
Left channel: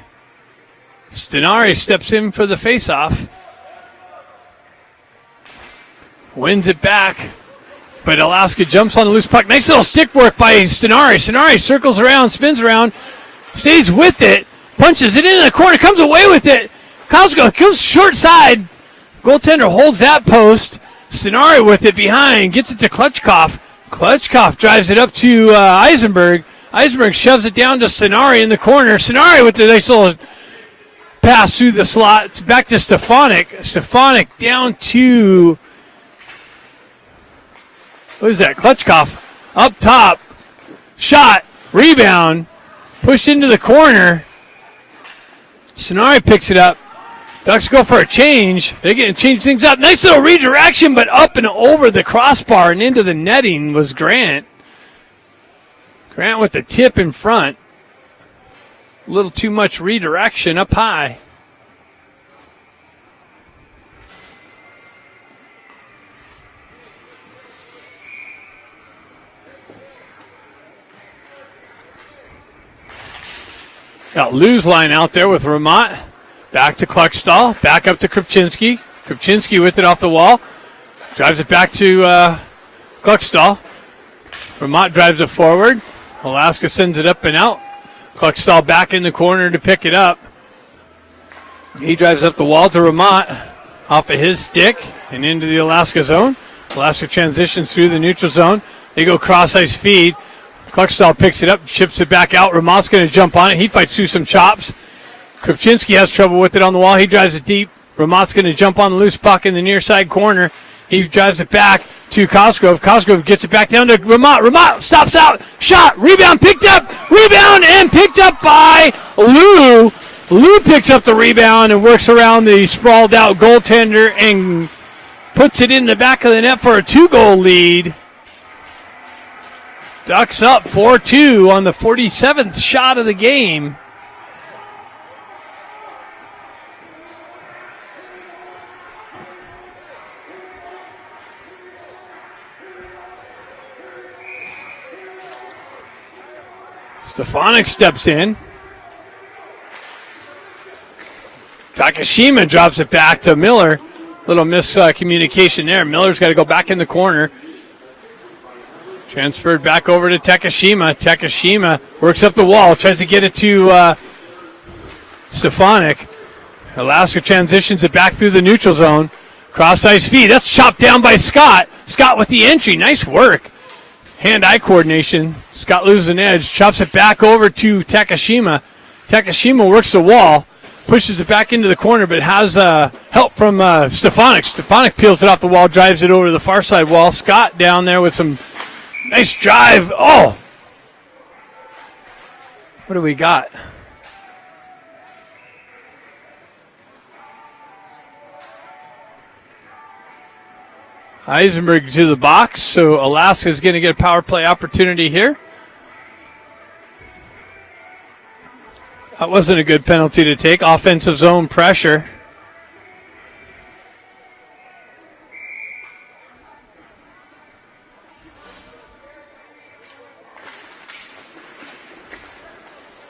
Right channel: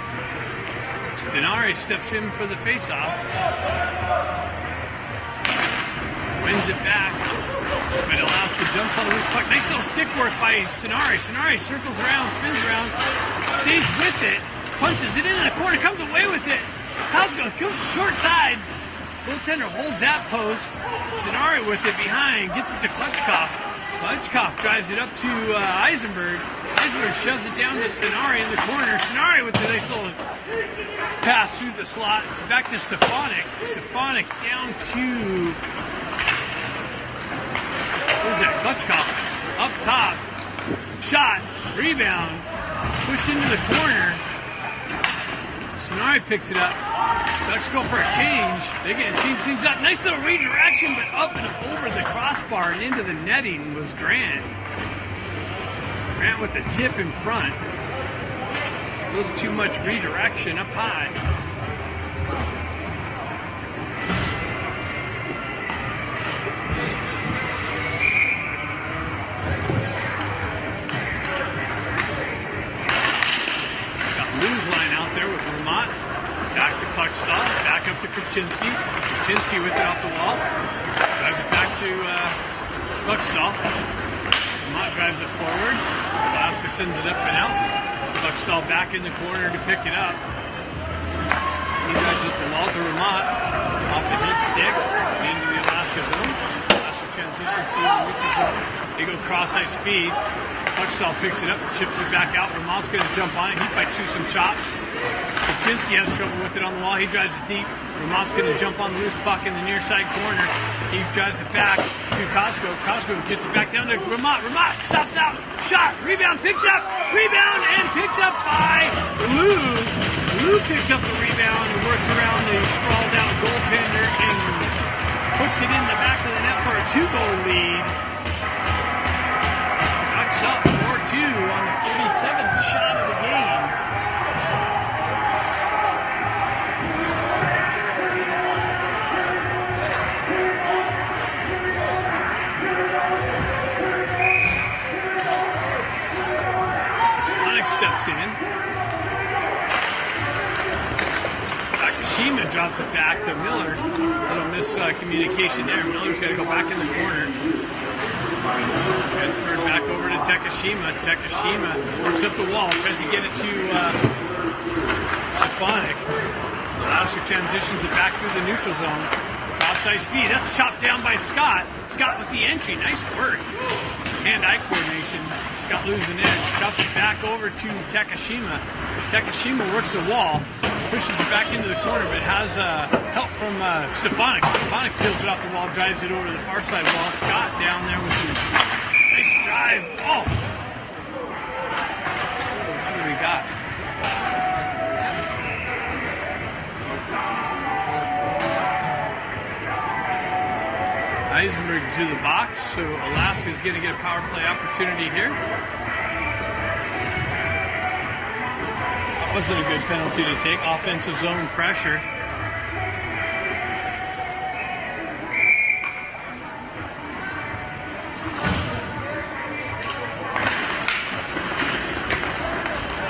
Stenari steps in for the faceoff. Wins it back, but Alaska jumps on the loose puck. Nice little stick work by Stenari. Stenari circles around, spins around, stays with it, punches it into the corner, comes away with it. Cosgrove goes short side. Goaltender holds that post. Stenari with it behind, gets it to Klutchkov. Klutchkov drives it up to Eisenberg. Eisenberg shoves it down to Stenari in the corner. Stenari with the nice little pass through the slot. It's back to Stefanik. Stefanik down to, what is that, Klutchkov. Up top, shot, rebound. Pushed into the corner. Sonari picks it up. Ducks go for a change. They're going to change things up. Nice little redirection, but up and over the crossbar and into the netting was Grant. Grant with the tip in front. A little too much redirection up high. Got Lou's line out there with Ramat. Back to Kluckstall. Back up to Krupczynski. Krupczynski with it off the wall. Drives it back to Kluckstall. Ramat drives it forward. Alaska sends it up and out. Kluckstall back in the corner to pick it up. He drives up the wall to Ramat off of his stick and into the Alaska zone. Alaska transitions through the neutral zone. They go cross-ice feed. Kluckstall picks it up, chips it back out. Ramat's going to jump on it. He fights through some chops. Krupczynski has trouble with it on the wall. He drives it deep. Ramat's going to jump on the loose puck in the near side corner. He drives it back to Cosgrove. Cosgrove gets it back down to Ramat. Ramat stops out. Shot. Rebound picked up. Rebound and picked up by Lou. Lou picks up the rebound and works around the sprawled out goaltender and puts it in the back of the net for a 2-goal lead. Ducks up 4-2 on the 47th shot of the game. Stefanik steps in. Takashima drops it back to Miller. Little miscommunication there. Miller's got to go back in the corner. Transferred back over to Takashima. Takashima works up the wall, tries to get it to Stefanik. Alaska transitions it back through the neutral zone. Cross-ice feed. That's chopped down by Scott. Scott with the entry. Nice work. Hand-eye coordination. Scott loses an edge. Chops it back over to Takashima. Takashima works the wall. Pushes it back into the corner, but has help from Stefanik. Stefanik peels it off the wall, drives it over to the far side wall. Scott down there with some nice drive. Oh! What do we got? Eisenberg to the box, so Alaska's going to get a power play opportunity here. That wasn't a good penalty to take. Offensive zone pressure.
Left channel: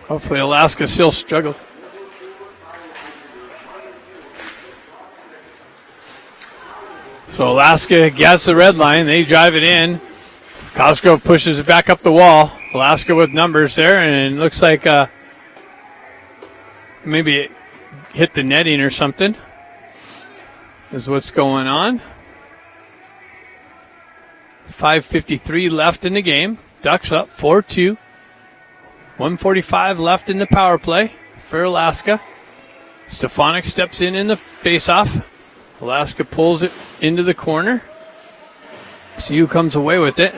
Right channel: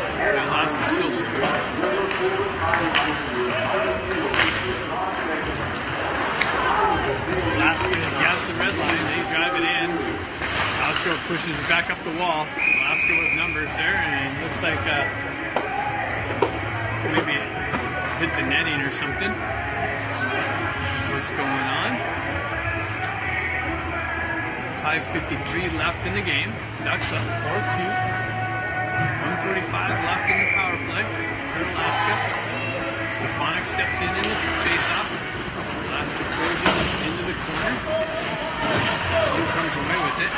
Hopefully Alaska still struggling. So Alaska gets the red line. They drive it in. Cosgrove pushes it back up the wall. Alaska with numbers there, and it looks like maybe it hit the netting or something is what's going on. 5:53 left in the game. Ducks up 4-2. 1:45 left in the power play for Alaska. Stefanik steps in the faceoff. Alaska pulls it into the corner. Siu comes away with it.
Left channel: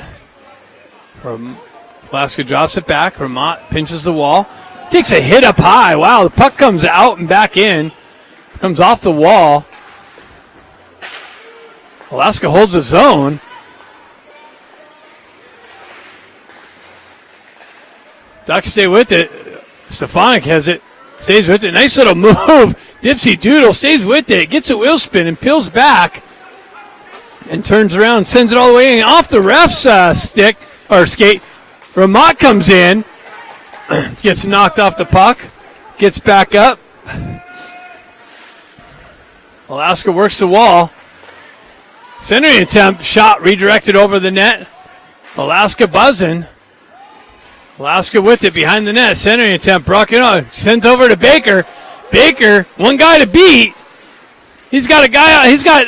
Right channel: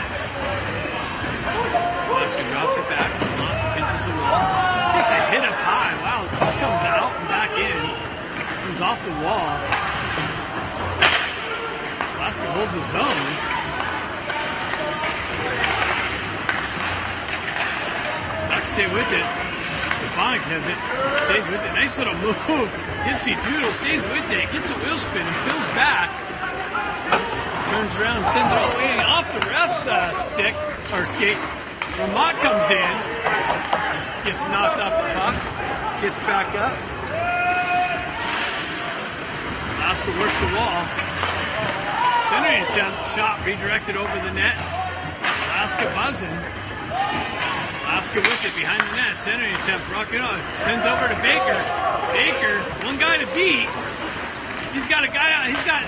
Alaska drops it back. Vermont pinches the wall. Takes a hit up high. Wow, the puck comes out and back in. Comes off the wall. Alaska holds the zone. Ducks stay with it. Stefanik has it. Stays with it. Nice little move. Dipsy Doodle stays with it. Gets a wheel spin and peels back. And turns around. Sends it all the way off the ref's stick or skate. Ramat comes in. Gets knocked off the puck. Gets back up. Alaska works the wall. Centering attempt. Shot redirected over the net. Alaska buzzing. Alaska with it behind the net. Centering attempt. Brock it on. Sends over to Baker. Baker, one guy to beat. He's got a guy out. He's got,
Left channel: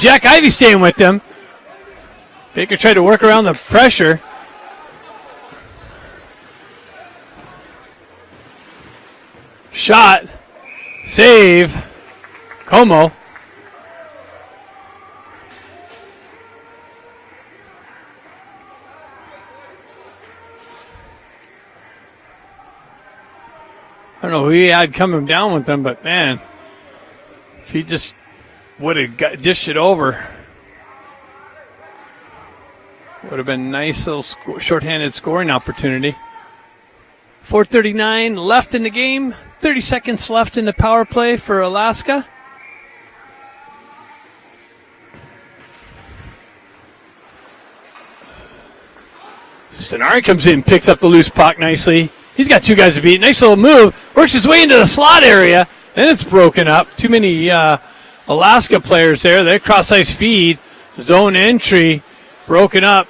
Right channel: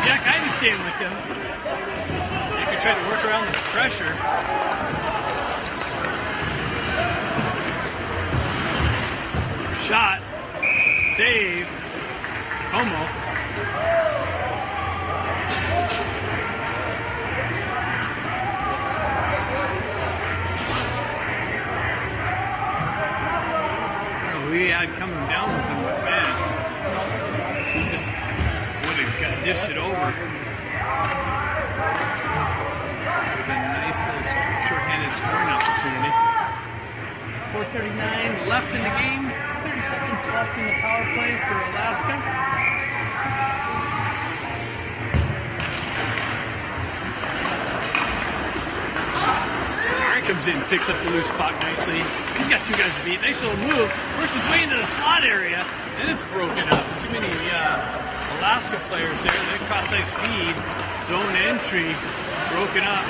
Jack Ivey staying with him. Baker tried to work around the pressure. Shot. Save. Homo. don't know who he had coming down with him, but man, if he just would have dished it over, would have been a nice little shorthanded scoring opportunity. 4:39 left in the game, 30 seconds left in the power play for Alaska. Stenari comes in, picks up the loose puck nicely. He's got two guys to beat. Nice little move. Works his way into the slot area. Then it's broken up. Too many Alaska players there. Their cross-ice feed. Zone entry. Broken up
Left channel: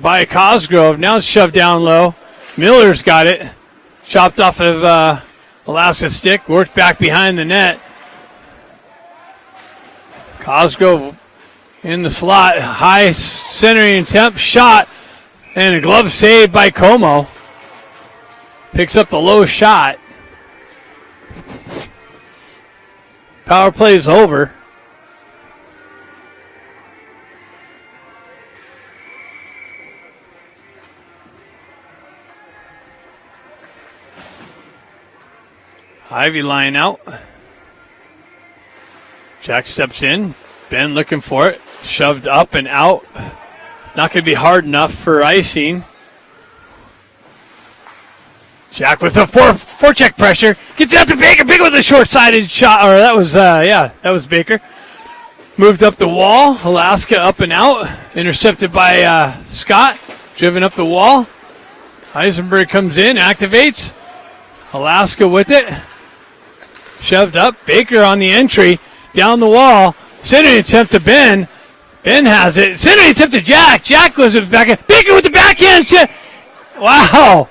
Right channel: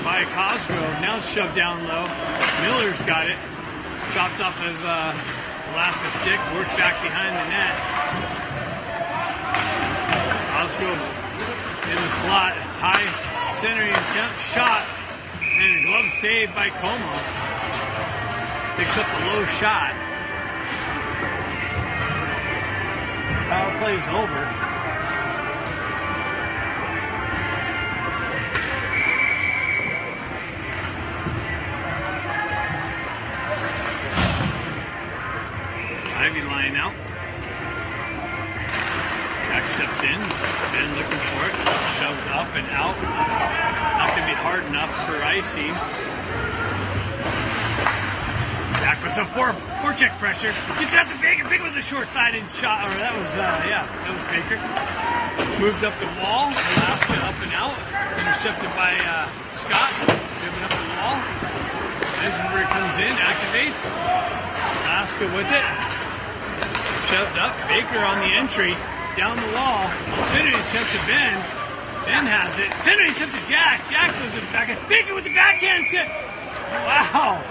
by Cosgrove. Now it's shoved down low. Miller's got it. Chopped off of Alaska's stick. Worked back behind the net. Cosgrove in the slot. High centering attempt. Shot. And a glove save by Como. Picks up the low shot. Power play is over. Ivy line out. Jack steps in. Ben looking for it. Shoved up and out. Not going to be hard enough for icing. Jack with the forecheck pressure. Gets out to Baker. Baker with a short-sided shot. Or that was Baker. Moved up the wall. Alaska up and out. Intercepted by Scott. Driven up the wall. Eisenberg comes in, activates. Alaska with it. Shoved up. Baker on the entry. Down the wall. Centering attempt to Ben. Ben has it. Centering attempt to Jack. Jack goes to the backhand. Baker with the backhand. Wow.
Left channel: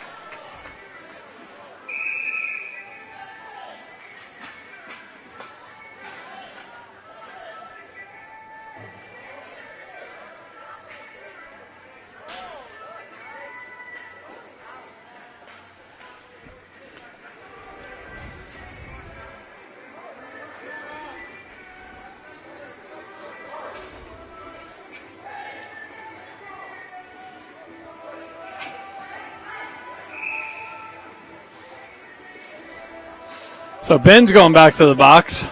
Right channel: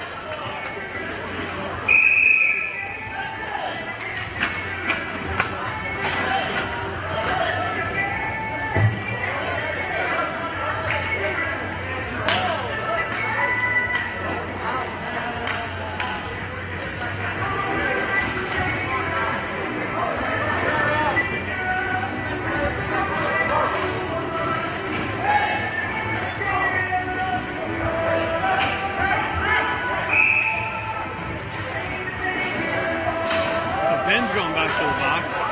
So Ben's going back to the box.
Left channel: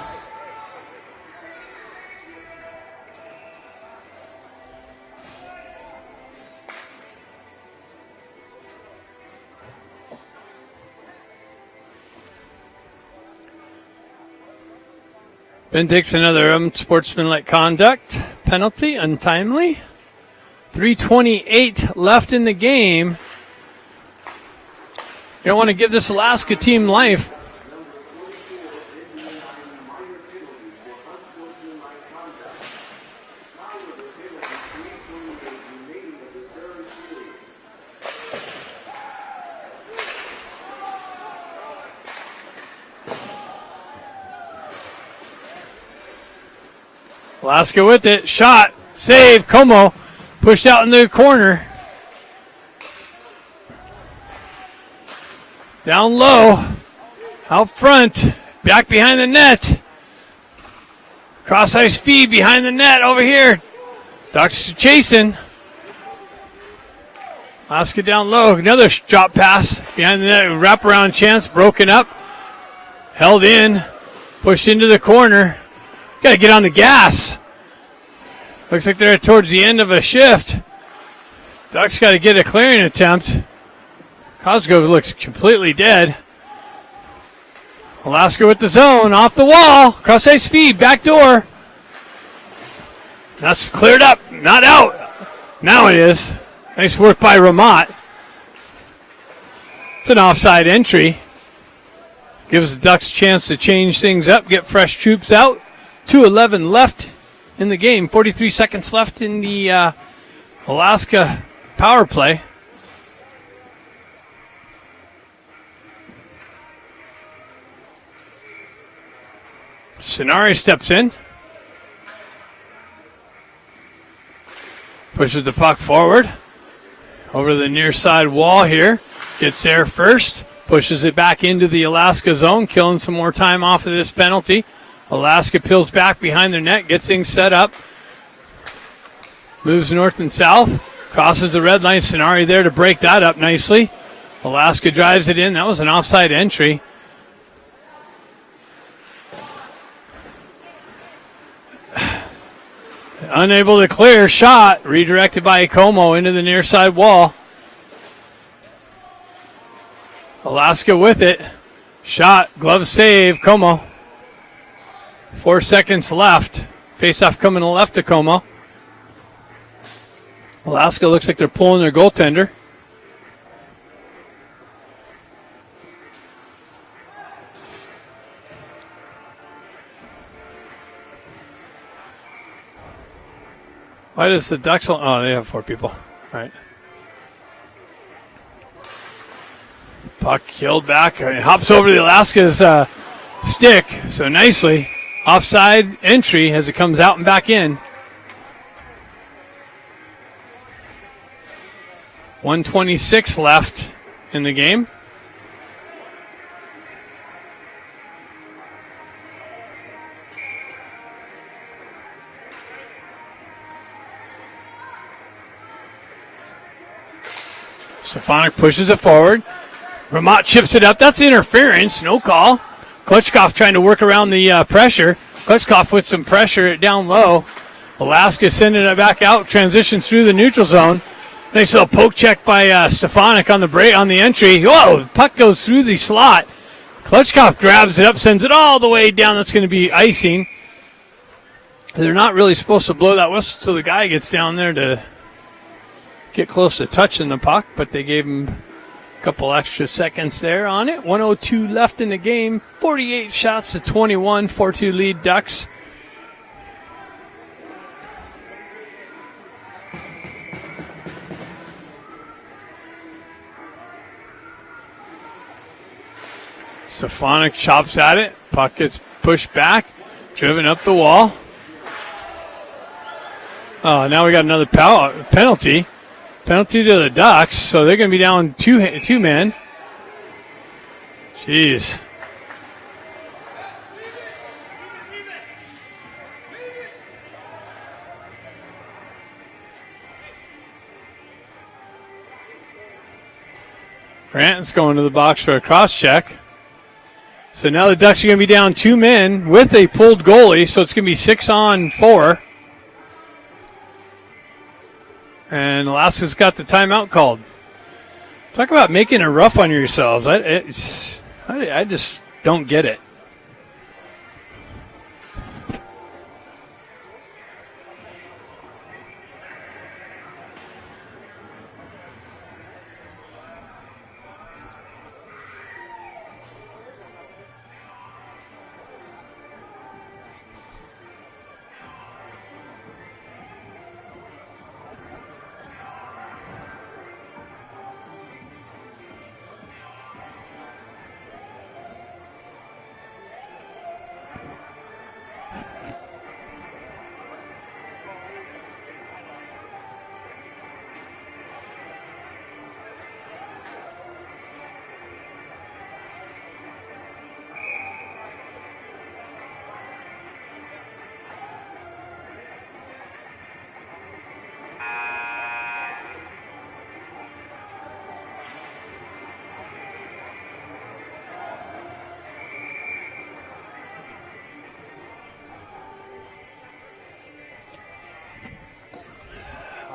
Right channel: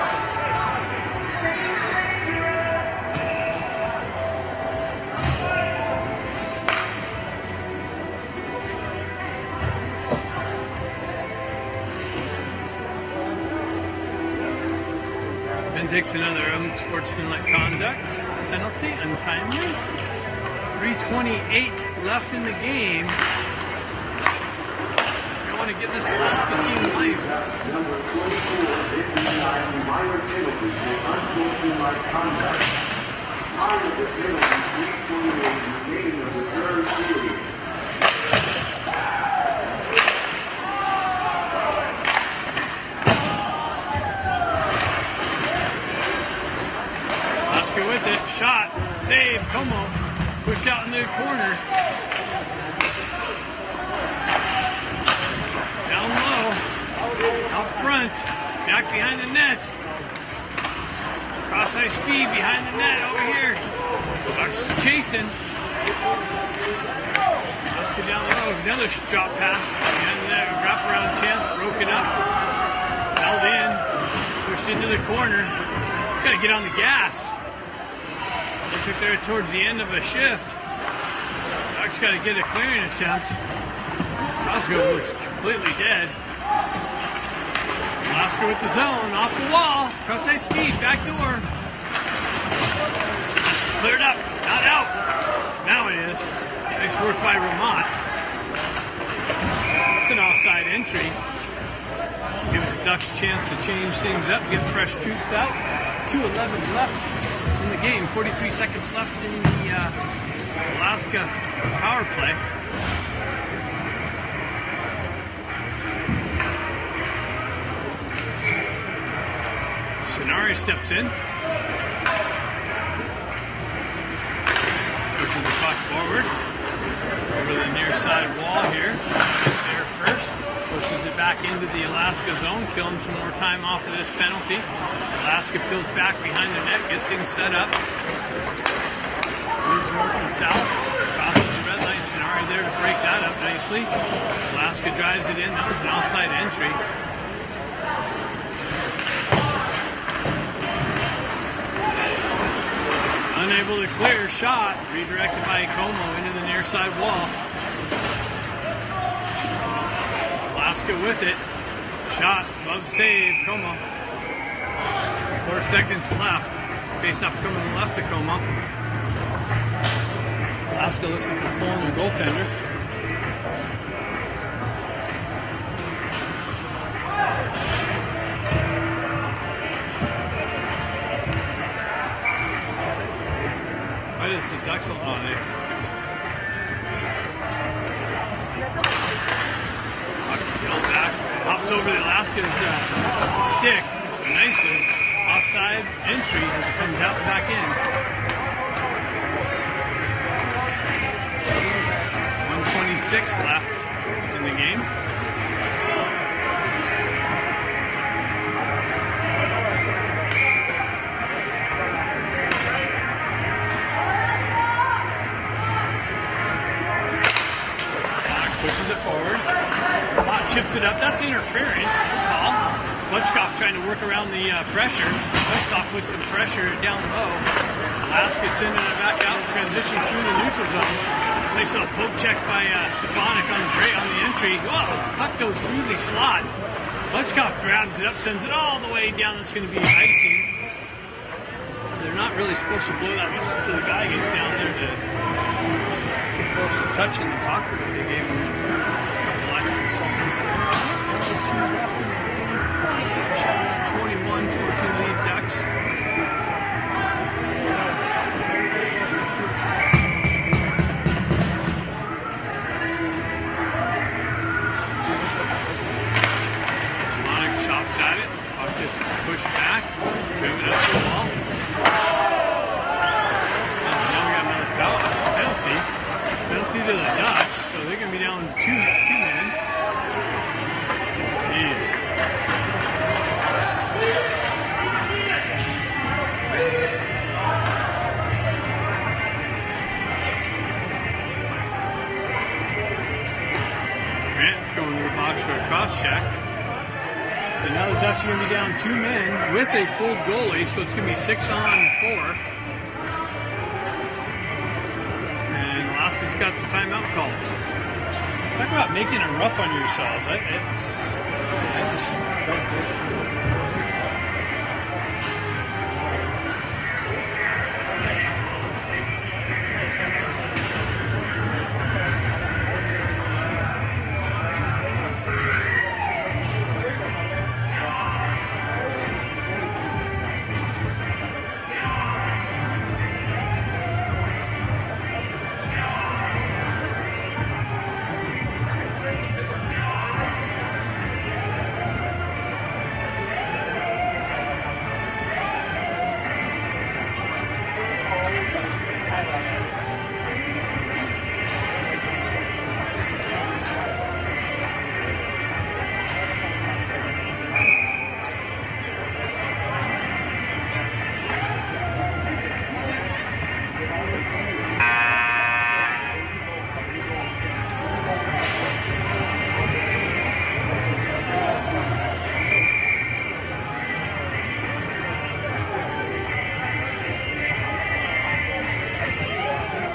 Ben takes another unsportsmanlike conduct penalty, untimely. 3:28 left in the game. You don't want to give this Alaska team life. Alaska with it. Shot. Save. Como pushed out in the corner. Down low. Out front. Back behind the net. Cross ice feed behind the net over here. Ducks chasing. Alaska down low. Another drop pass behind the net. Wraparound chance. Broken up. Held in. Pushed into the corner. Got to get on the gas. Looks like they're towards the end of a shift. Ducks got to get a clearing attempt. Cosgrove looks completely dead. Alaska with the zone, off the wall. Cross ice feed, back door. That's cleared up, not out. Now it is. Nice work by Ramat. It's an offside entry. Gives the Ducks a chance to change things up, get fresh troops out. 2:11 left in the game. 43 seconds left in the Alaska power play. Stenari steps in. Pushes the puck forward. Over the near side wall here. Gets there first. Pushes it back into the Alaska zone. Killing some more time off of this penalty. Alaska peels back behind their net. Gets things set up. Moves north and south. Crosses the red line. Stenari there to break that up nicely. Alaska drives it in. That was an offside entry. Unable to clear. Shot redirected by Como into the near side wall. Alaska with it. Shot, glove save, Como. 4 seconds left. Face-off coming to the left of Como. Alaska looks like they're pulling their goaltender. Why does the Ducks? Oh, they have 4 people. All right. Puck killed back. It hops over the Alaska's stick. So nicely. Offside entry as it comes out and back in. 1:26 left in the game. Stefanik pushes it forward. Ramat chips it up. That's interference. No call. Klitschkov trying to work around the pressure. Klitschkov with some pressure down low. Alaska sending it back out. Transitions through the neutral zone. Nice little poke check by Stefanik on the break on the entry. Whoa! Puck goes through the slot. Klitschkov grabs it up, sends it all the way down. That's going to be icing. They're not really supposed to blow that whistle so the guy gets down there to get close to touching the puck, but they gave him a couple extra seconds there on it. 1:02 left in the game. 48 shots to 21. 4-2 lead Ducks. Stefanik chops at it. Puck gets pushed back, driven up the wall. Oh, now we got another penalty. Penalty to the Ducks, so they're going to be down two men. Jeez. Grant's going to the box for a cross check. So now the Ducks are going to be down 2 men with a pulled goalie, so it's going to be 6-on-4. And Alaska's got the timeout called. Talk about making it rough on yourselves. I just don't get it.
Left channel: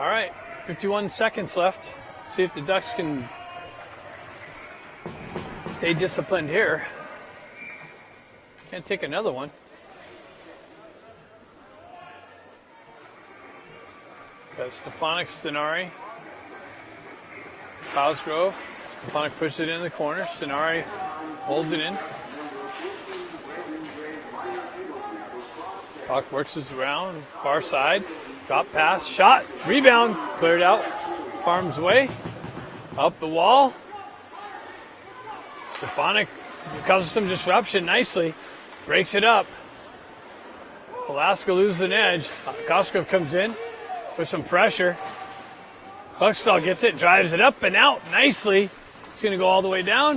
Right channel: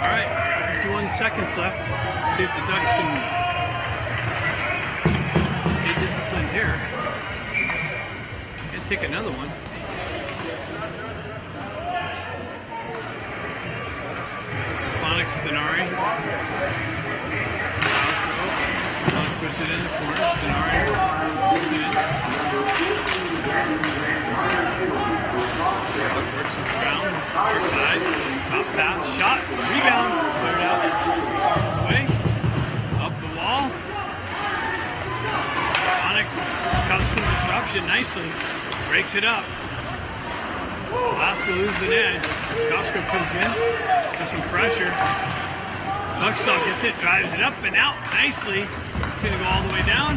All right, 51 seconds left. See if the Ducks can stay disciplined here. And take another one. Stefanik, Stenari. Cosgrove. Stefanik puts it in the corner. Stenari holds it in. Puck works his round. Far side. Top pass. Shot. Rebound. Cleared out. Farms away. Up the wall. Stefanik comes some disruption nicely. Breaks it up. Alaska loses an edge. Cosgrove comes in with some pressure. Buckstall gets it, drives it up and out nicely. It's going to go all the way down.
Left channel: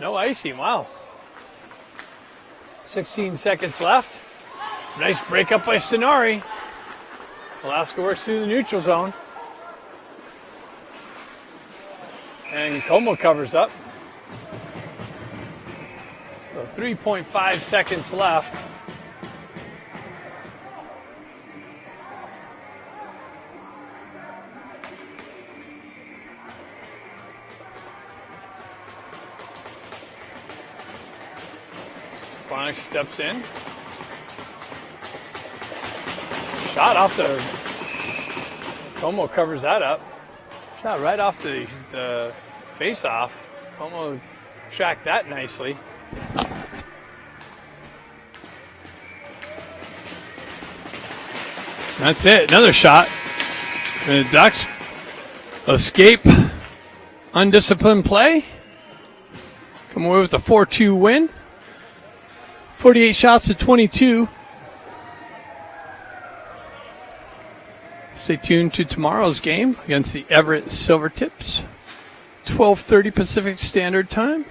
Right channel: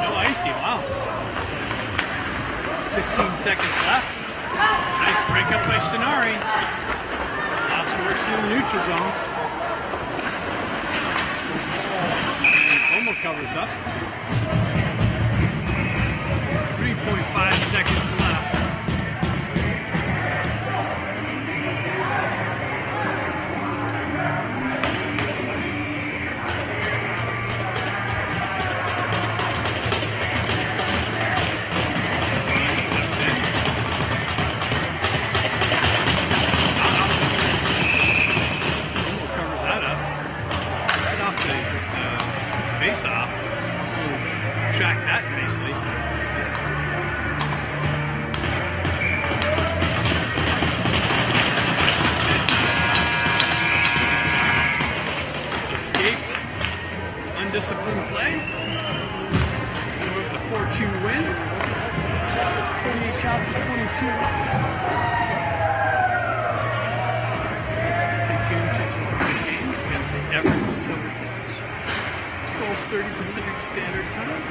No icing, wow. 16 seconds left. Nice break up by Stenari. Alaska works through the neutral zone. And Como covers up. 3.5 seconds left. Romo covers that up. Oh, right off the face-off. Romo tracked that nicely. That's it. Another shot. The Ducks escape undisciplined play. Come away with a 4-2 win. 48 shots to 22. Stay tuned to tomorrow's game against the Everett Silvertips. 12:30 Pacific Standard Time.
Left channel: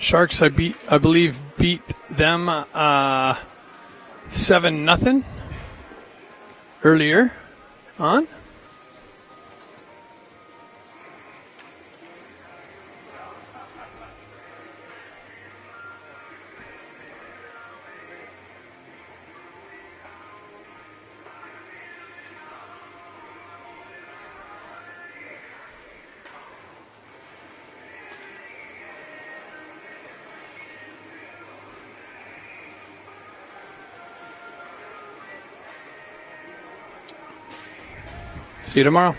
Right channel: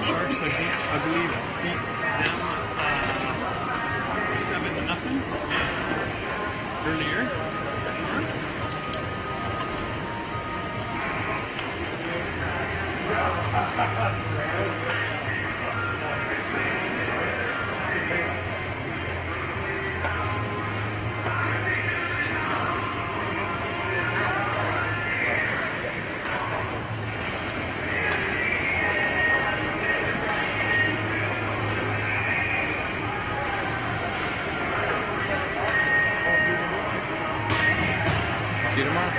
Sharks, I believe, beat them 7-0 earlier on. See you tomorrow.